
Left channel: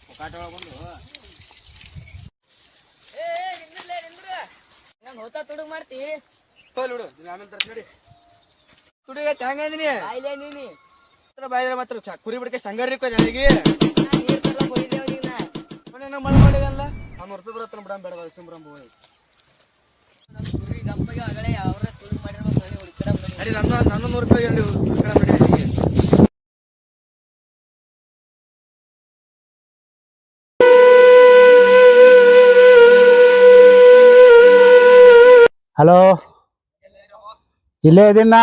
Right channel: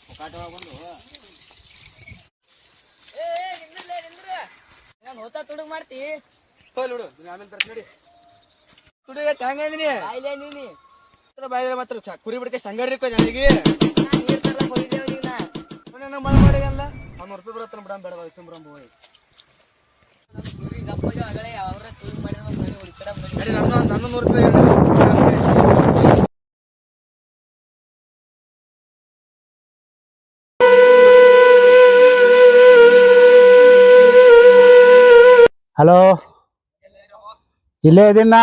ಮುಖಾಟ ಒಳಗ್ ಬಂದು ನಾನು ಹೋತಾ ತುಡುಗ್ ಮಾಡ್ತಿ ನೋಡು ಆಮೇಲೆ ತರ್ಕ ನೋಡಿ ತುಡುಗ ಹೆಂಗಂದಿನಿ ಆಯ್ಲೆ ನೀನಿ ಬಾಯಿದ್ರೆ ಮಾತ್ರ ಕುರಿ ಬಿಡ್ಕೆ ಸಂಗರಿ ನನಗೆ ಮಳೆ ಮಾಡಿಗಲ್ಲ 100 ರೂಪಾಯಿ ಬರತ್ತ ಬಿಡ ಬೇಡ ಸುಂಬ್ರಂಬ ಕುರಿ ಗಪ್ಪಗೆ ಆಗಲೇ ಅವ್ರ ತುಡುಗ್ ಮಾಡಿರ್ಬೇಕು ನಡಿ ಹೊಡಿಕಡ ನನ್ನ 100 ರೂಪಾಯಿ ಹಲೋ ಇಲ್ಲೇ ಇದೀನ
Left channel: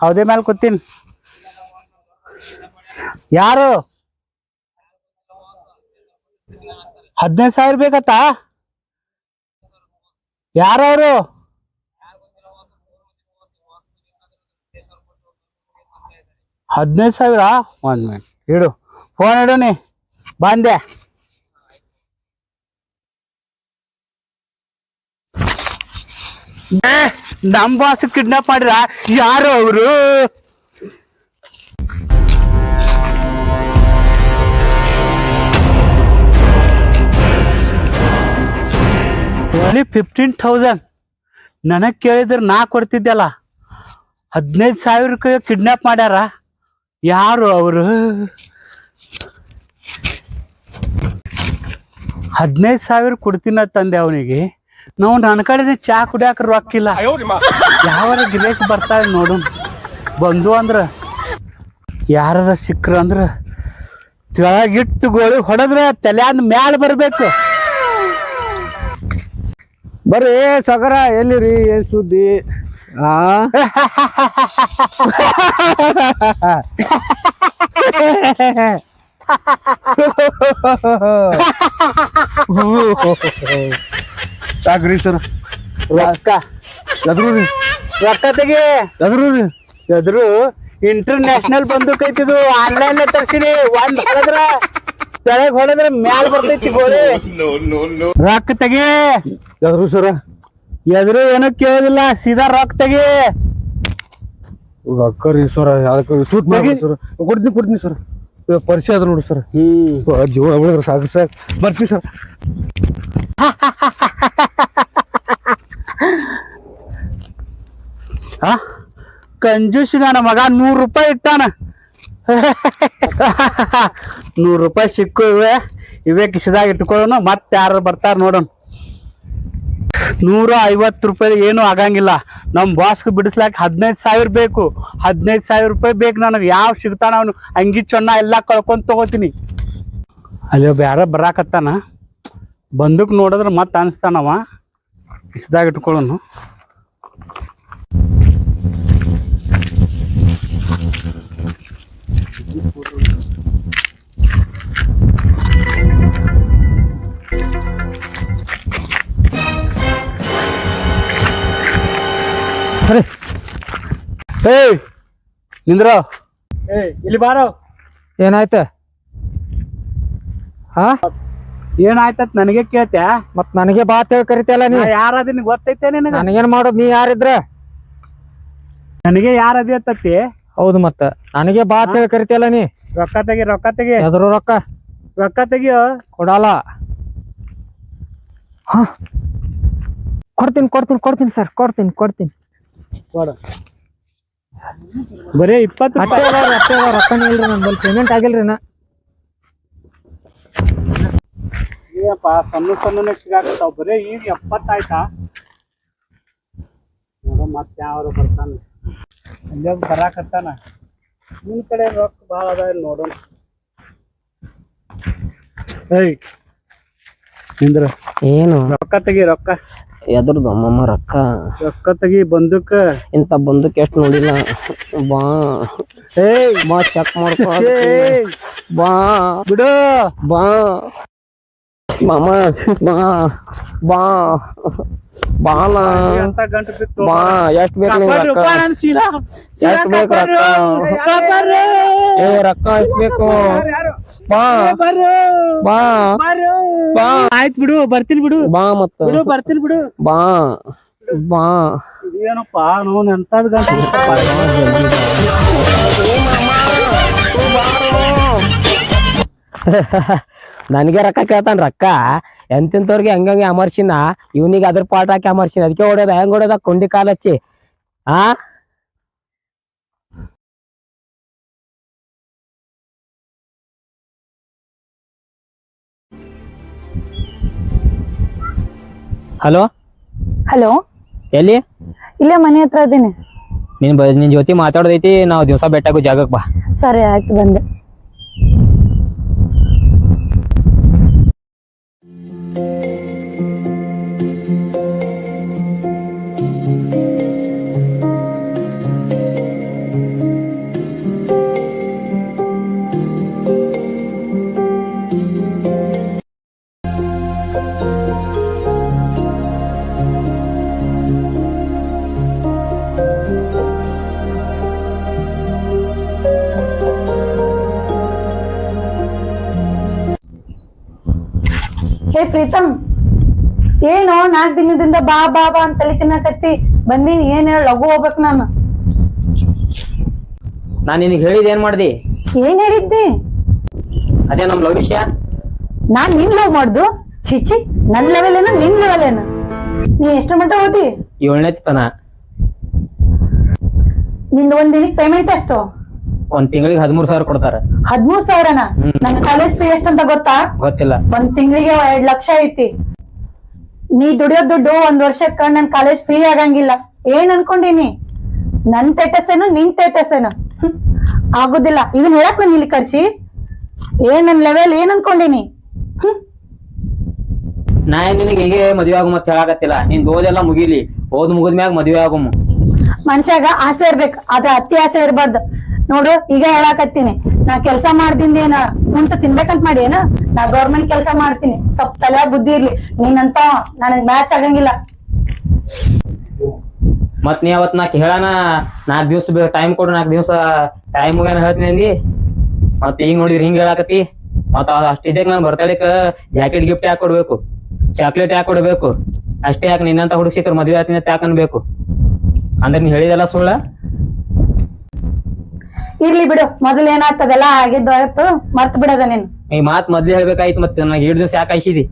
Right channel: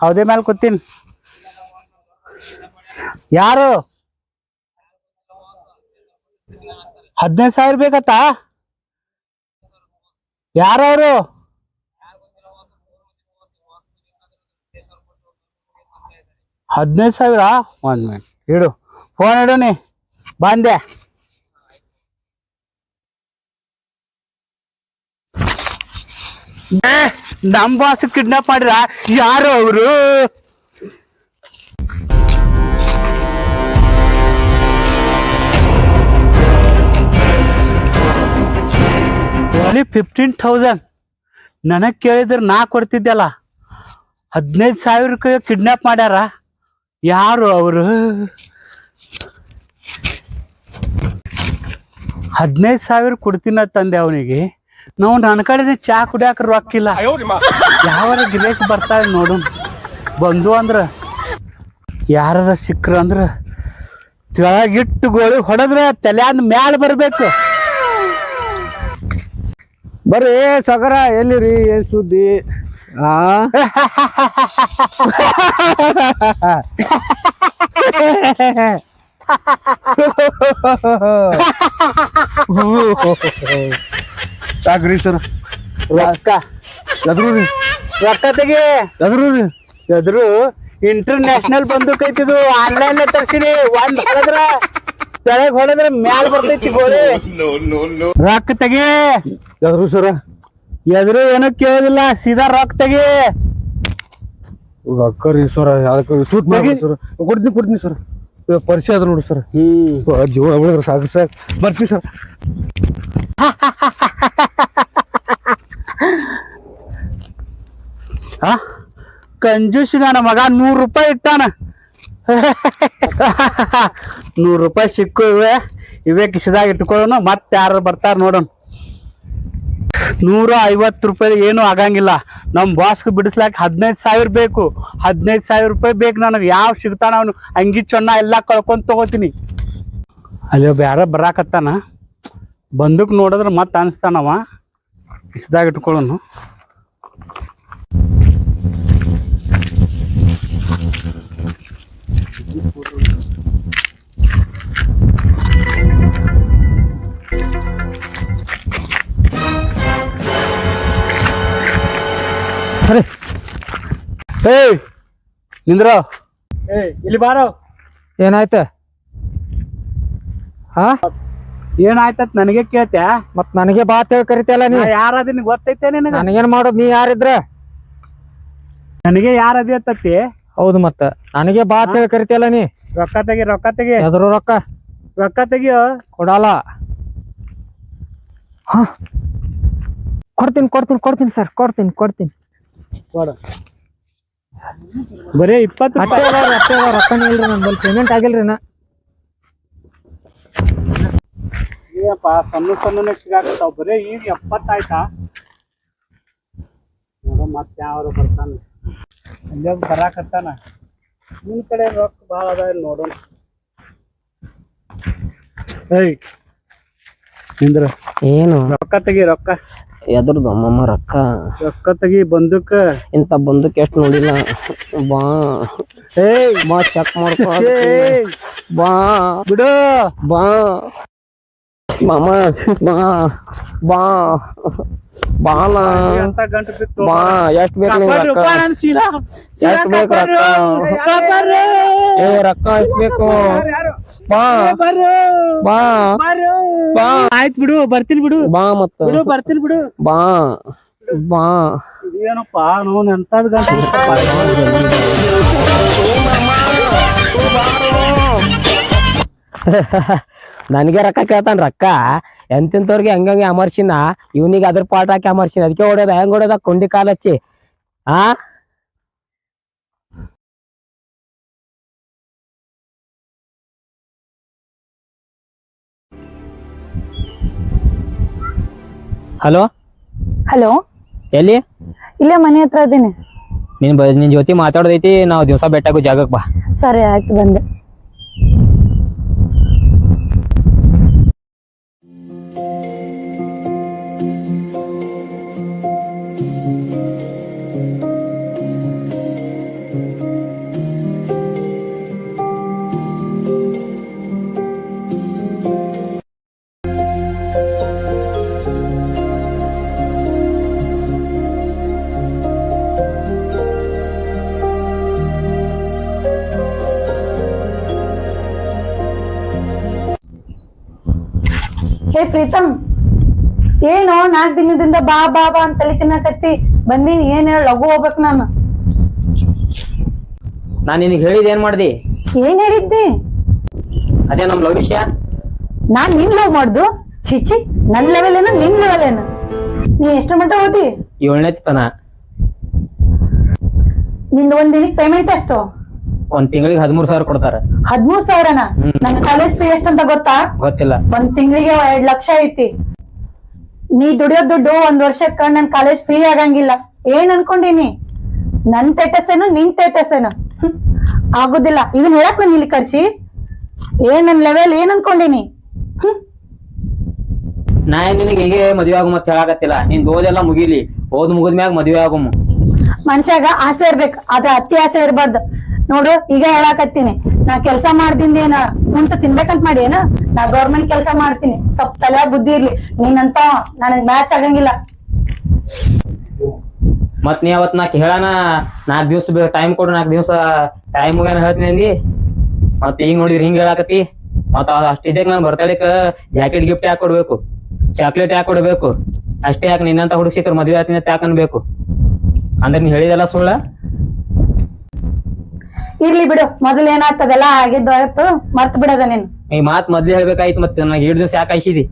ಹೌದೇ ಮೇಲೆ ಕೂತೀನಿ ಯಾರು 15,000 ಬೇಕತ್ತಾ ಯಾರವರು $15,000 1 ಮಿನಿಟ್ ಇಡು ಫೋನ್ ಇಡೋನಿ ಬಂದೆ ನಮ್ ಬಾಸ್ ಕಿಡ್ನಾಪ್ ಮಾಡ್ರ ಯಾರು ಅವರು ಓನ್ಲಿ 15,000 ನನಗ್ ಕೇಳಿದ್ರೆ ನಾ ಕೊಡ್ತಿದ್ದಲ್ಲ 15,000 ಕಿಡ್ನಾಪ್ ಮಾಡ್ಯಾರ ಯಾರು ಅವರು 15,000 ಕೊಡ್ತೀನ ತಂದೆ ಅವನಿಗೆ ನಾವು ನನ್ನ ಕಡೆ ಚಾ ಕುಡಿಯಾಕ ರೊಕ್ಕಿಲ್ಲ ಯಾವಾರ ಗಿರೇಕ್ ಬರ್ತಾವೆ ನೋಡು ಬಂದು ಅಂದ್ರ ಯಾರ ಸಿಕ್ಕ್ರ ಅಂದ್ರ ತೆಳಗಿಟ್ಟು ಗೋಳಿ ಹೊಡೆದ್ರೆ ತಲೆಯಂದ ಮ್ಯಾಲ ಬರ್ಬೇಕು ಬರ್ರಿ ಸಗರ ಎಲ್ಲಿರಿ ಏನ್ ಸುದ್ದಿ ಸಾಕ್ರಿ ಸರ್ ರೊಕ್ಕ ರೊಕ್ಕ ತೆಗಿ ಎದ್ರು ಇಂಟರ್ನ್ಯಾಷನಲ್ ಬಂದೂಕ್ ಐತಿದು ಆನ್ಲೈನ್ ತರ್ಸಿನಿ ಒಂದ್ ಹೊಡೆದ್ರ ಮ್ಯಾಲ ಬರ್ತೈತಿ ಗೋಳಿ ರೊಕ್ಕ ತೆಗಿ ಯಾವ್ದು ಸರ ಎದ್ರು ಏನೋ ಕೇಳೋದಿಲ್ಲ ಸೀದಾ ರೊಕ್ಕ ತೆಗಿ ರೊಕ್ಕ ರೀ ಸರ ಅದಕ್ಕೆ ಸೂಟ್ ಮಾಡಿ ಸರ್ ಕೊಡ್ತೀನಿ ಸರ್ ಪರಿಚಯ ಅದ ನೋಡಿ ಸರ್ ಜೀವ ಉಳಿದ್ರ ಸಾಕು ಬರ್ತೀವಿ ಸರ್ ಕಂಜೂಸ್ ನನ್ನ ಮಗ 100 ರೂಪಾಯಿ ಇಟ್ಟಾನ 100 ರೂಪಾಯಿ ಸಿಕ್ಕು ಇವೇ ಕಿಸದಾಗ ಇಟ್ಕೊಳ್ಳೋಣ ಮತ್ತೆ ಯಾರು ಬರ್ತಾರ ನೋಡೋಣ 150 ರೂಪಾಯಿ ಏನು ಆಗಂಗಿಲ್ಲ ನಮ್ ಬಾಸ್ಗೆ ಬಿಡಿಸ್ಲಾಕ 15,000 ಬೇಕು 15,000 ರೂಪಾಯಿ ಬೇಕು ನನಗೆ ಯಾವ ಸಿಗ್ತಾನ ಅವನು ಅಂಗಿ ಚೊನ್ನ ಎಲ್ಲ ಕಳ್ಕೊಂಡ್ ತಗೋತೀನಿ ಅಲ್ಲಿ ಒಬ್ಬ ಯಾರ ಬರಾಕತ್ತಾನ ಬಂದೂಕ್ ನೋಡಿದ್ರೆ ಮತ್ತೆ ಅನಿಸ್ತಾನವ ಕಿಸದಾಗ ಇಟ್ಕೊಳ್ಳೋನು ಏಯ್ ನಿಂದ್ರೋ ಇಲ್ಲಿ ಬಾರೋ ಏನಾಯ್ತ ಹಾ ಏನಾಯ್ತತ್ ನನಗೆ ಕೇಳ್ತ್ಯಾ ಮತ್ ನನಗೆ ಬಾ ಅಂತ ಹೇಳಿ ಕರಿತಲ್ಲ ನೀ ಯಾರದಿ ಗೊತ್ತೈತೆ ನಿನಗ ನನಗೇನ್ ಮಾಡೋದು ನೀ ಯಾರಿದ್ರ ನನಗೆ ಯಾರದಿ ಅತ್ತತಿ ಹೌದು ಮತ್ತ ನನಗೆ ಬಾ ಅಂತ ಹೇಳಿ ಕರಿತಲ್ಲ ನೀ ರೊಕ್ಕ ತೆಗಿ ಎದ್ರು ರೊಕ್ಕ ತೆಗಿಯೋ ಕೊಡಲ್ಲ ಹ ಕೊಡ್ತೀನಿ ಸರ್ ಕೊಡ್ತೀನಿ ಕೊಡು ಬರೀ 20 ರೂಪಾಯಿ ರೊಕ್ಕನೇ ಇಲ್ರಿ ನನ್ ಪೇಮೆಂಟ್ ಆಗಿಲ್ರಿ ನಾ ಏನಪ್ಪ ಸಣ್ಣ ಸಿಗಾಕತ್ತಾವ ಬರೀ ಈಗ 70 ಆಯ್ತಾ ನೋಡು ಮತ್ತೆ ಯಾರು ಬರ್ತಾನ ಅಲ್ಲೇ ಬರಾಕತ್ತಾನ ನಿನ್ ಕಡೆ ರೊಕ್ಕ ಭಾಳ ಅದ ನೋಡೋಣ ಏಯ್ ನಿಂದ್ರ ಏನು ರೊಕ್ಕ ತೆಗಿ ರೊಕ್ಕ ಎದ್ರದ್ದು ಅಮ್ಮಮ್ಮ ರೊಕ್ಕ ರೊಕ್ಕ ತೆಗಿ ಬಂದೂಕ ಇಂತ ಬಂದಕ್ಕೆ ಎಷ್ಟು ನೋಡಿಲ್ಲ ಬಾ ಏಯ್ ಬಾ ಚೆಕ್ ಮಾಡ್ಕೊ ಏಯ್ ಬಾ ಬಿಡು ಬಾ ಮಾಮ ಬಾ ಬಾ ಬಾಲ ಅಂತ ಗಂಟು ಬಿತ್ತು ಬಾ ಎಷ್ಟ್ ಬೇಕು ನಿಂಗೆ ರೊಕ್ಕ ಎಷ್ಟ್ ಬೇಕು ರೊಕ್ಕ ಏ ರೊಕ್ಕ ಎಷ್ಟ್ ಬೇಕು ಬಾ ಬಾ ಬಾ ಆಯ್ತು ಬಿಡು ಬರ್ತೀನಿ ಬಿಡು ಬಾ ಮತ್ತ ಬಿಡು ಬರ್ತೀನಿ ಬಿಡು ಬಾ ಬಾ ಏನಪ್ಪ ನೋನ್ ಎಂತದ್ ಗಂಟು ಬಿತ್ತಪ್ಪ. ನನಗೆ ರೊಕ್ಕ ಕೇಳ್ತಾನ ರೊಕ್ಕ ಎಂತೆಂತವ್ರಿಗೆ ಹಂಗಂಗೆ ಅಮರ್ಸಿನ ಇವನಿಗೆ ಅದ್ರ ಪಾಠ ಹಾಕಿ ಅಮರ್ಸಿನ ಅದಕ್ಕೆ ಹೊಡೆದ ಹೆಂಗ್ ಹೊಡೆದ ಕೊಂಡಿ ಕಾಲ ಹಚ್ಚಿ ಆ ಹಲೋ ಹಲೋ, ಎಲ್ಲಿ ಇಲ್ಲೇ ಮನೆ ಹತ್ರ ಇದೀನಿ. ನಿನ್ ಜೊತೆ ಮಾತಾಡೋದೈತಿ ನಾವು ದಿವಸ ಬೆಟ್ಟಾಗೋ ಜಾಗಕ್ಕೆ ಬಾ. ಸರಿ ಆಯ್ತು, ಬಂದೆ. ಹೇ ಪ್ರೀತಮ್, ಏನು 4 ದಿನದಿಂದ ಬಾ ಬಾ ಬಾ ಅಂತ ತಲೆ ತಿನ್ನಕತ್ತಿ ಬಂದೀನಿ. ಏನ್ ಹೇಳ, ಲಘು ಹೋಗ್ಬೇಕ್ ನಾನು. ನಾನ್ ನಿನಗೆ ಹೇಳಿದ ಏನ್ ಮಾಡ್ದಿ? ಏನ್ ಹೇಳಿದ್ದಿ? ಅದೇ ನಮ್ ಲವ್ ವಿಷಯ. ನಾನ್ ನಿನ್ ಲವ್ ಮಾಡ್ದು? ಚಿಚ್ಚಿ, ನನ್ ಲೆವೆಲ್ ಏನ ನಿನ್ ಲೆವೆಲ್ ಏನ? ನೀ ಎಷ್ಟು ಮಟ್ಟ ಓದಿ? 7ನೇ ತನ. ನಿಂದ ಒಂದ್ ದಿನಕ್ಕೆ ಪೇಮೆಂಟ್ ಎಷ್ಟು? ಒಂದ್ ತಿಂಗಳಿಗೆ 13,000 ಕೊಡ್ತಾರ. 13,000ನ? ನನ್ ಕಾಲೇಜ್ ಫೀ ಎಷ್ಟಂತ ಗೊತ್ತಾ? ಗೊತ್ತಿಲ್ಲ. ಒಂದ್ ತಿಂಗಳಿಗೆ 2 ಲಕ್ಷ ಐತಿ. ನೀ ದುಡಿಯೋ ದುಡ್ಡು 1 ವರ್ಷಕ್ಕ ನನ್ ಕಾಲೇಜ್ ಫೀ ಆಗಂಗಿಲ್ಲ. ಏನ್ ಅನ್ಕೊಂಡಿನಿ? ನನ್ ಸ್ಟೇಟಸ್ ಏನು ನಿನ್ ಸ್ಟೇಟಸ್ ಏನು? ಆಗುದಿಲ್ಲ. ಇದನ್ ಹೇಳಕ್ ನಾನು ಇಲ್ಲಿ ಕರ್ಸಿ? ಏನ್ ನನ್ ಲೆವೆಲ್ ಏನ್ ಅನ್ಕೊಂಡಿನಿ? ನಾ ನಿನಗೆ ಹೀಗೆ ಮದ್ವೆ ಆಗು ಮತ್ ಹೇಳಾಕತ್ತಿಲ್ಲ. ನಿನ್ ಓದೆಲ್ಲ ಮುಗಿಲಿ, ಓದ್ ಮುಗಿದ್ಮ್ಯಾಗ ಮದ್ವೆ ಆಗುಮ್. ಮನುಷ್ಯಾಗ ಆಸೆ ಇರ್ಬೇಕು, ಆದ್ರೆ ಅತಿ ಆಸೆ ಇರ್ಬಾರ್ದು. ನೋಡು, ಈಗ ಹೇಳಾಕತ್ತೀನಿ, ನಾ ಕೆಲ್ಸ ಮಾಡ್ದಿಂದ ಕುಂತ ತಿನ್ಬೇಕಂತ ಮಾಡಿ ಏನ? ನಾ ಗೌರ್ಮೆಂಟ್ ಕೆಲ್ಸ ಮಾಡ್ತೀನಿ. ಸ್ವಲ್ಪ ತಲೆ ಬುದ್ಧಿ ಇರ್ಲಿ. ನೀನಂತ ನನಗ್ ಮ್ಯಾಚ್ ಆಗಂಗಿಲ್ಲ. ಮತ್ ನೀ ಅವತ್ ನಾಕ್ ಹೇಳಾನ 4 ದಿವಸ ಟೈಮ್ ಕೊಡು, 4 ದಿವಸ ಟೈಮ್ ಮುಗ್ಯಾನ ಹೇಳ್ತೀನಿ ಅಂದಿ. ಮತ್ ಈಗ ನೋಡಿದ್ರಿ ಹಿಂಗ್ ಹೇಳಾಕತಿ. ಮತ್ ಅಷ್ಟಿದ್ದಾಗ ನಾನ್ ಬರ್ತಡೇಕ್ ಜಾಕೆಟ್ ಗಿಫ್ಟ್ ಯಾಕೆ ಕೊಡ್ಬೇಕು, ಚಾಕ್ಲೇಟ್ ಯಾಕೆ ಕೊಡ್ಬೇಕು? ಅಷ್ಟೇ ಯಾಕೆ ನಿನ್ನಂತ ಹುಡುಗ ಸಿಕ್ಕರ್ ಮದ್ವೆ ಆತೀನಿ ಅಂತ ಯಾಕೆ ಅನ್ಬೇಕು? ಅಂದ್ರೆ ನೀ ಹೇಳಿದೆಲ್ಲ ಸುಳ್ಳ? ಇರ್ಲಿ ಬಿಡು, ಮೊದಲು ಏನಾಗ್ತದಲ್ಲ ಆಗಿದ್ದು ಆಯ್ತು, ಮರ್ತ್ ಬಿಡದ ನೀನ್. ಈ ಮಾತ್ ಮೊದ್ಲೇ ಹೇಳ್ಬೇಕಾಯ್ತು. ಮತ್ತೆ ನನಗೆ 7 ದಿವಸ ಯಾಕೆ ಆಯ್ಸಿದಿ?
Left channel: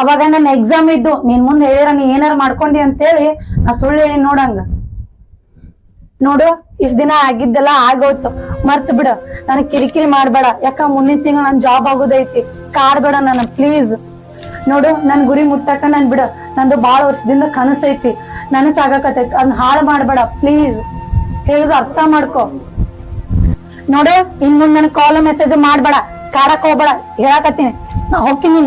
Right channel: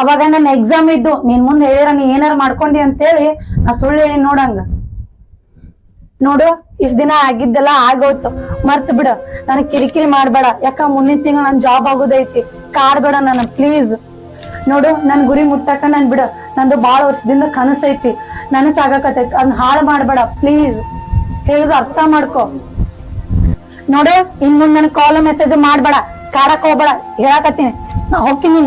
ಅವಾಗ ನನ್ನ ಎಕ್ಸಾಮ್ ಇದ್ದು, ನೀನ್ ಮುಂದೆ ಹೇಳಿರ ನೀ ಏನಾರ ಮಾಡ್ಕೊಂಡಿ ಅಂತೇಳಿ ನಾ ಸುಳ್ಳು ಹೇಳಿ ನೋಡಂಗ. ನೋಡು, ಇಷ್ಟ ದಿನ ಆಗಿದ್ದೆಲ್ಲ ಆಗೋಯ್ತು, ಮರ್ತ್ ಬಿಡು. ನನಗ್ ಕಿರಿಕಿರಿ ಮಾಡ್ಬೇಡ. ಯಾಕ ಮುಂದಿನ ತಿಂಗಳು ನನ್ ಜಾಬ್ ಆಗೋದೈತಿ. ಕಾಡ್ಬೇಡ ನನ್ನ ಪ್ಲೀಸ್. ನೋಡು, ನನ್ ಗುರಿ ಮುಟ್ಟಕ ನನ್ ಬಿಡು. ನಂದು ಬಾಳ ವರ್ಷದಿಂದ ಕನಸೈತಿ, ನನಸಾಗಕತೈತಿ. ಅದನ್ನ ಹಾಳು ಮಾಡ್ಬೇಡ ಪ್ಲೀಸ್. ಹೇಳುದು ಅರ್ಥ ಮಾಡ್ಕೊ. ನೋಡು, ಇನ್ ಮುಂದ್ ನನ್ ಕಾಲ್ ಮೆಸೇಜ್ ಮಾಡ್ಬೇಡ, ಕಾಡಕ್ ಹೋಗ್ಬೇಡ. ಹೇಳಕತ್ತೀನಿ, ನಾ ಹೋಗ್ತೀನಿ.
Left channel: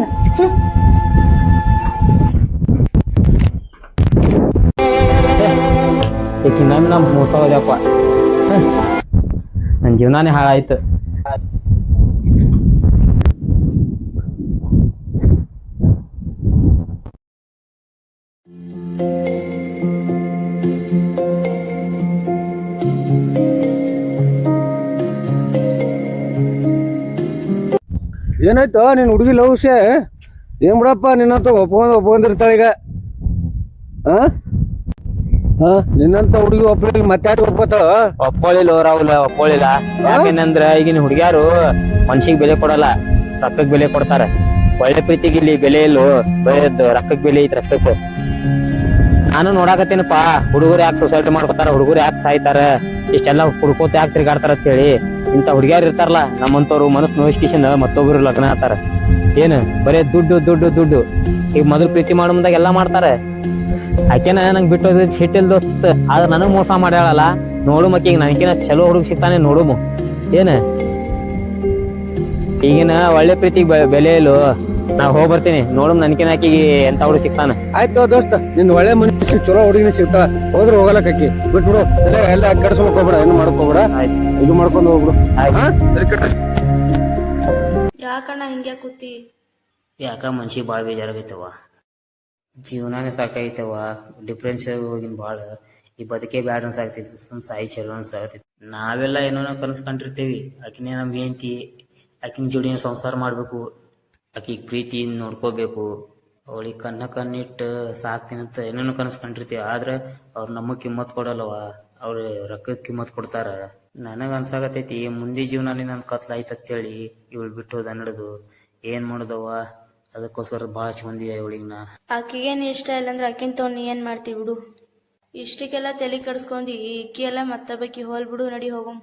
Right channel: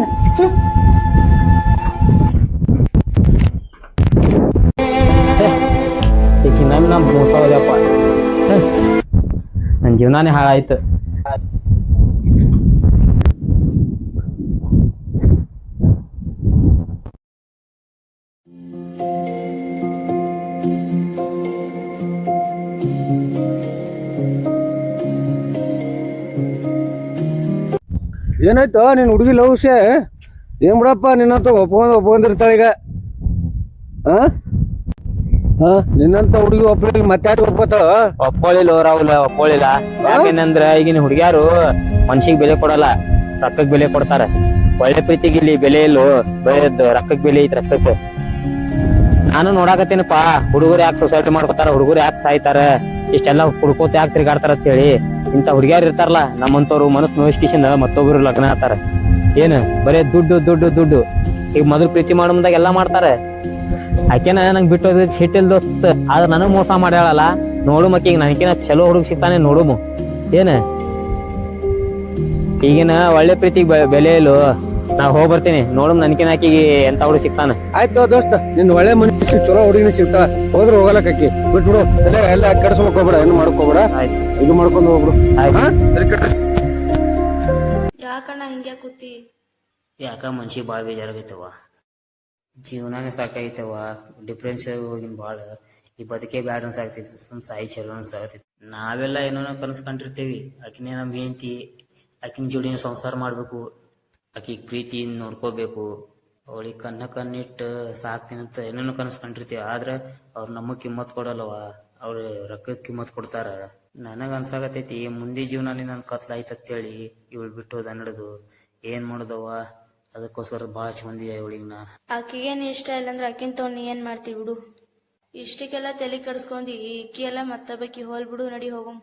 ಈಕಿನ್ನ ನಮ್ ಮೋಸ ಹೋದ್ಯಪ್ಪ. ನನ್ ಜೀವನಾನೇ ಹಾಳಾಯ್ತು. ಏನಾಯ್ತು ನಿನ್ ಹುಡುಗಿ ಲವ್ ವಿಷಯ? ಏನ್ ಬಿಡಪ್ಪ, ನಿನ್ನಂತ ಒಪ್ಕೊಂಡಿರ್ತಾಳ ಈಗ. ನಿನ್ನಂತ ಹುಡುಗಿ ಒಬ್ಬಳಿಗೆ ಮತ್ತೆ ಒಪ್ಕೋತಾಳ? ಒಪ್ಕೊಳ್ಳಿಲ್ಲ ರಾಹುಲ್, ಒಪ್ಕೊಳ್ಳಿಲ್ಲ. ಯಾಕೇನಂದ್ರ ಈಗಿನ ಹುಡುಗ್ಯಾರು ಮನ್ಸಿಗೆ ಬೆಲೆ ಕೊಡಲ್ಲ, ರೊಕ್ಕಕ್ ಬೆಲೆ ಕೊಡ್ತಾರ. ಒಳ್ಳೆ ಪ್ರೀತಿಗೆ ಇಲ್ಲಿ ಬೆಲೆ ಇಲ್ಲೋ, ಬರೀ ರೊಕ್ಕಕ್ ಬೆಲೆ ಐತಿ, ರೊಕ್ಕಕ್. ನಾನು ನೋಡಾಕತ್ತೇನಪ್ಪ, ಹುಡುಗರು ಯಾಕೆ ಸೊಸೈಟಿ ಮಾಡ್ಕೊತಾರ, ಹುಡುಗರು ಯಾಕೆ ಸಾಯ್ತಾರ, ಇಷ್ಟೆಲ್ಲ ಹುಡ್ಕೋತ ಯಾಕೆ ತಿರ್ಗಾಡ್ತಾರ ಅಂತೇಳಿ. ಇಂತ ಹುಡುಗ್ಯಾರು ಇರ್ತಾರಲ್ಲ ನಮ್ಮಂತವ್ರು, ಮನಸ್ಸು ನೋಯಿಸ್ಕಿಶನ್ ಮತ್ತೊಬ್ರು ಲಗ್ನ ಆತಾರ. ಏನ್ ಬರೇ ದುಡ್ಡು ದುಡ್ಡು ದುಡ್ಡು. ಈಗ ಮೊದಲು ಪ್ರೀತಿ ಮಾಡೋ ಮುಂದಾಗ ಎಲ್ಲಾ ಮಾಡ್ತಾರ. ಆಕೆನ ನಂಗೆ ಬಿಟ್ಟೋದ್ ಸಿಟ್ಟಿಲ್ ದೋಸ್ತ್, ಆದ್ರ ನನಗ್ ಮೋಸ ಮಾಡ್ಯಾಳಲ್ಲ. ನೋಡು ಮಕ್ಕೀಗ ನನಗೇನ ಚಲೋ ಹುಡುಗ ಸಿಗ್ತಾನೆ ನೋಡುಮು. ಏನ ಈಗಿನ ಒಳ್ಳೆ ಪ್ರೀತಿಗೆ ಬೆಲೆ ಇಲ್ಲೋ. ನಾ ಹೋಗ್ ಬರ್ತೀನಿ ನೋಡಮ್ ನನ್ಕಿನ ಆಕಿಗೆ ಎಂತ ಹುಡುಗ ಸಿಗ್ತಾನ. ಆಯ್ತು ದೋಸ್ತ, ನಿನ್ ಒಳ್ಳೆ ಮನುಷ್ಯ ಚಲೋ ಹುಡುಗಿನ ಸಿಗ್ತಾಳ, ಹೋದ್ರ ಹೋಗಲಕ್ಕಿ ಬಿಟ್ಬಿಡು. ಎಲ್ಲ ಕೆಡ್ಸ್ಕೊಕ್ ಹೋಗ್ಬೇಡ, ಏನು ಮಾಡಕ್ ಹೋಗ್ಬೇಡ, ಇದು ಮಾಡ್ಕೊಂಡು ಹೋಗ್ಬಿಡು. ಯಾಕಣ್ಣ ಹಿಂಗೆ ಕೂತಿ? ಯಾಕ ಮನ್ಸಿಗೆ ಭಾಳ ಬೇಜಾರಾಗೈತವ, ಜೀವನಾನೇ ಸಾಕಾಗೈತವ, ಡಿಫ್ರೆನ್ಸ್ ಹೋಗಿನ್ ಭಾಳ. ಈ ಬದುಕೇ ಬ್ಯಾಡ ಅನ್ಸಾಗ್ತೈತಿ, ಸುಮ್ ಸಾಯಿ ಚಲೋ ಅನ್ಸಾಗತೈತಿ. ನಾವೆಲ್ಲ ಏನೋ ಕನಸ್ಕೊಂಡಿರ್ತೀವಿ, ಆಕಿನೇ ನಮ್ ಹೆಂಡತಿ, ಆಕಿನ ಜೋಡಿನ ಸಂಸಾರ ಮಾಡ್ಬೇಕು, ಆಕಿಗೆ ಪ್ರೀತಿ ನೋಡ್ಕೋಬೇಕು, ಅವಳಿಗೆ ಕಣ್ಣಿಟ್ಟು ಸಾಕ್ತೀನಂತ ಏನೇನೋ ಕನಸ್ಕೊಂಡಿರ್ತೀವಿ. ಆದ್ರೆ ಅವ್ರು ನಮಗ್ ಕಿಮ್ಮತ್ ಕೊಡಲ್ಲವ, ಅವ್ರು ರೊಕ್ಕಕ್ಕೆ ಕಿಮ್ಮತ್ ಕೊಡ್ತಾರ. ನನಗ ಅನ್ಸಾಗತೈತಿ ಮುಂದೆ ಜೀವನಲ್ಲಿ ನನ್ ಕತ್ಲಾಯ್ತು ಅಂತೇಳಿ ಇವಳು ಬಿಟ್ಟು ಹೋದ ನಡ್ದು ಏನ್ ಮಾಡುದವ. ಅದಕ್ಕೋಸ್ಕರ ಭಾಳ ಚಂದಿ ಇವಳಿಗೆ ನಾ. ಆಕಿಗೇನ್ ಇಷ್ಟ ಇಲ್ಲ ಅಂದ್ರೆ ಆಕಿನ್ ತೊಗೊಂಡು ನೀ ಏನ್ ಮಾಡ್ತಿ ಬಿಡು. ಇಷ್ಟಕ್ಕೆಲ್ಲ ತಲೆ ಕಡ್ಸ್ಕೊಂಡಿ ಈಕಿ ಎಲ್ಲ ಮತ್ತೊಬ್ಬಕಿ ಹೋಲ್ ಬಿಡು, ನಡಿ ಹೋಗಮ್.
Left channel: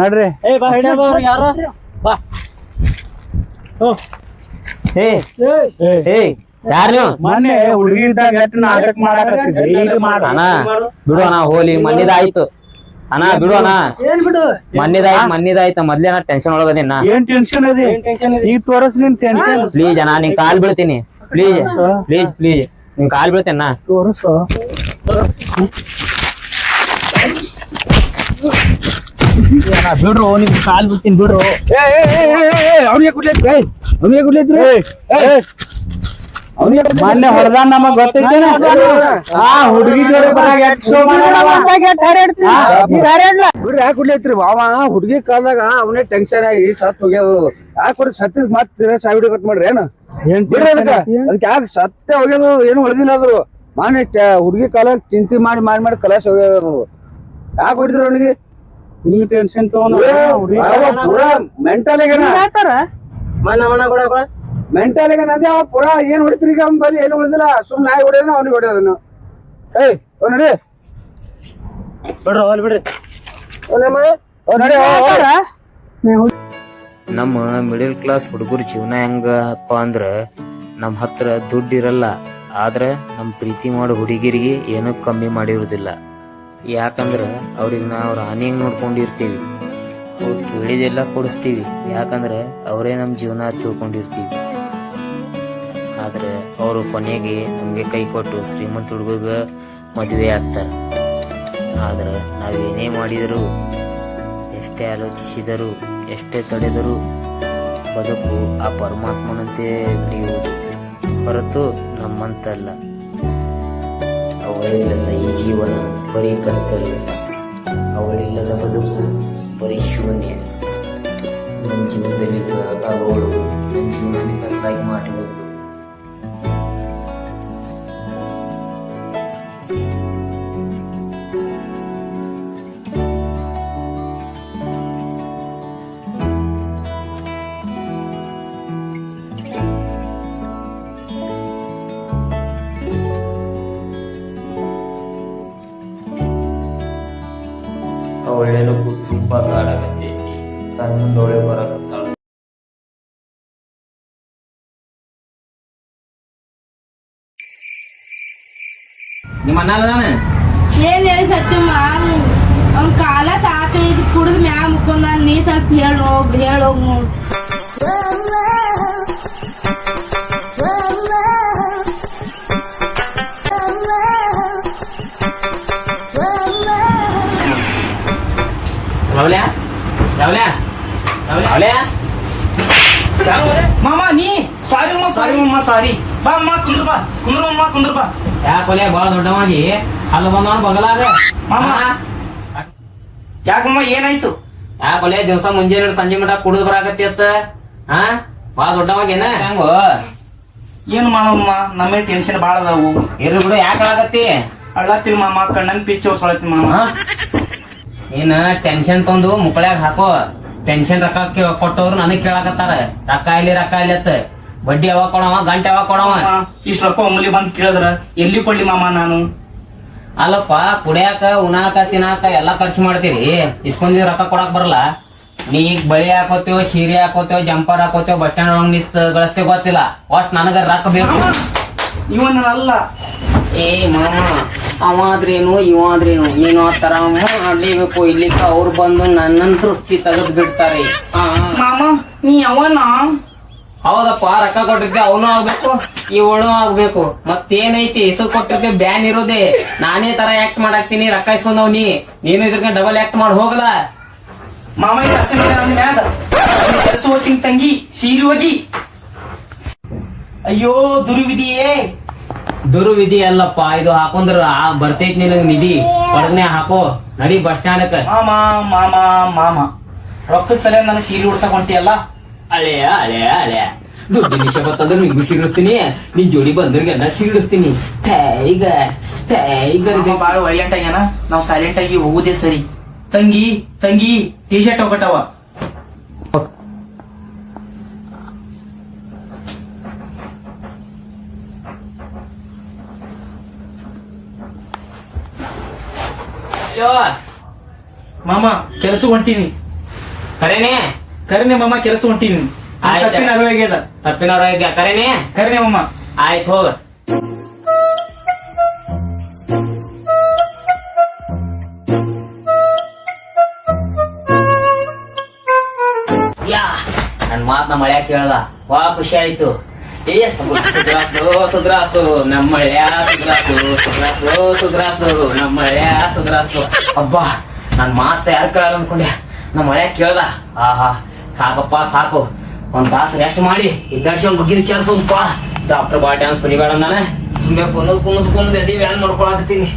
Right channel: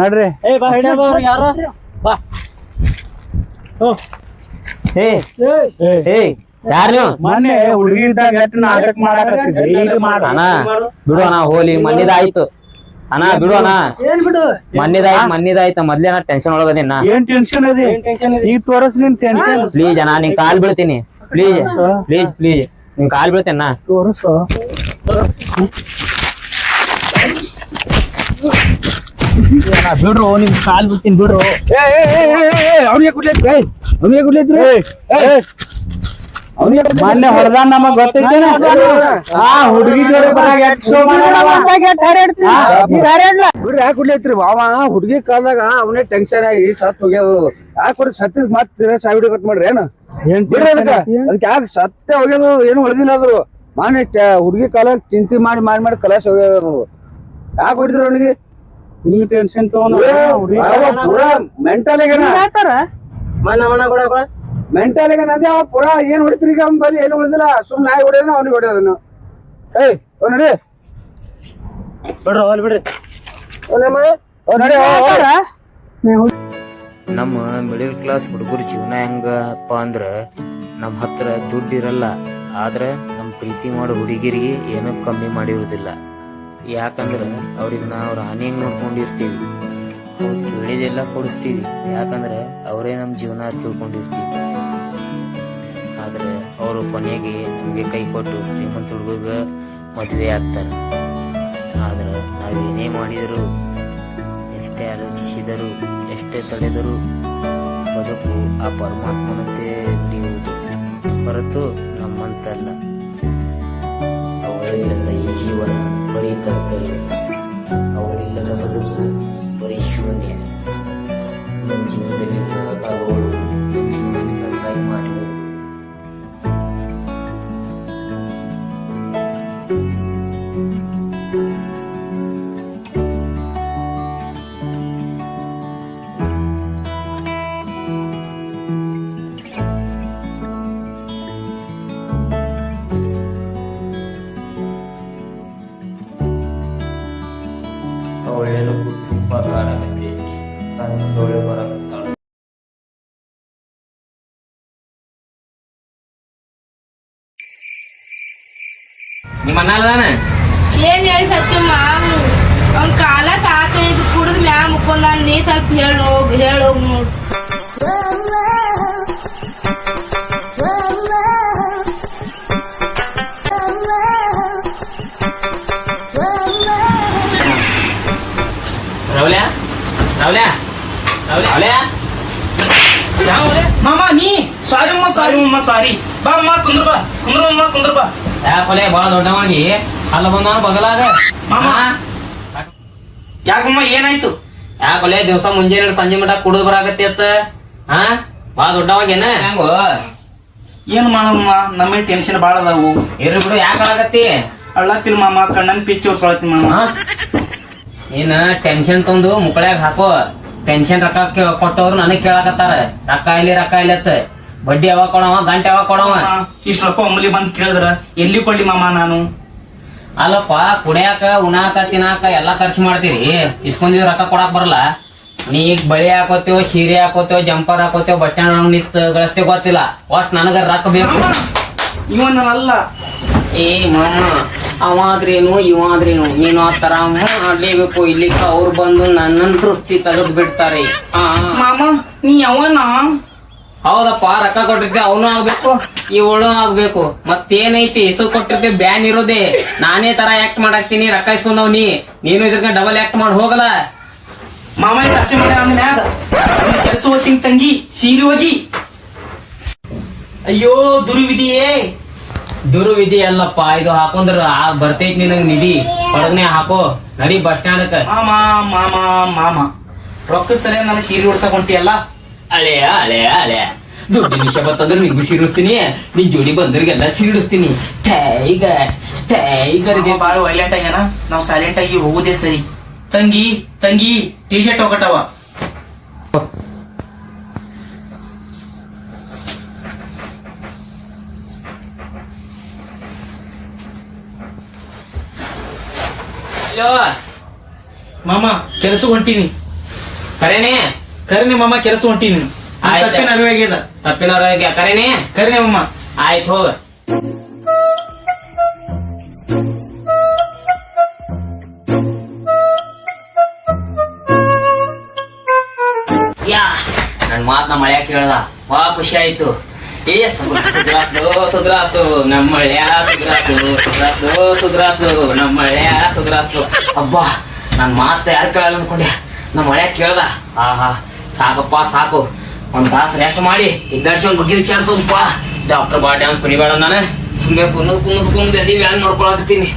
ನಡ್ರಿ. ಯಾರ್ ನೀವು? ಮೊನ್ನೆ ಹುಡುಗಿ ಇದ್ದಾಗ ಎಷ್ಟ್ ನಾಟಕ ಮಾಡಾಕತ್ತಿದ್ರಿ, ಈಗ ಮಾಡ. ಅಣ್ಣ ಬಿಡು ಅಣ್ಣ, ಹೋಲಿ ಮಣ್ಣಿದಾಯ್ತು ಅಣ್ಣ, ಬಿಡು ಅಣ್ಣ. ಏನ್ ಬಿಡು? ಮಣ್ಣಿದಾಯ್ತು ಮೊದ್ಲೇನ ಟೆನ್ಷನ್ ಒಳಗದಿನ. ಏನ್ ಟೆನ್ಷನ್ ಅದಿ? ಈಗ ತೋರಸ್ ನಿನ್ ಟೆನ್ಷನ್. ಪ್ಲೀಸ್ ಅಣ್ಣ, ನಿನ್ ಕಾಲ್ ಬೀಳ್ತೀನಿ, ಪ್ಲೀಸ್ ಪ್ಲೀಸ್ ಪ್ಲೀಸ್, ನಿನ್ ಕಾಲ್ ಬೀಳ್ತೇನ. ತೋರಸು. ಬಿಡ್ರು, ನಿಮ್ ಕಾಲ್ ಬೀಳ್ತೀನಿ ಬಿಡ್ರು. ಅವ್ನಿಗೆ ಕುಡ್ಲೈತ್ರಿ, ಅವ್ನಿಗೆ ಕುಡ್ಲೈತ್ರಿ. ಮೊನ್ನೆ ಹೊಡೆದ ನಮಗ್ ಗೊತ್ತೈತೇನ? ಆ ಹುಡುಗಿ ಜೋಡಿ ಬರಾಗ ಎಷ್ಟ್ ಶೋ ಬಿಡ್ರಿ. ಯಾಕೆ ಕುಡ್ಲೈತ್ರಿ ಅವ? ಹುಡುಗಿ ಕಾಲದಾಗ ಅವನೇ ಟೆನ್ಷನ್ ಆಗಿ ಸತ್ ಹೋಗ್ಯದ. ಯಾಕೆ ಕೊಡಿ ಸತ್ತ ಮತ್ ಸಾವಿಡಿ ಕಟ್ ಮಾಡ್ರಿ ಏನು ಬಿಡ್ರಿ. ಅದಕ್ಕೆ ಯಾಕೆ ಸತ್ತೆ ಹೋಗ್ಯದು, ಏನು ಹೊಡೆದಿಲ್ಲ ಅದ್ರು. ಮಾನೆ ಹುಡುಗಿ ಕಾಲ ಚಿಂತೆ ಮಾಡಿ ಮಾಡಿ ಮಾಡಿ ಕಲಾಸ ಹೋಗ್ಯದ. ಯಾಕೆ ಹೊಡಿದ್ರು ಅವನಿಗೆ? ನಿಮ್ಗೆ ಟೆನ್ಷನ್ ತಗೊಂಡ್ ಮೆಂಟಲ್ ಮೆಂಟಲ್ ಅದೇ ಅವ ಪುರಾ ಏನ್ ಹೊಡಿತ್ರಿ ಈಗ? ಅವ್ನ ಬಲ್ಲಿ ಏನು ಹೊಡೆದಿಲ್ಲ, ಸುಮ್ ನಾಯಿ ಹೊಡೆಯೋನು ಅವ್ನಿಗೆ ಹೊಡೆಯೋದನ್ನು. ಏಯ್ ನೋಡಿ ಬಿಡ್ರಿ, ಹೋಲ್ ಬಿಡ್ರಿ. ನಮ್ಮ ಮಿಡಲ್ ಕ್ಲಾಸ್ ಹುಡುಗರ ಜೀವನ ಹೆಂಗಪ್ಪ ಅಂದ್ರ, ನಮ್ ಹತ್ರ ದುಡ್ಡು ಇರಲ್ಲ, ಆದ್ರ ನಮ್ ಪ್ರೀತಿ ಮಾಡೋ ಹುಡುಗಿರಿಗೆ ಏನೂ ಕಮ್ಮಿ ಮಾಡಿರುವುದಿಲ್ಲ. ಯಾಕಂದ್ರ ಅವ್ರಿಗೆ ನಾವು ರಾಣಿ ಹೆಂಗ್ ನೋಡ್ಕೊಂಡಿರ್ತೀವಿ, ತಿಳಿದೆಲ್ಲ ಕೊಡಿಸ್ತೀವಿ. ಯಾಕಂದ್ರ ಅವರೇ ನಮ್ ಜೀವನ ತಿಳ್ಕೊಂಡಿರ್ತೀವಿ. ಆದ್ರೆ ಅವರು ಕೊನೆಗೆ ನಮ್ಗೆ ಕೈ ಕೊಟ್ಟು ಶ್ರೀಮಂತ ಹುಡುಗ ಮದುವೆ ಆಗ್ತಾರ. ಆದ್ರೆ ನಾವೇನೇ ಮಾಡಿದ್ರು, ಎಷ್ಟೇ ಆಲೋಚಿಸಿದರು, ಎಷ್ಟೇ ತಡೆದರೂ ಬದುಕು ಆ ಪರಮಾತ್ಮನಂತೆ ನಡೆಯುವುದು ಹೊರತು ನಮ್ಮಂತಲ್ಲ. ಅವಳಿಲ್ಲದ ಈ ಜೀವನ ಬರೀ ಕತ್ತಲು, ಅವಳಿಲ್ಲದ ಬದುಕು ಬರೀ ಶೂನ್ಯ. ನನ್ನ ಜೀವನದಲ್ಲಿ ಅವಳು ನನ್ನ ಜೀವನದಲ್ಲಿ ಕಲ್ಲಾಗಿ ಮಾಡಿರುವುದು. ಅವಳೇನು ತುಂಬಾ ಕಾಡಾಗತ್ತೈತಿ, ಕಣ್ಣೊಳಗೆ ಬರಾಕತ್ತಾಳ. ನಿಮ್ಮ ಅಣ್ಣ ಅಲ್ಲದಾನ? ಏನ್ ಹೇಳಿ ಸಚ್ಚಮ್ಮ, ಅವ್ನ ಕಾಲ ಸಾಕೈದು ಕುಡಿದ್ ಮ್ಯಾಲ ಮುಕ್ಕೊಂಡ, ನೀ ಸ್ವಲ್ಪ ಹೇಳೋಗ್ ನೋಡ್. ರಾವ್ಲ್ಯಾ ರಾವ್ಲ್ಯಾ ರಾವ್ಲ್ಯಾ ಮಾಮ ನೀ ಸಾರಿ ಅಮ್ಮ, ಸಾರಿ ಅಮ್ಮ, ಸಾರಿ. ಬಾ ಅಮ್ಮ, ಕುಂದ್ರ ಬಾ, ಕುಂದ್ರಮ್ಮ, ಕುಂದ್ರ ಬಾ. ಯಾಕೊಲೆ ಬಾಳ ದೊಡ್ಡವಾಗಿ ಅಲ್ಲ ಬಂದವನ ಬಗಲಾಗ. ಮಾಮ ಯಾಕಮ್ಮ, ಏನಾಯ್ತು? ಯಾಕೊಲೆ ದಿವಸ ಮುಂಜಾನೆ ಸಂಜೆ ಮಟ ಕುಡಿದು ಬರಾಕತ್ತಿ ಅತ್ತ? ಹಾ, ಬಾಳ ದೊಡ್ಡವಾಗೇನ? ಹೆಂಗೋ ಏನ್ ಮಾಡಮ್ಮ, ನಮಗೆ ಟೆನ್ಷನ್ ಬಾಳ ಅದಾವು. ಇರ್ರಿ ಬಿಡು, ಯಾಕೆ ಅಳಾಕತ್ತಿ? ಅಳ್ಳತ್ತಿಲ್ ಮಾಮ, ಕಣ್ಣನ್ ಪಿಚ್ಚಿ ಹೊಸಳತ್ತಿ ಮಾಮ. ಏನ ಟೆನ್ಷನ್ ತಂದು ಮುಕ್ಕಳ್ಯಾಗ ಹಾಕೋ. ಪೆನ್ಷನ್ ರೊಕ್ಕ ಕೊಟ್ಟವ್ರು ನನಗ್ ಕೇಳಾಕತ್ತಾರ, ರೊಕ್ಕ ಇಲ್ಲಿ ಅಂತ. ಬಡ್ಡಿ ಯಾವಾಗ ಕೊಡವ, ಗಂಟೆ ಯಾವಾಗ ಕೊಡವ? ಇಷ್ಟ ರೊಕ್ಕ ಒಮ್ಮಲಿ ಬಂದ್ ಕೇಳಿದ್ರ ಎಲ್ಲಿ ಕೊಡ್ಲಿ ಮಾಮ ನಾನು? ಅಲ್ಲಪ್ಪ, ಕುಡಿಯಾಕ ಉಣಾಕ ತಿನ್ನಾಕ ಎಲ್ಲಾ ಖರ್ಚು ಮಾಡ್ತೀರಿ, ಇಸ್ಕೊಂಡಿದ್ ರೊಕ್ಕ ಕೊಡಾಕ್ ಬರಲ್ಲ. ನೀ ಈಗ ಬಳಿ ಹಾಕೋತೇವ್, ಸೀರೆ ಹಾಕೋತೇವ್, ಜಂಪರ್ ಹಾಕೋತೇವ್, ಬಸ್ ಸ್ಟ್ಯಾಂಡ್ ನಿಂತ ಗಳಿಸ್ತೇವ್ ಗೊತ್ತಿಲ್ಲ. ಒಟ್ ನನಗ ರೊಕ್ಕ ಬೇಕು. ಇವನ್ ಅಲ್ಲ ಏ ಮಾಮ, ಅವ ಆದ್ರೇನು ಇವ ಆದ್ರೇನು ನೀನು ಆ ತರ ಮಾಡ್ಲೇಬೇಕು ಇಲ್ಲಿಕ್ಕ ಅವ್ರು ಬಂದು ನನ್ನ ದೃಷ್ಟಿ ತೆಗೆದು ಬಿಡ್ತಾರೆ. ಮಾಮ ನೀ ಅವನ ಹೌದಪ್ಪ, ರೊಕ್ಕ ಕೊಟ್ಟಿದ್ದೆ ಅವನು ಆಗ್ಬೇಕು ಇವಳು ಆಗ್ಬೇಕು. ಮತ್ತೇನೈತಿ ಹೆಸರು ಕೊಟ್ಟಿದ್ದೆ ಬ್ಯಾನ್ ಇರೋದೇ. ನಾನೇ ತರ ಆಕ್ಟ್ ಮಾಡಾಕ್ತೀನಿ, ರೊಕ್ಕ ಇಸ್ಕೊಂಡವ್ ನೀನು ಇದ್ರ ಡಬಲ್ ಆಕ್ಟ್ ಮಾಡಿ ಹೋಗಲ್ಲ. ಮಾಮ ಮ್ಯಾಗ ಕೆಲಸ ಹೋಗ್ತೀನಿ ತಂಗಿ ಸೀರೆ ಹೋಗಿ. ಅಯ್ಯೋ ದುರ್ವಿಧಿಯೇ. ದುರ್ವಿಧಿ ಅಲ್ಲಪ್ಪ, ಇದು ಹಾಕೊಂಡ್ರ ಬರ್ತೈತಿ ನಿನಗ್ ನಿಧಿ. ಹೊರಗನೆ ಹಾಕೋ, ನಡಿ ಬಸ್ ಸ್ಟ್ಯಾಂಡ್. ಮಾಮ ಮಾಮ ಮಾಮ ರೊಕ್ಕದ ಸಲ ನಾನು ಸೀರೆ ಉಡ್ಸಕ್ ಹೊಂಟಿಯಲ್ಲ. ಹಳೆಯ ಹಳೆಯ ಹಳೆಯ ದುಡ್ಡು ವಿಷಯ ಬರ್ತಂದ್ರೆ ನಿಂಗೂ ಸೀರಿಸ್ತೀನಿ, ನಿನ್ ಜೋಡಿ ಬಂದ್ರಿಗೆಲ್ಲ ಸೀರಿಸ್ತೀನಿ. ಟೈಗರ್ ಬಾಳ ವೈಲೆಂಟ್ ಆಗ್ಯಾನ, ನಾವ್ ಸೈಲೆಂಟ್ ಆಗಿ ಹೋಗುದೇ ಸರಿ. ತಂಗಿ ತಂಗಿ ಟಿ ಶರ್ಟ್ ಹೋಗಟ್ಟವ. ಮಾಮ ಕೆಲಸ ಹೊಂಟೀನಿ. ಕರೇನೆ ಕರಿನಿ ಮಾಮ ಕೆಲಸ ಹೊಂಟೀನಿ. ಆಯ್ತು. ತಪ್ಪಿನ ಅರಿವೆ ಆಗ್ಯದ. ತಪ್ಪಿನವ್ರ ಕರೇನೆ. ಕರಿನಿ ಮಾಮ. ಆಯ್ತು ಹೋಗ. ಯಾ ನನ್ ಮಾತ್ ನಮ್ಮ ಮಳ್ಯಾಕ ಕೇಳ್ದ, ವಾ ಖುಷಿ ಆಯ್ತು. ಸುಧ್ರಾತು ನಮ್ಮ ಮಳ್ಯಾ ಸುಧ್ರಾತು ನಮ್ಮ ಮಳ್ಯಾ ಸುಧ್ರಾತು. ಅಬ್ಬಾ ನನ್ ಮಾತ ಯಾರು ಕೇಳಲ್ಲ ಅನ್ಕೊಂಡೆ, ನಮ್ಮ ಮಳ್ಯಾಕ ಕೇಳ್ದ. ಆಹಾ ಸಾಕಪ್ಪ ಸಾಕು, ಒಂದ್ ತಾಸು ರೆಸ್ಟ್ ಮಾಡಿ ಇದ್ದರ್ಸಿ ಬಗ್ಗೆ ವಿಚಾರಿಸೋದಪ್ಪ. ಡಾಕ್ಟರ್ ಬಾ ಡ್ಯಾನ್ಸ್ ಕುಣಿಬೇಡ, ನಾನು ಸುಮ್ಮನೆ ಕುನ್ನದ್ ಎಡಿ ವ್ಯಾನ್ ಮಾಡ್ಕೊಳಕತ್ತೀನಿ.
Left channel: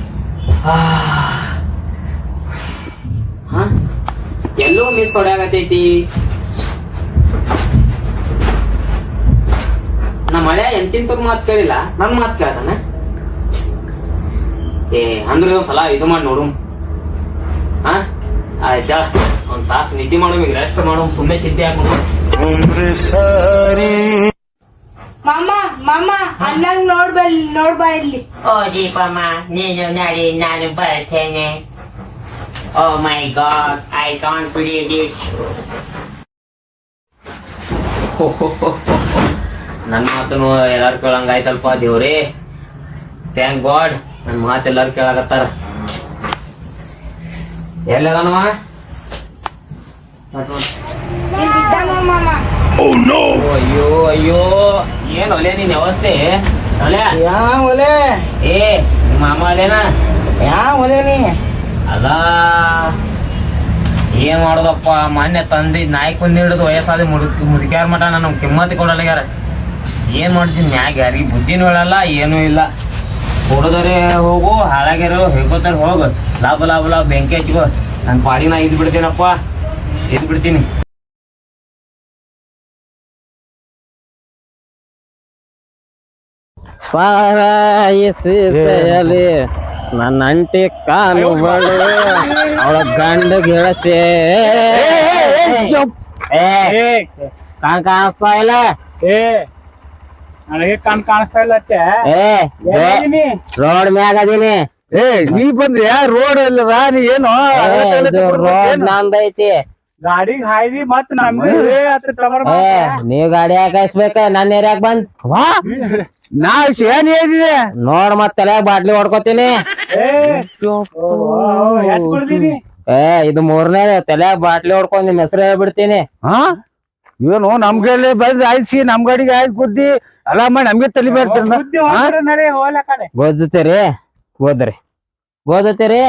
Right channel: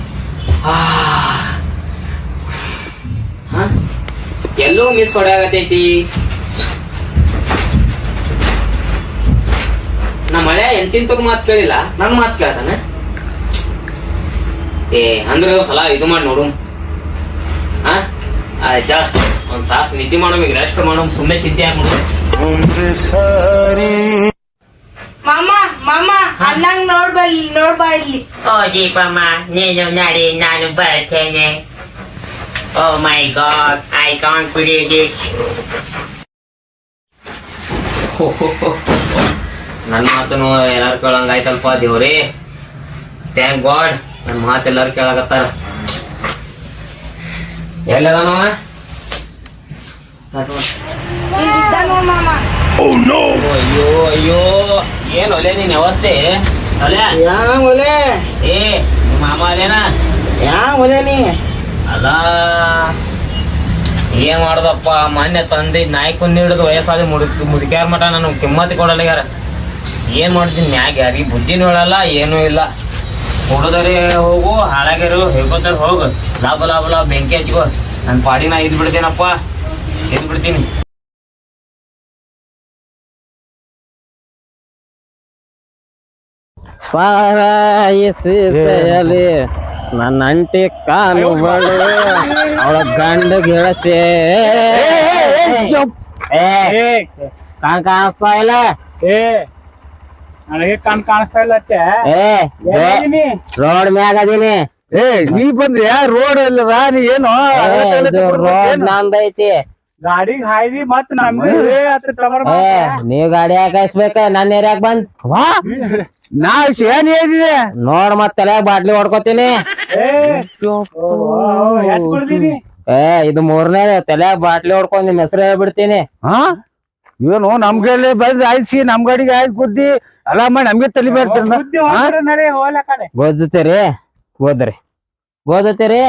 ಎಲ್ಲೂ ಮಿಸ್ ಹೊಡ್ಯಾಗತೈತಿ. ನಮ್ಮ ಮಳೆ ಎಂತಿಂತವ್ರ ಮಾತು ಕೇಳಿಲ್ಲ, ನನ್ ಮಾತು ಕೇಳ್ತಾನೆ. ಅಂದ್ರೆ ಸಲ ಇದು ಮಾಡಿ ನೋಡು. ಆಯ್ತಾ, ಒಂದ್ ತಾಸು ನಿದ್ದೆ ಮಾಡೋ, ಈಗ ರೆಸ್ಟ್ ಮಾಡೋ, ಸುಮ್ಮನೆ ಚಿಂತೆ ಆಗಿ ನೋಡು. ಮಾಮ ಮಾಮ ಅಣ್ಣಂಗ್ ನೋಡ್ಬಾ ಇಲ್ಲಿ. ಓ ದೀಪಮ್ಮ, ನೀನು ನಡಿ, ನಾನು ಬರ್ತೇನೆ. Oh my God, I can't believe it. ನನ್ನ ಮಾತನು ಎಲ್ಲಾರು ಕೇಳಂಗಾಯ್ತಲ್ಪ ದೇವ್ರೇ. ಥ್ಯಾಂಕ್ ಗಾಡ್, ನನ್ನ ಮಾತು ಎಲ್ಲಾರು ಕೇಳಾಕತ್ತಾರ. ಎಲ್ಲದಾನವ? ಮಾಮ ಅಯ್ಯೋ ಅಯ್ಯೋ, ಏನ್ ಒಲೆ ನಿನ್ ಅವಸ್ಥೆ? ಯಾ ಒಲೆ ಏ ನಿಮ್ಮ ಮಾಮ ಅಲ್ಲೇನಾ? ಯಾ ಒಲೆ ನೀ ಅಲ್ಲ ಏನ್ ಮಾಡೋದಪ್ಪ, ಮೊನ್ನೆ ತಂದೆ ನಾಯಿ ಕೊಂದು ಹಿಡಿದು ವಯಸ್ಸಾದ ಮುದುಕ್ಯಾರ ಮಠ ನಾನು ಕಿಮ್ಮತಿ ಕೊಡಲ್ಲ ಯಾರ. ಏನ್ ಮಾಡ್ತೀನಿ ಮ್ಯಾಗ, ಯಾರಿಗೆ ಬುದ್ಧಿನೂ ಹೇಳಲ್ಲ, ಏನೂ ಇಲ್ಲ. ಹುಡುಗರೇ ಹೋಗು, ಹಾಳಾಗ್ಯಾರು ಹೇಳ್ಕೊತಾರ, ಹೋಗು, ಲಾಭ ಲಾಭ ಲಾಭ ಬೆಂಕಿ ಹಚ್ಕೋ. ನನ್ನ ಪಾಡಿ ನಾ ಇದ್ ಬಿಡ್ತೀನಪ್ಪ, ಇದ್ ಬಿಡ್ತೀನಿ. ಸಾರಾಯಿಸಲಿ ನನ್ನ ಅಂಟಿ ಕಾಲು ಬಳು ಅವಳ ಗಂಡ ಗೆಳಸೆ ಕಾಣಿಸ್ತಾ ಇಲ್ಲ. ನನಗೆ ಕಾಣಿಸ್ತಾ ಇಲ್ಲ. ರೋಡ್ ಮ್ಯಾಗ ಅದೀನಿ. ನೀ ಬಂದ್ರಿ ರೋಡ್ ಅಲ್ಲದ, ನೀ ಏನು ರೋಡ್ ನಂದೈತಿ. ಗಾಡಿಗೆ ಹಾಯ್ದಿ ಮತ್ ನಮ್ಗೆ ನೀವ್ ಗಾಡಿ ಹಾಕಾಯಿಸ್ಬೇಕ, ನನ್ನ ಏರಿಯಾಗ ಬಂದ್ ನಾ ಏನ್ ಹೇಳಿದೆ ನೋಡ್ ಮತ್ ತಲೆ ಬಾಟ್ಲಿ ಹೊಡ್ಕೋತೀನಿ. ಇದು ಮೂರನೇ ತಲೆ ಬಾಟ್ಲಿ ಹೊಡ್ಕೊಂಡ್ ನಿಮ್ ಹೆಸರು ಹೇಳ್ಬಿಡ್ತೀನಿ. ಏನು ನಮ್ಗೆಲ್ಲ ಬಂದ್ ಆಯ್ಸಿ ನಮ್ ಗಾಡಿಗೆ ಆಯ್ತು ಬುದ್ಧಿ ಅಲ್ಲ ಮಾಡಿ ನಮ್ಗೆ ತಲಿ ಗೊದ್ತೀರಿ ಗೊದ್ತೀರಿ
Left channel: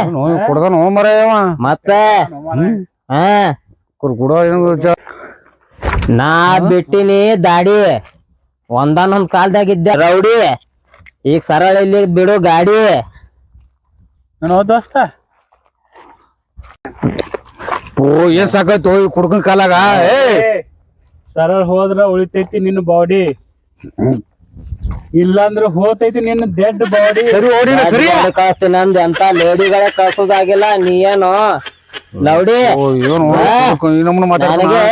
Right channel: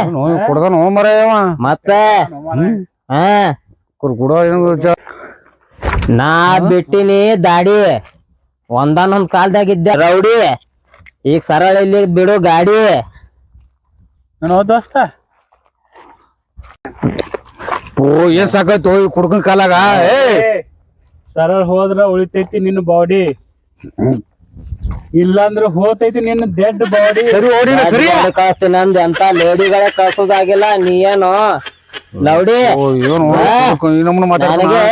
ಕುಡ್ದನ್ ಹೋಮರ ಮತ್ತೆ ಕುಡೋ ನಾ ಬಿಟ್ಟಿನಿ ದಾಡಿ, ಒಂದಾನೊಂದ್ ಕಾಲ್ದಾಗಿದ್ದೆ ರೌಡಿ, ಈಗ ಸರಳ ಇಲ್ಲಿ ಬಿಡು ಗಾಡಿ. ದೋಸ್ತ ಏನ್ ಸಾಕಾಯ್ತು ಕುಡ್ಕನ್ ಕಾಲಾಗ. ಸರಳ ಹೋದ್ರ ಉಳಿತೈತಿ ನಿನ್ನ ಬಾಡಿ, ಇಲ್ಲಾಂದ್ರ ಹೋತೈತಿ ನಿನ್ನ ಡೆಡ್ ಬಾಡಿ. ಕಳಿಸ್ತೀನಿ ನಂದು ಎಂತ ಲೇಡಿಗಳೇ ಕಳ್ಸೋದಾಗಿಲ್ಲ. ನೀ ಏನು ಲೌಡಿ ನನಗೆ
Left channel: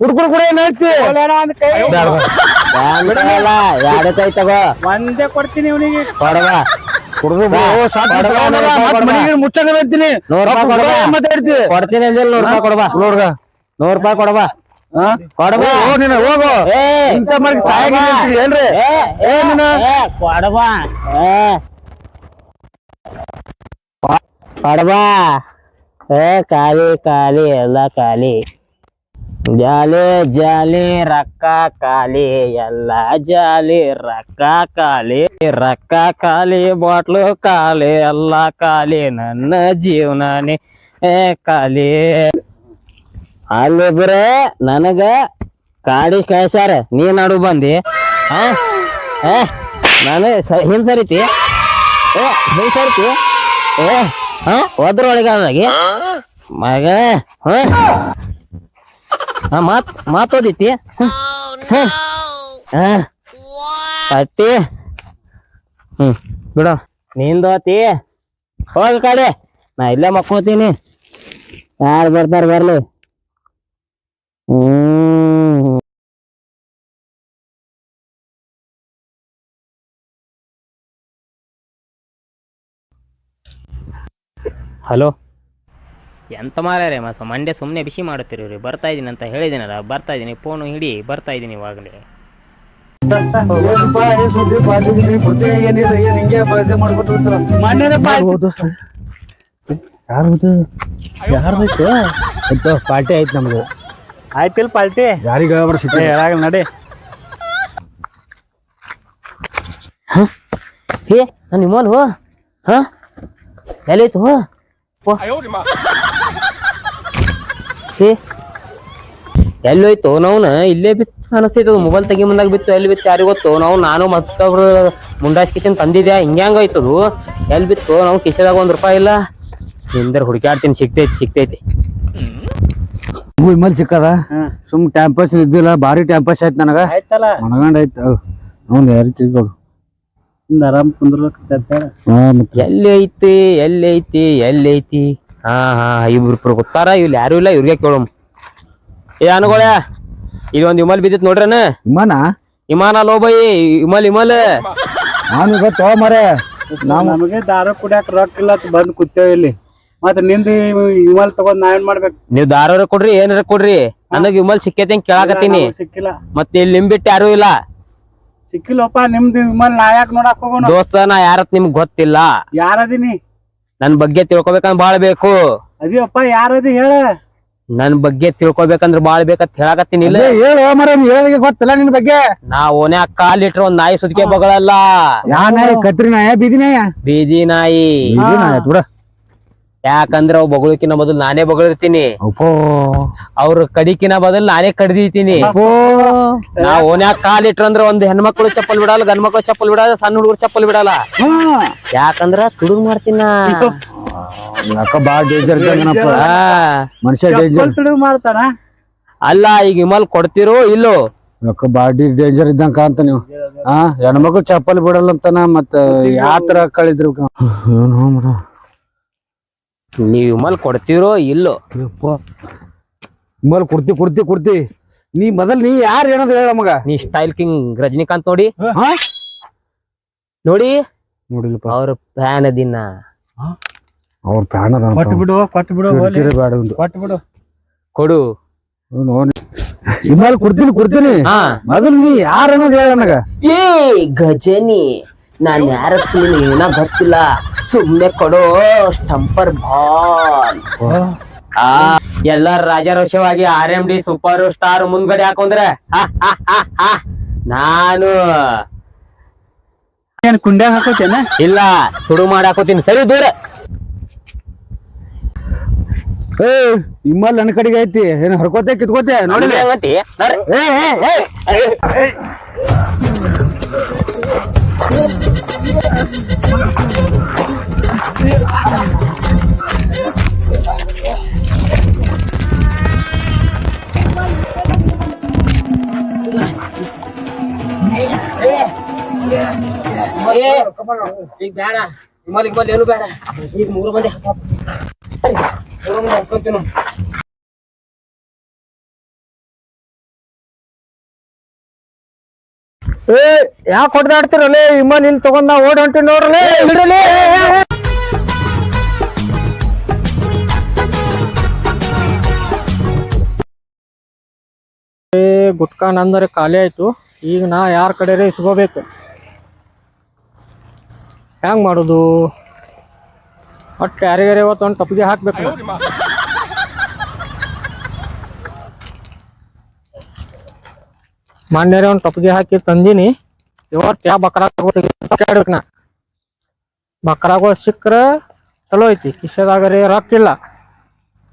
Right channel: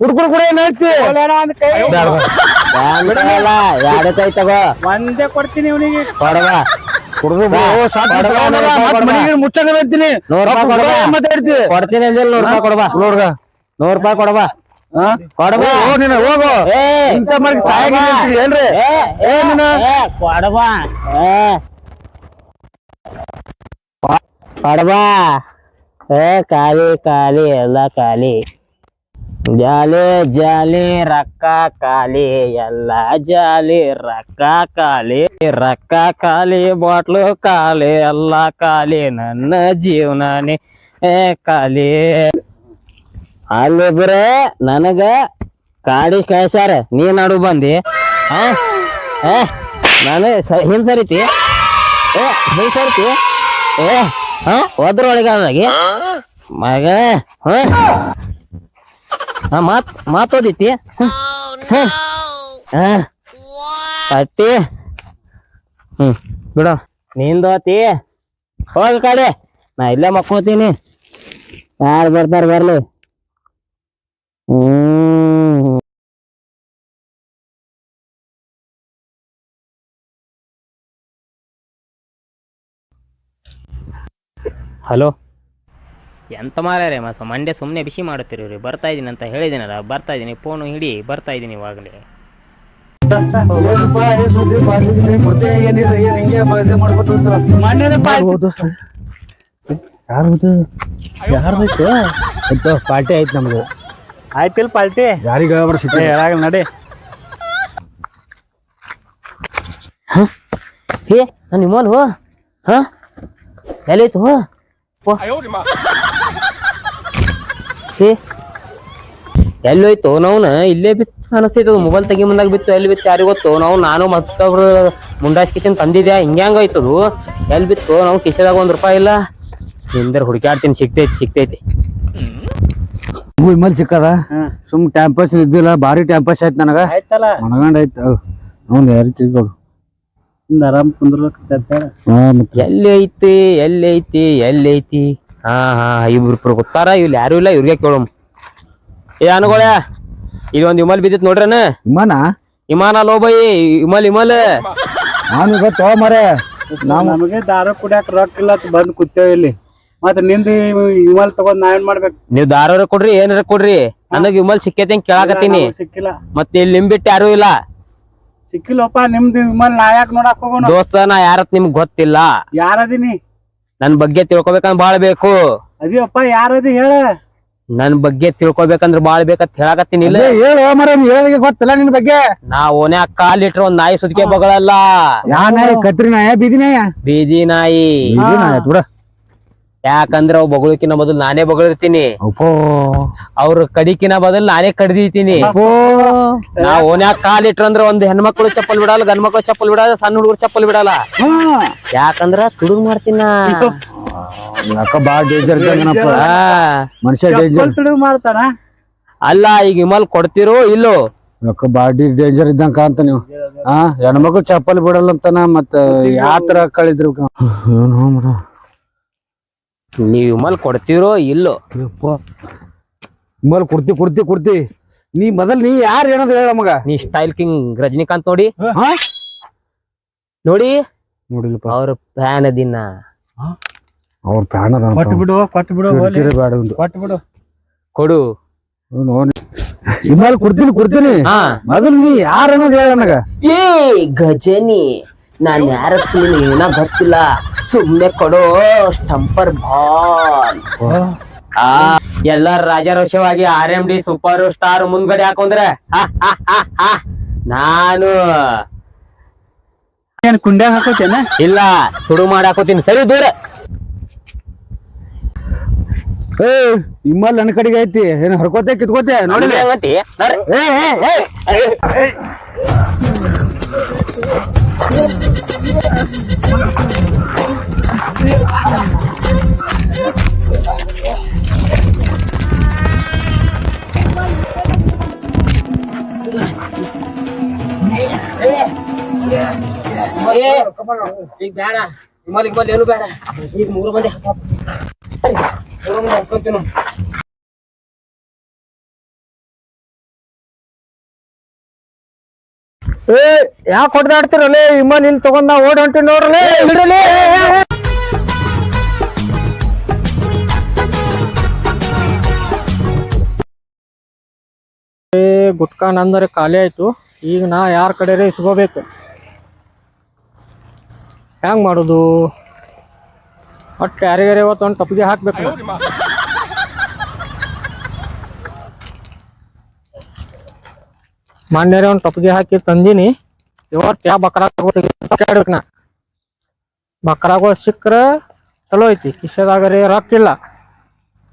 ಹುಡ್ಕುಡ್ ಕೂಡ ಏನೈತಿ ಯಾರು ಕೈ ತಗೋ ಒಂದೇ ಕೊಡ್ತೀನಿ ಇವನಿಗೆ ಕೊಡವಾ ಮುಚ್ಚಂಗ ಕೊಡ್ತೀನಿ. 100 ರೂಪಾಯಿ ಕೊಡವಾ 100 ರೂಪಾಯಿ ಕೊಡವಾ. ಕೊಡಬಾ ಹೋಗು ಏ ಇಂತ ಮಾಡಿ ಏನ್ರಿ ಕೊಡಬಾ ಕೊಡಬಾ ಖಾಲಿ ಖಾಲಿ ಎಲ್ಲ ಖಾಲಿ ಜಾಲಿ ಜಾಲಿ ರೊಕ್ಕ ಖಾಲಿ ಎಲ್ಲ ಜಾಲಿ ರೊಕ್ಕ ಖಾಲಿ ಬಾಟ್ಲು ಖಾಲಿ ಎಲ್ಲ ಖಾಲಿ ನನ್ನ ಜೀವನನೇ ಖಾಲಿ ಅಲ್ಲಿ ಬರೇ ನನಗ ಕಾಡಿ ಕಳ್ಸ್ಯಾರ ನೀ ನಡು ಬಂದಿ ನಾನು ಹಿಂದ್ ಸರಿತಿ ಹಿಂದ್ ಸರಿತಿ ಒದ್ರೊಳಗಾಗಿ ಮಗ ಮಾತೋದಿತಿ ಅತ್ತಿ ಬಿಡು ನಿಂದೋತಿ ಹೋಗ ಕಡೆ ನಾ ಇಲ್ಲೇ ಮಕ್ಕೋತೀನಿ ಯಾರು ಬರ್ತಾರ ಬರ್ಲಿ ಹಲೋ ಎಂತ ಮಾರ್ಯಾರೆ ಮಂಡೆ ಸುಮ್ಮನೆ ಬಿಸಿ ಮಾಡುತ್ತೀರಿ ಬರ್ತಾ ಇದೀನಿ ಅಂತ ಹೇಳಿದ್ದೀನಲ್ಲ ಬರ್ತಾ ಇದೀನಿ ಫೋನು ಹಿಡಿ ಬರ್ತಾ ಇದೀನಿ ಇವಾಗಲೇ ಪಾರ್ಟಿ ಆಯ್ತು ನಮ್ದು ಆಯ್ತಿಲ್ ಪಾಲ್ಟಿ ಯಾರಿಗ ಹೇಳಾಗಲ್ಲ ನಡಿ ಹೇ ನಾನು ನಿಮ್ಮಲ್ ಹೋ ಹಾ ಎಲ್ಲೈತು ಹೋ ಎಲ್ಲೋಯ್ತು ನಾವ್ನ ಇಲ್ಲೇ ಬಿತ್ತು ಅನಸ್ತೈತದ ಮೊಬೈಲ್ ತೆಗಿ ಮುಂದಾಗ ಬಿತ್ತು ಎಲ್ಲಿ ಬಿತ್ತು ಯಾರಿಗ ಗೊತ್ತು ನಾನು ಮತ್ತೊಬ್ರು ಮುಂಡಾಸ್ ಕಿಶನ್ ತಂದಿದ್ಯಾ ಹಿಂಗ್ಯಾಂಗೈತದು ಎಲ್ಲಿ ಬಿತ್ತು ನಾವು ಕಿಶದಾಗ ₹1 ಇಲ್ಲ ನಿಂದರ್ ಹುಡುಕಾಡ್ತೀನಿ ಸಿಗ್ತೈತಿ ವಿಮಲ್ ಸಿಕ್ಕದ ಸುಮ್ ಟೈಮ್ ಪಾಸ್ ಇದ್ದಿಲ್ಲ ಭಾರಿ ಟೈಮ್ ಪಾಸ್ ಆಯ್ತು ನನಗ ಆಯ್ತಲ್ಲ ಮನಗಂಡ ಆಯ್ತು ಅವ್ನು ಯಾರು ಕೇಳ್ಕೊಡು ಆರಾಮ್ ಕುಂದ್ರಲ್ಲ ಎಲ್ಲೈತಿ ಹಾ ಇಬ್ರು ಗೊತ್ತಾರ ಇಲ್ಲಿ ಯಾರು ಇಲ್ಲ ಇವ್ರಿಗೆ ಕೇಳಮ್ ಏ ಅನುಗೋಳ ಇಲ್ಲಿ ಒಂದ್ ವಿಮಲ್ ಬಿದ್ದಿತ್ ನೋಡ್ರನ ವಿಮಾನ ಲೋಬೈ ವಿಮಲ್ ನಾನು ಗೊತ್ತೋ ಮರೆ ನಮಗೆ ದಾರ ಕುಡಿಯಾಕ ರೊಕ್ಕ ಇಲ್ಲ ಬಂದ್ ಕೂತೇವ್ ಇಲ್ಲಿ ಮತ್ತ ನಿಂದ ವಿಮಲ್ ತಗೊಂಡ್ ನಾ ಏನ್ ಮಾಡ್ಬೇಕು ನೀವ್ ದಾರ ಕೊಡ್ರಿ ಏನಾರ ಕೊಡ್ರಿ ನನಗ್ ವಿಮಲ್ ಸಿಕ್ಕೈತಿ ಅಂತ ಕೇಳಾಕತ್ತೀನಿ ಸಿಕ್ಕಿಲ್ಲ ಮತ್ತೆ ಇಲ್ಲಿ ನಿಂಬಿಟ್ಟು ಯಾರು ಇಲ್ಲ ಸಿಕ್ಕಿಲ್ಲಪ್ಪ ನಿಮ್ದು ವಿಮಲ್ ನಾ ಯಾಕೆ ನೋಡಕ್ ಹೋಗೋಣ ದೋಸ್ತ ನಾ ಯಾರತ್ ನಿಮ್ಗ್ ಗೊತ್ತಿಲ್ಲ ಯಾರದಿನಿ ನನ್ ಬಗ್ಗೆ ತಿಳ್ಕೊಬೇಕಂದ್ರ ಬಾಳ್ ಬೇಕು ಅದಿಯಪ್ಪ ಯಾರದಿ ಹೇಳ ನನ್ ಬಗ್ಗೆ ತಿಳ್ಕೊಬೇಕಂದ್ರ ಬಾಳ್ ಬೇಕಂತ ಹೇಳಾಕತ್ತೀನಿ ಇಲ್ಲ ಹೇಳು ಮರ ಹೇಳಿಗೆ ಗೊತ್ತಿಲ್ಲ ನಿನ್ ಬಗ್ಗೆ ನಾ ಓನ್ಯಾಗ ಕಾಲಿಟ್ರ ಒಂದ್ ನಾಯಿ ಸುದ್ಕೆ ಬಗಳಲ್ಲ ಯಾ ನಾಯಿ ಕತ್ರಿ ನಾಯ ಬೀದಿ ನಾಯ ಬೀದಿ ನಾಯಿ ಬಿಡ ಯಾಕಂದ್ರ ಅವ್ ಬಗಳಕಿನ ಬದಲು ನಾನೇ ಬಗಳಿರ್ತೀನಿ ಅವ್ರ ಕಡಿಕಿನ ಬದಲು ನಾನೇ ಕಡ್ದಿತೀನಿ ನಾ ಓನ್ಯಾಗ ಕಾಲಿಟ್ರಂದ್ರ ಒಂದ್ ಹೆಣ್ಮಕ್ಳು ಚಪ್ಪಲ್ ಬಿಡಲ್ಲ ಗಂಡ್ ಮಕ್ಳು ಚಪ್ಪಲ್ ಬಿಡಲ್ಲ ಸಣ್ಣ ಹುಡುಗರು ಚಪ್ಪಲ್ ಬಿಡಲ್ಲ ಯಾಕಂದ್ರ ತುಡುಗ್ ಮಾಡ್ತೀನ ಬಾಳ ಡೇಂಜರ್ ಮನುಷ್ಯ ಡೇಂಜರ್ ಮಾಡ್ತಾನ ಅಲ್ಲ ಈಗ ವಿಮಲ್ ಕೊಡ್ತಿರೋ ಇಲ್ಲೋ ಬಾಡಿ ಡೇಂಜರ್ ಇದ್ದಂಗ ಕಾಂತ ನೀವು ಹೆಣ್ಮಕ್ಳು ಚಪ್ಪಲ್ ಬಿಡಲ್ಲ ಅಂತಾನ ಮತ್ತ ಯಾತರ ಕಳಿದ್ರು ನೀವ್ ವಿಮಲ್ ಕೊಡ್ತಿರೋ ಇಲ್ಲೋ ವಿಮಲ್ ಕುರ್ತಿ ನೀ ಮೊದಲ್ ನೀ ಯಾರು ಏನಂತ ಹೇಳ ಮಗ ನೀ ಸ್ಟೈಲ್ ಕಿಂಗ್ ರಜನಿಕಾಂತ್ ನೋಡಿ ನೋಡಿಲ್ಪ ಅವ್ರ ಫ್ಯಾನ್ ಅದಿನ ಅವ್ರ ಫ್ಯಾನ್ ಕೊಟ್ಟು ಬಿಡು ಕೊಟ್ಟು ಬಿಡು ಕೊಡು ವಿಮಲ್ ಕುಡ್ತೀನಿ ಮೊದಲ್ ನೀ ಯಾರು ಅನ್ನೋದು ಹೇಳ ನನಗ ಏ ಗಜನಿ ನಾನ್ ಯಾರ ಏನ ಗೊತ್ತಿಲ್ಲ ಸುಮ್ನೆ ಕೊಡೋ ಸ್ಟಂಪರ್ ಬಾಲ್ ಎಲ್ಲಾರ ರಾಜಾರೋಷವಾಗಿ RMD ಸೂಪರ್ ಸ್ಟಾರ್ ಮುಂದ್ಗಡೆ ಹಾಕೊಂಡ್ರೆ ನಾನು ಏನ್ ಕುಂಡ್ಯಾಗ ಹಾಕೋತೇನ ಇಲ್ಲ ತುಡು ಮಾಡಿ ಹಾಕೋತೀನಿ ಸರಿ ದೂರ ವಿಮಲ್ ನನ್ನ ಕಡೆಗೆ ಐತಿ ಏನ್ ಹರ್ಕೋತೆ ಕಿತ್ಕೋತೆ ನೋಡಿ ಈಗ ಬೇಡ ವಿಮಲ್ ಏನು ಬೇಡ ಈಗ 3 ಮಂದಿ ಹಾಕೋತೀನಿ ಯಾಕೆ ಹೊಡೆದಾಡ್ತಿರಲ್ಲ ವಿಮಲ್ ಇಲ್ಲಿ ತಗೊಂಡ ಓಡ್ ಹೊಂಟಿ ನೋಡ್ರಲ್ಲ ಗುಟ್ಕಾ ನಂದರೆ ಖಾಲಿ ಆಯ್ತು. ಈಗ ನಾ ಯಾರ ಕಡೆ ಇಸ್ಕೋಬೇಕು, ಹೆಂಗ್ ಮಾಡೋದು? ಒಟ್ಟು ಯಾರಿಗಾರ ಇವತ್ತು ಒಂದು ಟಪ್ಪಿಗೆ ಹಾಕ್ಬೇಕು. ಮೊನ್ನೆ ಒಂದು ಟಪ್ಪಿಗೆ ಹಾಕಿ ತಂದೀನಿ. ಇವತ್ತು ಯಾವ ಬಕ್ರಾಡ್ಬೇಕು ನಾ. ಬಕ್ರಾಗಳು ಸಿಕ್ಕರೆ ಚಲೋ ಐತಿ. ಕಿಶೆದಾಗರೆ ರೊಕ್ಕ ಇಲ್ಲ,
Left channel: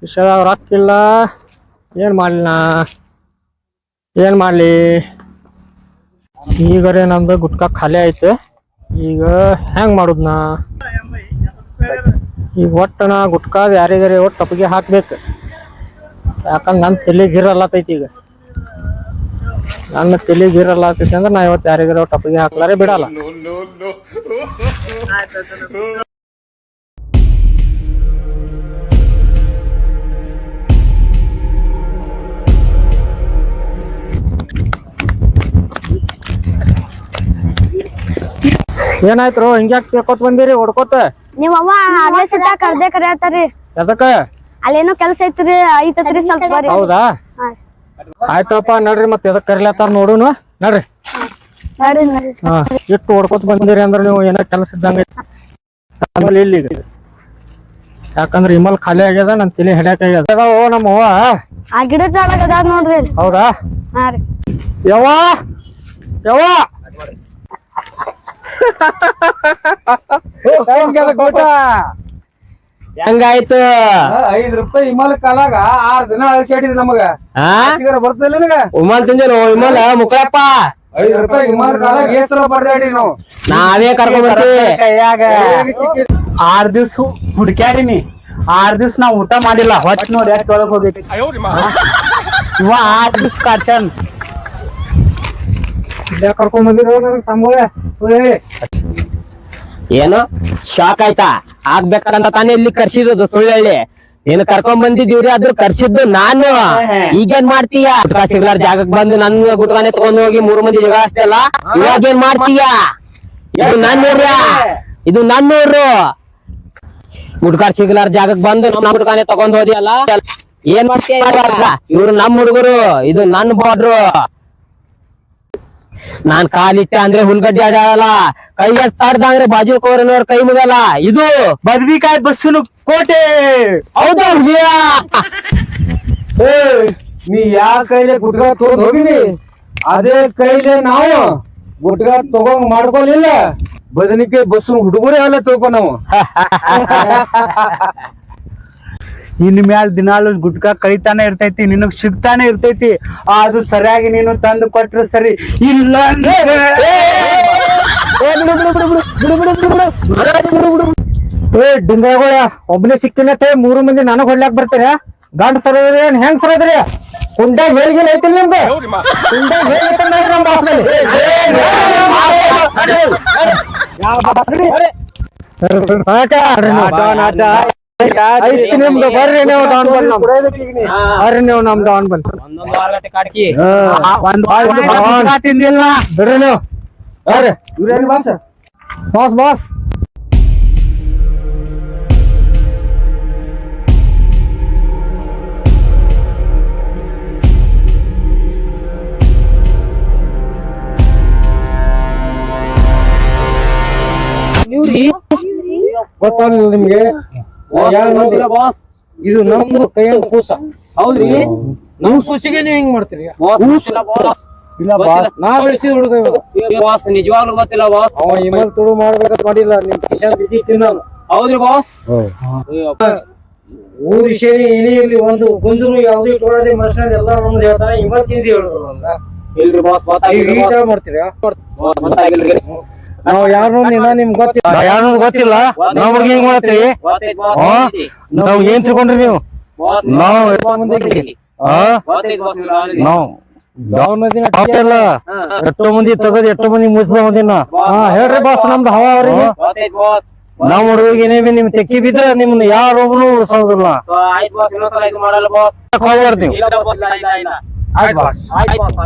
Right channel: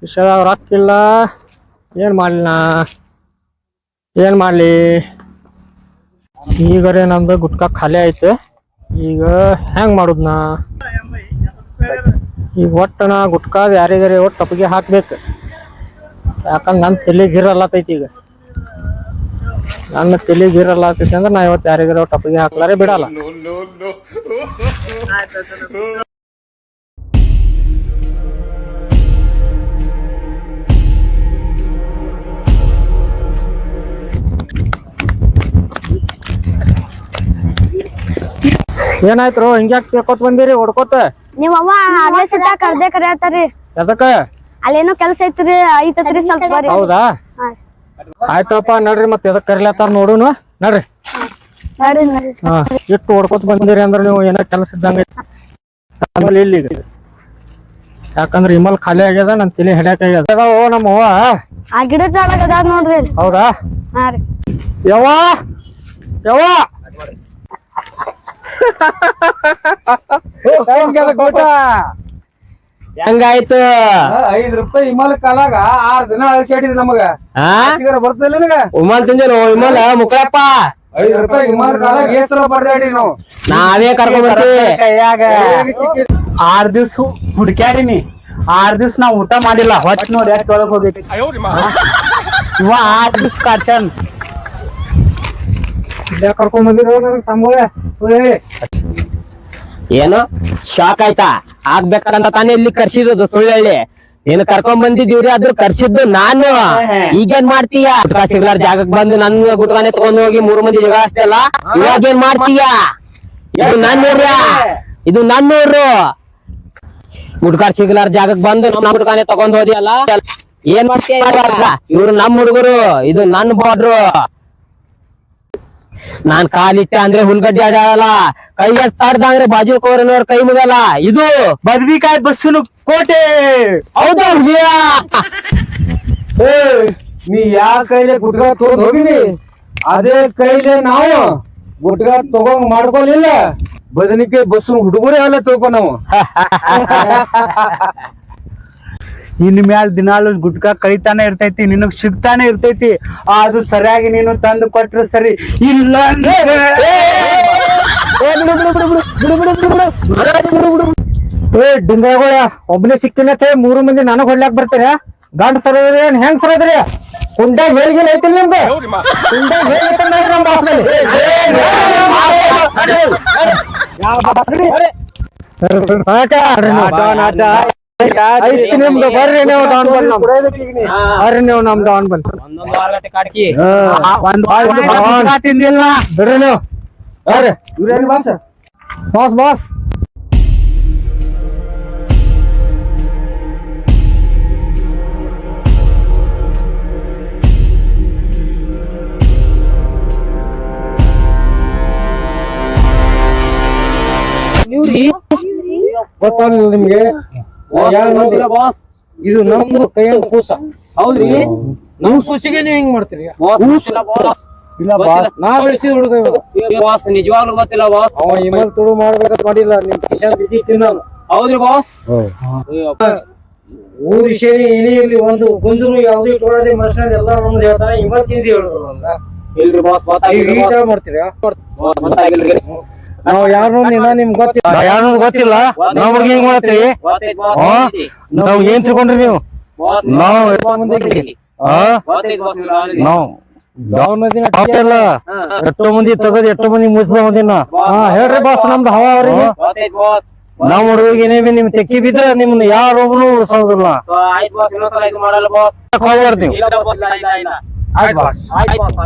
ಕಿಶೆದಾಗ ರೊಕ್ಕ ಇಲ್ಲ. ಏನು ಮಾಡಲಿ ನಾ, ಏನು ಮಾಡಲಿ? ಈಗರೆ ನಮ್ದು ಗುಟ್ಕಾ ಖಾಲಿ ಐತೆ. ಈಗ ಹೆಂಗ್ ಮಾಡುದ್ ನಾ? ಈಗ ಒಟ್ಟು ನಾ ಗುಟ್ಕಾದ ಯಾರಿಗಾರೆ ಒಟ್ಟು ಟಪ್ಪಿಗೆ ಹಾಕ್ಬೇಕು. ಯಾಕಂದ್ರೆ ನನ್ನ ತಲೆಗೆ ಗಿರಲ್ಲತೈತಿ. ಈಗ ನನ್ನ ತಲೆಗೆ ಗಿರಲ್ಲತೈತಿ ಅಂದ್ರೆ ನಾ ಇವತ್ತು ಯಾರಿಗಾರೆ ಒಟ್ಟು ಟಪ್ಪಿಗೆ ಹಾಕ್ಲಾರೆ ಬಿಡಲ್ಲ. ಏನಾಯ್ತು ಹಿಂಗ್ಯಾಕ್ ಕೇಳ್ಕೊತ ಬಂದಿರಿ ಹೊಡ್ಕೋತ? ನಿಮ್ಮ ಅವ್ವ ಆಗ್ಲೇ ಸಿಟ್ಟ ಕರ್ದೆ ಕರೆಯತ್ತಾರಿ. ಎದಕ್ಕ? ಅಲ್ಲೇನೋ ಕೆಲಸ ಐತ್ರಿ ಸ್ವಲ್ಪ ಬರ್ರಿ. ಹೌದಾ? ಆಯ್ತಪ್ಪ ನಡ್ರಿ, ಮತ್ತೆ ಎದಕ್ ಕರಿಲತ್ತಾರ ನೋಡುನು. ನಡ್ರಿ ಹಾ, ಇಟ್ಟು ಹೊಡ್ಕೋತ ಬಂದಿರಿ ಅಂದ್ರೆ ನೀವು ಏನೋ ಕೆಲಸ ಇದ್ದಂಗ ಆಮೇಲೆ ಇಲ್ಲಿ. ಯಾಕಂದ್ರೆ ಇಮಲ್ ಖಾಲಿ ಆಗ್ಯದ, ನನ್ ತಲೆ ಹಿಡ್ಯಾಕ ಆಗ್ಯದ. ಓ ನಮ್ಮ ಅವ್ವ ಆ ಗಿಡದ ಅದಾವ ನೋಡ್ರಿ. ಹೌದಾ? ಹಾ ರೀ. ಯವ್ವ ಯವ್ವ ಹೆಂಗಾಯ್ತು? 5 ರೂಪಾಯಿ ಹಿಮಾಲ ಕಾಲಾಗ 6 ದಿನ ಅಳಿಸಾಡಿದ್ ನಮಗ. ಬರ್ತದಿಲ್ಲ ನಿನಗ? ಉಮಾಲ್ ತಿಂದೇನು? ಇಮಾಲ ಮುಕ್ಕಳಪ್ಪ 5 ರೂಪಾಯಿ ಹಿಮಾಲ ಕಾಲಾಗ ಏಸರ ಬರ್ದಾಡಿ ನಾವು. ನಾವೇ ಕರ್ಕೊಂಡ್ ಬರ್ತೀವಿ. ಕೈಯಾಗ 6 ದಿವ್ಸ ಹುಡ್ಕ್ಯಾಡಿನಿ. 6 ದಿವ್ಸ ನಾವ್ ಊಟ ಮಾಡಿಲ್ಲ. ಹೊಟ್ಟೆ ನೋಡಿ ಯಾಕೆ ಒಳಗ್ ಹೋಗೈತಿ. ಇವ 6 ದಿವ್ಸ ಕಾಡ್ಸ್ಯಾನ್. ಕರ್ಕೊಂಡ್ ಬಂದಿರೋ ತಮ್ಮಗಳೇ. ಏನು ಶಾಕ್ ಆಯ್ತಾ? ಆಗ್ಬೇಕಂತ ತಾನೇ ಇಲ್ಲಿ ಕರ್ಸಿರೋದು ಸುಳ್ಳಳ್ಳಿ. ನೀನು ಕರ್ಕೊಂಡ್ ಬಂದಿದ್ದೀವ್ರಿ, ಅದ್ರ ಕರ್ಸಿದ್ದು ನಾನು. ಈಗೇನ್ ಮಾಡ್ತೀಯ? ಗುಟ್ಕಾ ಸಿಗ್ಲಾರ ಜಾಗಕ್ ಬಂದು ನನ್ ಗುಟ್ಕಾನೆ ತಗೊಂಡ್ ಹೋಗಿ 3 ಮಂದಿ ಜಗಳ ಅಷ್ಟೆಲ್ಲ. ಇವಾಗೇನ್ ಮಾಡ್ತೀಯ? ಇದು ನನ್ನೂರ್ಯ, ಇದು ನನ್ನೂರು. ಗುಟ್ಕಾ ಸಿಗ್ಲಾರ ಜಾಗಕ್ ಬಂದು ನಮ್ ಗುಟ್ಕಾನೆ ತಗೊಂಡ್ ಹೋದಿಯಲ್ಲ, ಏನ್ ಮಾಡ್ತೀಯ? ಇವ್ರು ನಮ್ ಹುಡುಗರು, ಇದು ನನ್ ಬಾರ್ಡ್ರು. ನಾನ್ ಕಾಲಿಟ್ಟೆ ಅಂದ್ರೆ ಹುಲ್ಗಡ್ಡೆ ಆಡಲ್ಲ, ಕೈ ಎತ್ತಾಡ್ದ ಅಂದ್ರೆ ಬಾಜು ಕೋರನವ್ರ ಕೈ ಮುಗಲ್ಲ. ಇದು ಬದ್ನಿಕಾಯಿ ಬಸ್ಸುನು ಕೋಟೆ. ಹೌದಾ? ನೀ ಯಾ ಕೈಲೆ ಗುಟ್ಕಾ ತಗೊಂಡ್ ಹೋಗಿದಿ, ಅದೇ ಕೈಲೆ ನಾವು ಗುಟ್ಕಾ ತಗೊಂಡ್ ಮಾಡ್ಕೊಲಿಲ್ಲ. ಬದನಿಕಾಯಿ ಬಸ್ಸು ಹುಡುಗರೇ ಅಲ್ಲ ತಿಳ್ಕೊ ನಾವು. ಇನ್ ಮ್ಯಾಲ ದಿನಾಲು ಗುಟ್ಕಾ ಕಳಿತಾನೆ ಇರ್ತೈತಿ, ನಿನಗ್ ಸಿಗ್ತಾನೆ ಇರ್ತೈತಿ. ಅದು ಸರಿಯಾಗಿ ನೀನು ತಂದು ಕೊಟ್ರೆ ಸರಿ, ಇಲ್ಲ ಡಿಂಗಗಳ ಒಬ್ಬನೇ ಸಿಕ್ತಿನತ್ತೆ. 3 ಮಂದಿ ನನಗ್ ಹೊಡ್ಲಾಕ್ ಬರ್ತೀರ? ಗಂಡ ಸರೋದ್ರಿ ಏನ್ ಹೆಂಗ್ ಸರೋದ್ರಿ? ಕುಂಡಾಗ ಹೇಳ್ಗಿಲ್ಲ ಐತಿಲ್ಲ ನಿಮ್ದು? ಕುಂಡಾಗ ಹೇಳ್ತೈತಿ ನಮ್ ಬಾಸ್ನಲ್ಲಿ. ನಿಮ್ದು ಬರ್ರಿ, ನೀವು ಡೌನ್ ಬಲ್ ಬರ್ರಿ, ನೀವು ನಮ್ ಡೌನ್ ಬಲ್ ತಿಂದಿಲ್ಲ ಬಿಡ್ರಿ ನೀವು. ಬರ್ರಿ ಇವ್ರೇನು ಬಾಸ್? ಬಾಸ್ ಬಾಸ್ ಗೊತ್ತಾಗಲಿಲ್ಲ ನಿಮ್ಗೆ? ಬಾಸ್, ಇದು ನಮ್ದು ಕೈಯಂತ ಕೂಸ. ಹೌದ್ರಿ? ನಮ್ ಸೂಸಿಗೆ ನೀವ್ ಹಿಂಗ್ ಮಾಡ್ತೀರಿ? ಇಲ್ಲ ಬಾಸ್, ನಾ ಬೆಳೆಸಿದ ಹುಡುಗ ಇವ. ಬಾಸ್ ನಿಜವಾಗ್ಲೂ ಗೊತ್ತಿಲ್ಲ ಬಾಸ್. ಅವ ಇಮಲ್ ತುಳು ಮಾಡ್ಬೇಕಂತ ಮಾಡಿಲ್ಲ. ನಿಮ್ ಕಿಶನ್ ಬಿದ್ದಿತ್ತು ನಾನು. ಹೌದ್ರಿ ಬಾಸ್? ಊರ್ ವಿಷಯ ಏನೇ ಇರ್ಲಿ, ಒಂದು ಗುಂಜರು ಯಾವ್ದು ಇಟ್ಕೊಳ್ಳದೆ ಮನುಷ್ಯನ ಎಲ್ಲ ನಮ್ದು ಹೇಳ್ತಾನೆ. ಇಮಲ್ ತಿಂದಿ ಹೇಳುದು ಇಲ್ರಿ ಬಾಸ್, ಮಾಡ್ತೀರಿ? ಗೊತ್ತಾಗಿಲ್ರಿ. ನಾವ್ ಯಾರು ನಿಮ್ಗೆ ಗೊತ್ತಿಲ್ಲ, ಯಾರು ಗೊತ್ತಿಲ್ಲ. ನಮ್ಗೆ ಹಿಂಗ್ ಮಾಡ್ತೀವಿ. ನಾವ್ ಏನ್ ತಿಳ್ಕೊಂಡ್ರಿ ನೀವು? ನಾವು ಎಷ್ಟೋ ಮಂದಿ ತಗದ್ ಎಷ್ಟೋ ಮಂದಿ ಮುಗಿಸ್ದ ಮಂದಿನ. ಹೇಳ್ರಿ ಬಾಸ್, ನಮ್ದು ಹವಾ ಅವ್ರಿಗೆ. ನಾವ್ ಹುಡುಗ ಏನೇ ನಿಮ್ ತೆಕ್ಕಿ ಬಿದ್ರೆ ನಿಮ್ನ ಯಾರೊಬ್ರು ಉಳಿಸೋದಿಲ್ಲ. ಆಯ್ತು ಬಾಸ್, ಇನ್ನೊಂದ್ಸಲ ಇದು ಮಾಡಲ್ಲ ಬಾಸ್. ಬರ್ತೀವಿ. ಇಲ್ಲ ಬಾಸ್, ಇಲ್ಲ ಇಲ್ಲ. ಆಯ್ತು ಬಾಸ್. ಆಯ್ತು ಬಾಸ್.